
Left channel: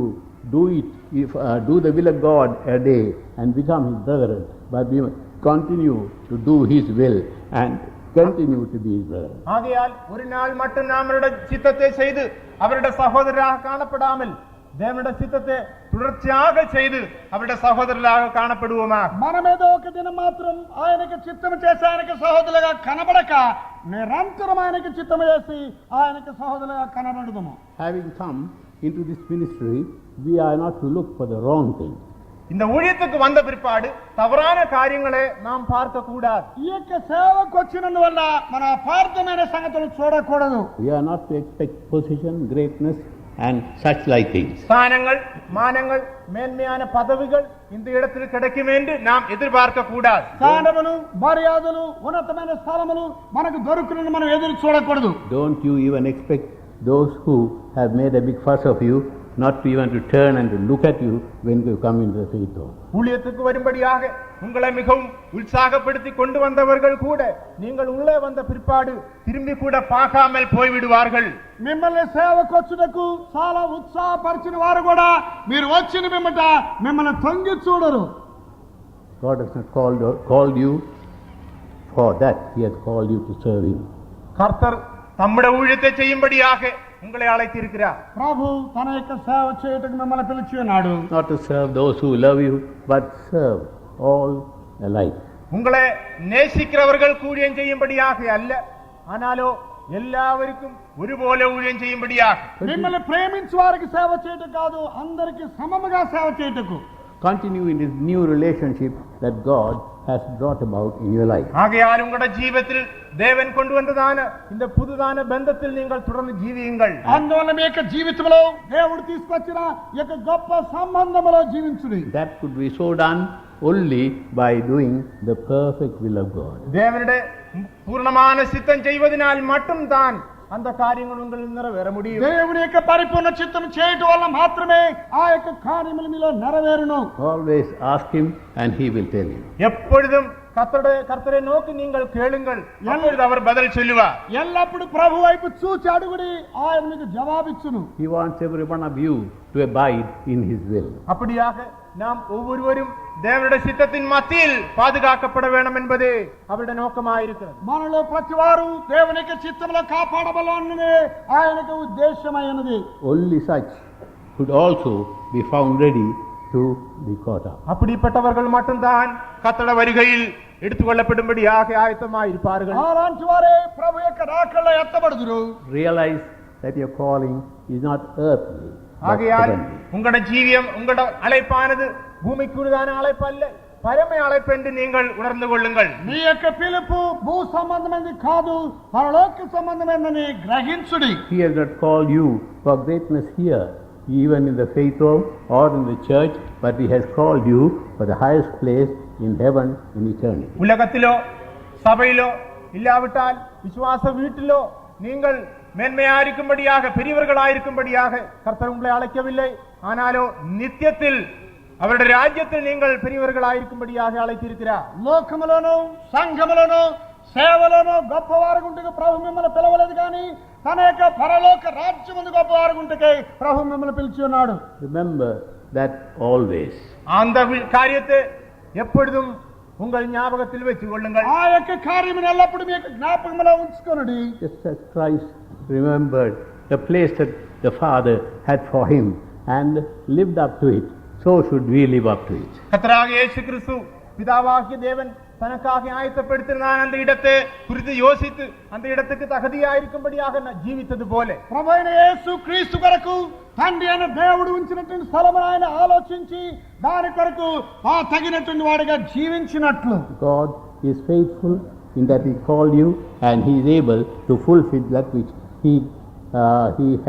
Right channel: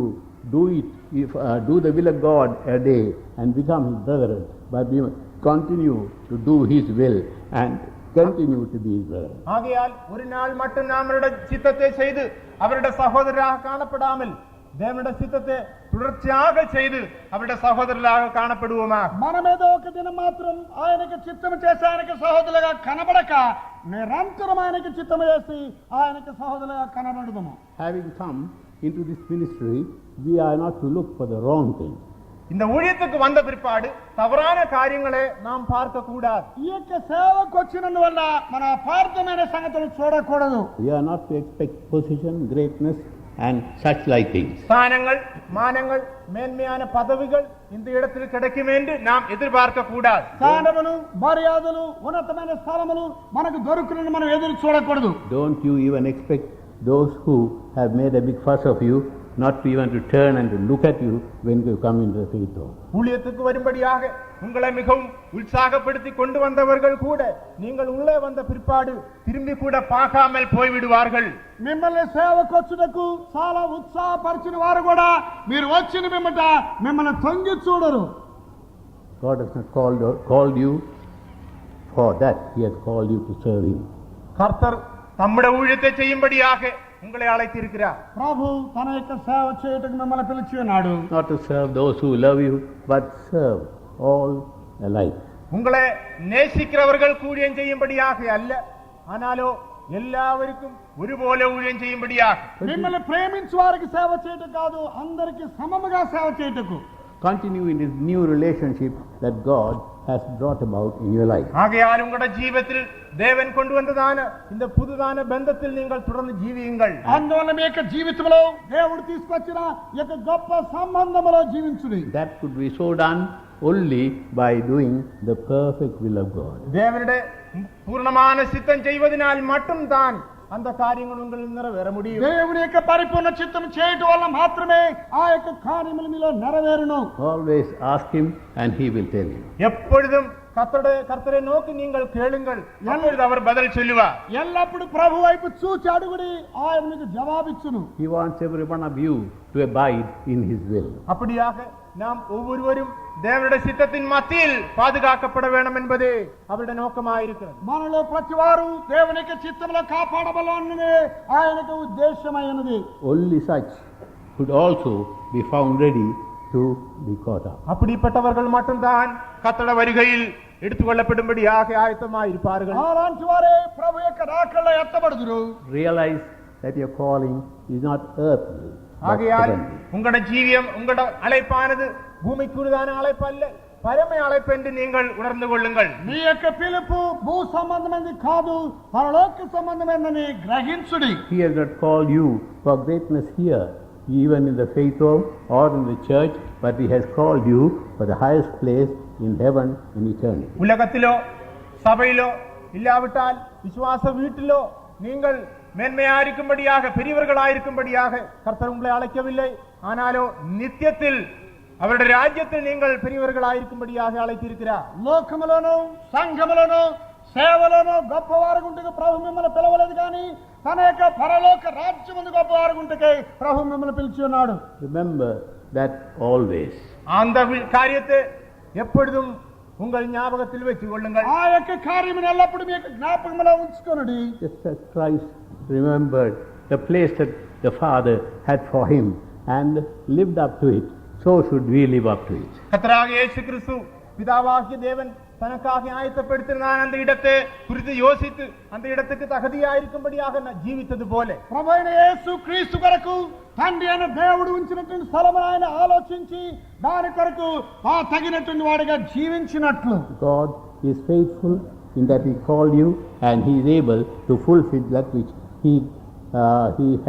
do the will of God a day and become his brother, but we continue to do his will and continue to be his brother. ஆகையால் ஒரு நாள் மட்டும் நம்மளுடைய சித்தத்தை செய்து அவருடைய சகோதரராக காணப்படாமல் தேவனுடைய சித்தத்தை தொடர்ச்சியாக செய்து அவருடைய சகோதரராக காணப்படுவோமா? మనమేదో ఒక దినం మాత్రం ఆయనకి చిత్తం చేసి ఆయనకి సహోదరులుగా కనబడక నిరంతరం ఆయనకి చిత్తం చేసి ఆయనకి సహోదరులుగా కనబడదాము. Having come into this ministry, we are not to look for the wrong thing. இந்த ஊழியத்துக்கு வந்த பிற்பாடு தவறான காரியங்களை நாம் பார்க்க கூடாது. ఈ యొక్క సేవకు వచ్చినందువల్ల మన అపార్థమైన సంగతులు చూడకూడదు. We are not to expect position, greatness and such like things. ஸ்தானங்கள், மானங்கள், மேன்மையான பதவிகள் இந்த இடத்தில் கிடைக்கும் என்று நாம் எதிர்பார்க்க கூடாது. స్థానములు, మర్యాదలు, ఉన్నతమైన స్థానములు మనకు దొరుకును మనం ఎదురు చూడకూడదు. Don't you even expect those who have made a big fuss of you not to even to turn and to look at you when you come into the faith home. ஊழியத்துக்கு வரும்படியாக உங்களை மிகவும் உற்சாகப்படுத்தி கொண்டு வந்தவர்கள் கூட நீங்கள் உள்ளே வந்த பிற்பாடு திரும்பி கூட பார்க்காமல் போய்விடுவார்கள். మిమ్మల్ని సేవకు వచ్చుటకు చాలా ఉత్సాహపరిచిన వారు కూడా మీరు వచ్చిన పిమ్మట మిమ్మల్ని తొంగి చూడరు. God has not called you for that. He has called you to serve him. கர்த்தர் தம்முடைய ஊழியத்தை செய்யும்படியாக உங்களை அழைத்திருக்கிறார். ప్రభు తన యొక్క సేవ చేయుటకు మిమ్మల్ని పిలిచి ఉన్నాడు. Not to serve those who love you, but serve all alike. உங்களை நேசிக்கிறவர்கள் ஊழியம் செய்யும்படியாக அல்ல, ஆனாலோ எல்லாருக்கும் ஒருபோல ஊழியம் செய்யும்படியாக. మిమ్మల్ని ప్రేమించే వారికి సేవ చేయటం కాదు, అందరికి సమముగా సేవ చేయుటకు. Continue in this new relationship that God has brought about in your life. ஆகையால் உங்களுடைய ஜீவிதத்தில் தேவன் கொண்டு வந்ததான இந்த புதுதான பந்தத்தில் நீங்கள் தொடர்ந்து ஜீவியுங்கள். అందువల్ల మీ యొక్క జీవితంలో దేవుడు తీసుకొచ్చిన ఈ యొక్క గొప్ప సంబంధంలో జీవించుడి. That could be so done only by doing the perfect will of God. தேவனுடைய பூர்ணமான சித்தம் செய்வதனால் மட்டும் தான் அந்த காரியங்கள் உங்களில் நிறைவேற முடியும். దేవుని యొక్క పరిపూర్ణ చిత్తం చేయటం వల్ల మాత్రమే ఆ యొక్క కార్యములు మీలో నెరవేరును. Always ask him and he will tell you. எப்பொழுதும் கர்த்தரை நோக்கி நீங்கள் கேளுங்கள், அப்பொழுது அவர் பதில் சொல்லுவார். ఎల్లప్పుడు ప్రభు వైపు చూచి అడుగుడి, ఆయన మీకు జవాబిచ్చును. He wants every one of you to abide in his will. அப்படியாக நாம் ஒவ்வொருவரும் தேவனுடைய சித்தத்தின் மத்தியில் பாதுகாக்கப்பட வேண்டும் என்பது அவருடைய நோக்கமாயிருக்கிறது. మనలో ప్రతి వారు దేవుని యొక్క చిత్తంలో కాపాడబడాలన్నదే ఆయన యొక్క ఉద్దేశమైనది. Only such could also be found ready to be caught up. அப்படிப்பட்டவர்கள் மட்டும்தான் கர்த்தருடைய வருகையில் எடுத்துக்கொள்ளப்படும்படியாக ஆயத்தமாயிருப்பார்கள். అలాంటి వారే ప్రభు యొక్క రాకడలో ఎత్తబడుదురు. Realize that your calling is not earthly. ஆகையால் உங்களோட ஜீவியம், உங்களோட அழைப்பானது பூமிக்குரியதான அழைப்பு அல்ல, பரம அழைப்பு என்று நீங்கள் உணர்ந்து கொள்ளுங்கள். మీ యొక్క పిలుపు భూ సంబంధమైనది కాదు, పరలోక సంబంధమైనదని గ్రహించుడి. He has not called you for greatness here, even in the faith home or in the church, but he has called you for the highest place in heaven in eternity. உலகத்திலோ சபையிலோ இல்லாவிட்டால் விசுவாச வீட்டிலோ நீங்கள் மேன்மையாயிருக்கும்படியாக, பெரியவர்களாயிருக்கும்படியாக கர்த்தர் உங்களை அழைக்கவில்லை. ஆனாலோ நித்தியத்தில் அவருடைய ராஜ்யத்தில் நீங்கள் பெரியவர்களாயிருக்கும்படியாக அழைத்திருக்கிறார். లోకములోను సంఘములోను సేవలోను గొప్పవారుగుంటకు ప్రభు మిమ్మల్ని పిలవలేదు, కానీ తన యొక్క పరలోక రాజ్యమును గొప్పవారుగుంటకే ప్రభు మిమ్మల్ని పిలిచి ఉన్నాడు. Remember that always. அந்த காரியத்தை எப்பொழுதும் உங்கள் ஞாபகத்தில் வைத்துக் கொள்ளுங்கள். ఆ యొక్క కార్యమును ఎల్లప్పుడూ మీ యొక్క జ్ఞాపకములో ఉంచుకొనుడి. Just as Christ remembered the place that the Father had for him and lived up to it, so should we live up to it. கர்த்தராகிய இயேசு கிறிஸ்து பிதாவாகிய தேவன் தனக்காக ஆயத்தப்படுத்தினார் அந்த இடத்தை குறித்து யோசித்து அந்த இடத்துக்கு தகுதியாயிருக்கும்படியாக ஜீவித்தது போல ప్రభువైన యేసు క్రీస్తు కొరకు తండ్రి అయిన దేవుడు ఉంచినటువంటి స్థలమును ఆయన ఆలోచించి దాని కొరకు ఆ తగినటువంటి వాడిగా జీవించినట్లు. God is faithful in that he called you and he is able to fulfill that which he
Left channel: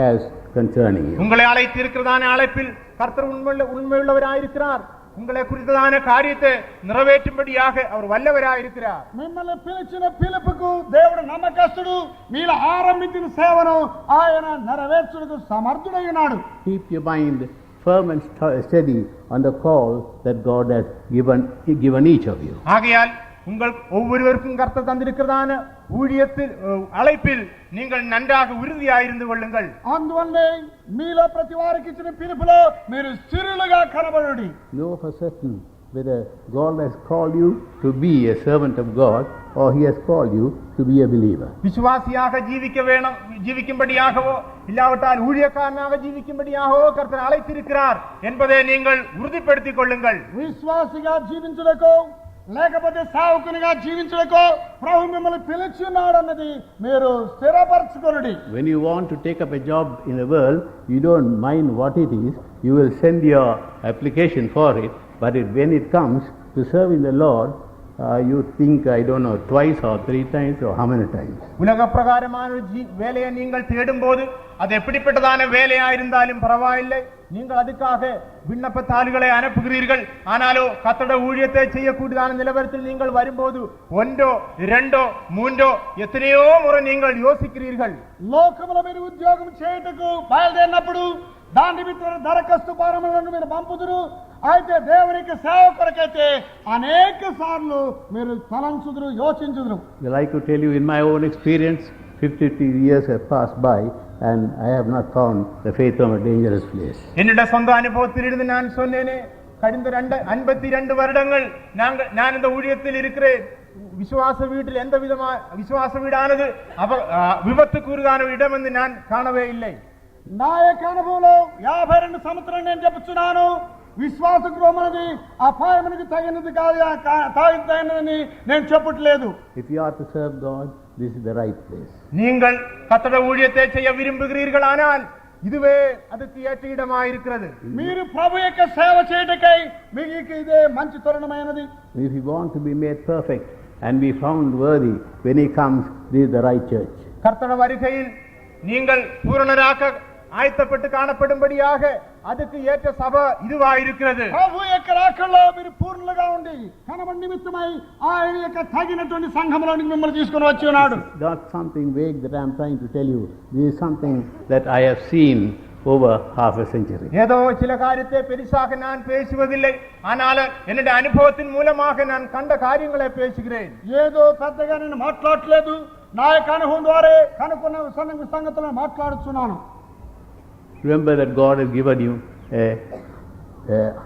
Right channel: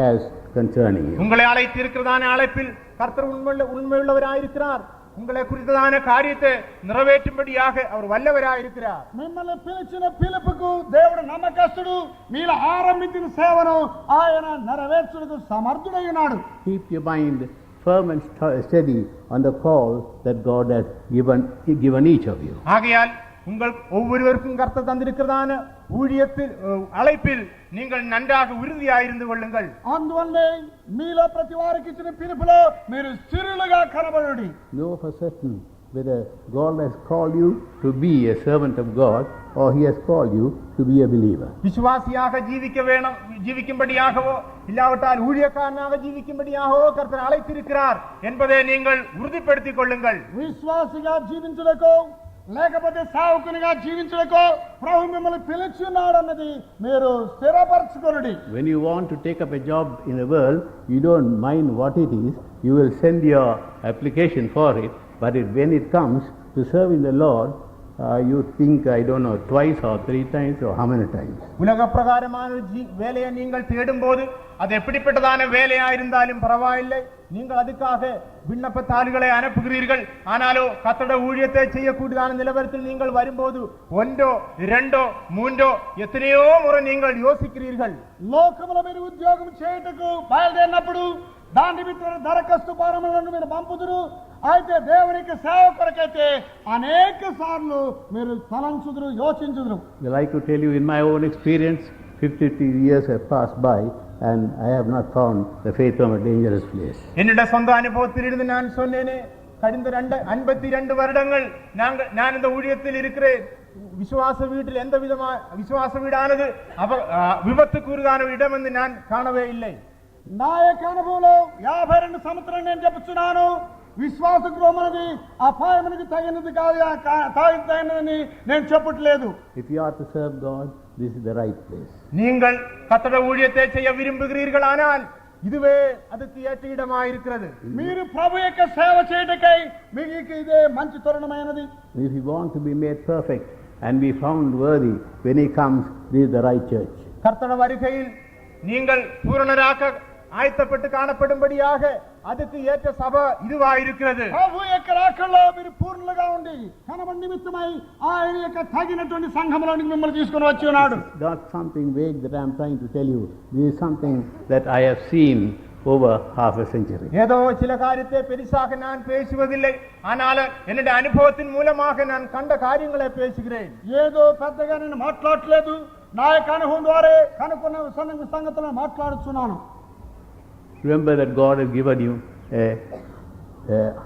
has concerning you. உங்களை அழைத்திருக்கிறதான அழைப்பில் கர்த்தர் உண்மையுள்ளவராயிருக்கிறார். உங்களை குறித்ததான காரியத்தை நிறைவேற்றும்படியாக அவர் வல்லவராயிருக்கிறார். మిమ్మల్ని పిలిచిన పిలుపుకు దేవుడు నమ్మకస్తుడు. మీలో ఆరంభించిన సేవను ఆయన నెరవేర్చుటకు సమర్థుడై ఉన్నాడు. Keep your mind firm and steady on the call that God has given each of you. ஆகையால் உங்கள் ஒவ்வொருவருக்கும் கர்த்தர் தந்திருக்கிறதான ஊழியத்தில் அழைப்பில் நீங்கள் நன்றாக உறுதியாயிருந்து கொள்ளுங்கள். అందువల్లే మీలో ప్రతి వారికి ఇచ్చిన పిలుపులో మీరు స్థిరులుగా కనబడుడి. Know for certain whether God has called you to be a servant of God or he has called you to be a believer. விசுவாசியாக ஜீவிக்கும்படியாகவோ இல்லாவிட்டால் ஊழியக்காரனாக ஜீவிக்கும்படியாகவோ கர்த்தர் அழைத்திருக்கிறார் என்பதை நீங்கள் உறுதிப்படுத்திக் கொள்ளுங்கள். విశ్వాసిగా జీవించుటకు లేకపోతే సావుకునిగా జీవించుటకు ప్రభు మిమ్మల్ని పిలిచినాడు అన్నది మీరు స్థిరపరచుకొనుడి. When you want to take up a job in the world, you don't mind what it is, you will send your application for it, but when it comes to serve in the Lord, you think, I don't know, twice or three times or how many times. உலக பிரகாரமான வேலையை நீங்கள் தேடும் போது அது எப்படிப்பட்டதான வேலையா இருந்தாலும் பரவாயில்லை, நீங்கள் அதுக்காக விண்ணப்ப தாள்களை அனுப்புகிறீர்கள். ஆனாலோ கர்த்தருடைய ஊழியத்தை செய்யக்கூடியதான நிலவரத்தில் நீங்கள் வரும்போது ஒன்றோ இரண்டோ மூன்றோ எத்தனையோ முறை நீங்கள் யோசிக்கிறீர்கள். లోకములో మీరు ఉద్యోగం చేయుటకు బయలుదేరినప్పుడు దాని నిమిత్తం దరఖాస్తు ఫారములను మీరు పంపుదురు. అయితే దేవునికి సేవ కొరకైతే అనేక సార్లు మీరు తలంచుదురు, యోచించుదురు. Well, I could tell you in my own experience, 50 years have passed by and I have not found the faith of a dangerous place. என்னுடைய சொந்த அனுபவத்திலிருந்து நான் சொன்னேனே, கடந்த 52 வருடங்கள் நான் இந்த ஊழியத்தில் இருக்கிறேன். விசுவாச வீட்டில் எந்த விதமான விசுவாச வீடானது விபத்துக்குரியதான இடம் என்று நான் காணவே இல்லை. నా యొక్క అనుభవంలో 52 సంవత్సరాలు నేను చెప్పుచున్నాను. విశ్వాస గృహం అనేది అపాయమునికి తగినది కాదని నేను చెప్పట్లేదు. If you are to serve God, this is the right place. நீங்கள் கர்த்தருடைய ஊழியத்தை செய்ய விரும்புகிறீர்களானால் இதுவே அதுக்கு ஏற்ற இடமாயிருக்கிறது. మీరు ప్రభు యొక్క సేవ చేయటకై మీకు ఇదే మంచి తరుణమైనది. If you want to be made perfect and be found worthy when he comes, this is the right church. கர்த்தருடைய வருகையில் நீங்கள் பூரணராக ஆயத்தப்பட்டு காணப்படும்படியாக அதுக்கு ஏற்ற சபை இதுவாயிருக்கிறது. ప్రభు యొక్క రాకల్లో మీరు పూర్ణులుగా ఉండి కనబడి నిమిత్తమై ఆయన యొక్క తగినటువంటి సంఘములోనికి మిమ్మల్ని తీసుకొని వచ్చి ఉన్నాడు. Not something vague that I am trying to tell you. This is something that I have seen over half a century. ஏதோ சில காரியத்தை பெரிசாக நான் பேசுவதில்லை, ஆனால் என்னுடைய அனுபவத்தின் மூலமாக நான் கண்ட காரியங்களை பேசுகிறேன். ఏదో పెద్దగా నేను మాట్లాడలేదు, నా యొక్క అనుభవం ద్వారా కనుక్కున్న సంగతులను మాట్లాడుతున్నాను. Remember that God has given you a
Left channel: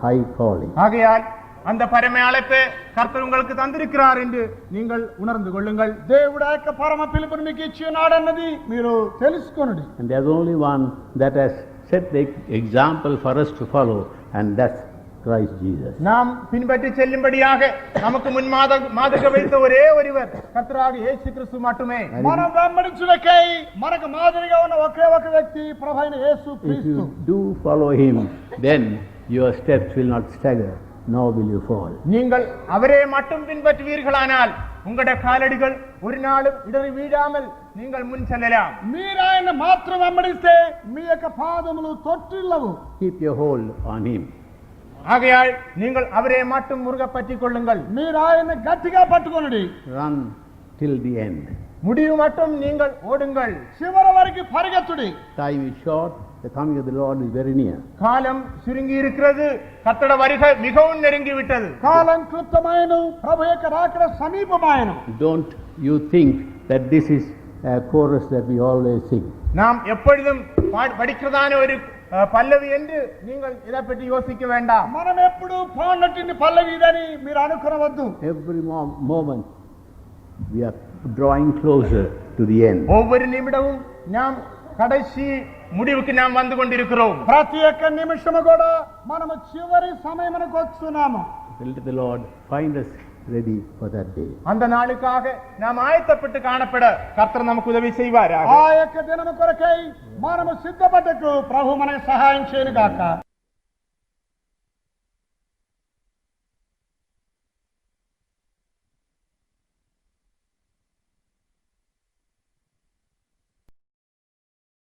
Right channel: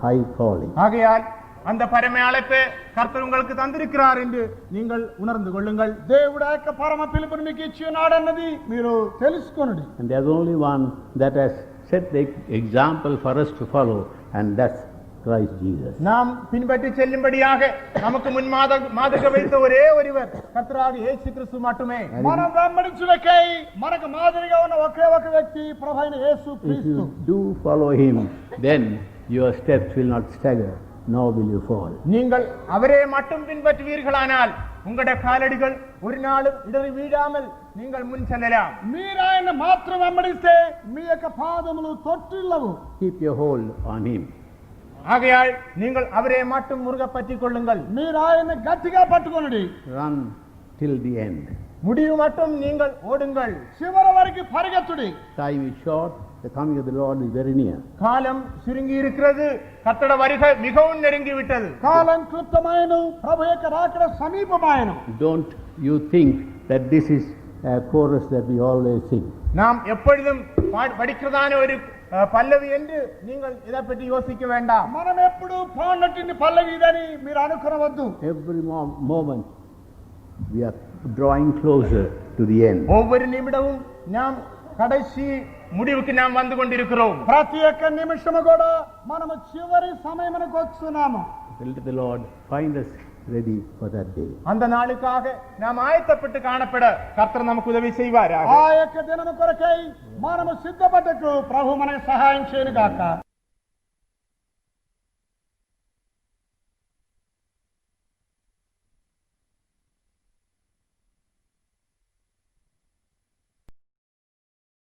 high calling. ஆகையால் அந்த பரம அழைப்பை கர்த்தர் உங்களுக்கு தந்திருக்கிறார் என்று நீங்கள் உணர்ந்து கொள்ளுங்கள். దేవుడు ఆ యొక్క పరమ పిలుపుని మీకు ఇచ్చి ఉన్నాడన్నది మీరు తెలుసుకొనుడి. And there's only one that has set the example for us to follow, and that's Christ Jesus. நாம் பின்பற்றி செல்லும்படியாக நமக்கு முன்மாதக வைத்த ஒரே ஒருவர் கர்த்தராக இயேசு கிறிஸ்து மட்டுமே. మనం వెంబడించుటకై మనకు మాదిరిగా ఉన్న ఒకే ఒక వ్యక్తి ప్రభువైన యేసు If క్రీస్తు. you do follow him, then your steps will not stagger, nor will you fall. நீங்கள் அவரே மட்டும் பின்பற்றுவீர்களானால் உங்களுடைய காலடிகள் ஒரு நாளும் இடறி வீழாமல் நீங்கள் முன் செல்லலாம். మీరు ఆయన మాత్రం వెంబడిస్తే మీ యొక్క పాదములు తొట్టిల్లవు. Keep your hold on him. ஆகையால் நீங்கள் அவரே மட்டும் முருக பற்றிக் கொள்ளுங்கள். మీరు ఆయన గట్టిగా పట్టుకొనుడి. Run till the end. முடிவு மட்டும் நீங்கள் ஓடுங்கள். చివరి వరకు పరిగెత్తుడి. Time is short, the coming of the Lord is very near. காலம் சுருங்கி இருக்கிறது, கர்த்தருடைய வருகை மிகவும் நெருங்கி விட்டது. కాలం క్లుప్తమైన ప్రభు యొక్క రాకడ సమీపమైన. Don't you think that this is a chorus that we always sing. நாம் எப்பொழுதும் படிக்கிறதான ஒரு பல்லவி என்று நீங்கள் இதை பற்றி யோசிக்க வேண்டாம். మనం ఎప్పుడు పాడినటువంటి పల్లవి ఇదని మీరు అనుకోవద్దు. Every moment we are drawing closer to the end. ஒவ்வொரு நிமிடமும் நாம் கடைசி முடிவுக்கு நாம் வந்து கொண்டிருக்கிறோம். ప్రతి ఒక్క నిమిషము కూడా మనము చివరి సమయమునకు వస్తున్నాము. Let the Lord find us ready for that day. அந்த நாளுக்காக நாம் ஆயத்தப்பட்டு காணப்பட கர்த்தர் நமக்கு உதவி செய்வார். ఆ యొక్క దినము కొరకై మనము సిద్ధపడకు ప్రభు మనకు సహాయం చేయను గాక.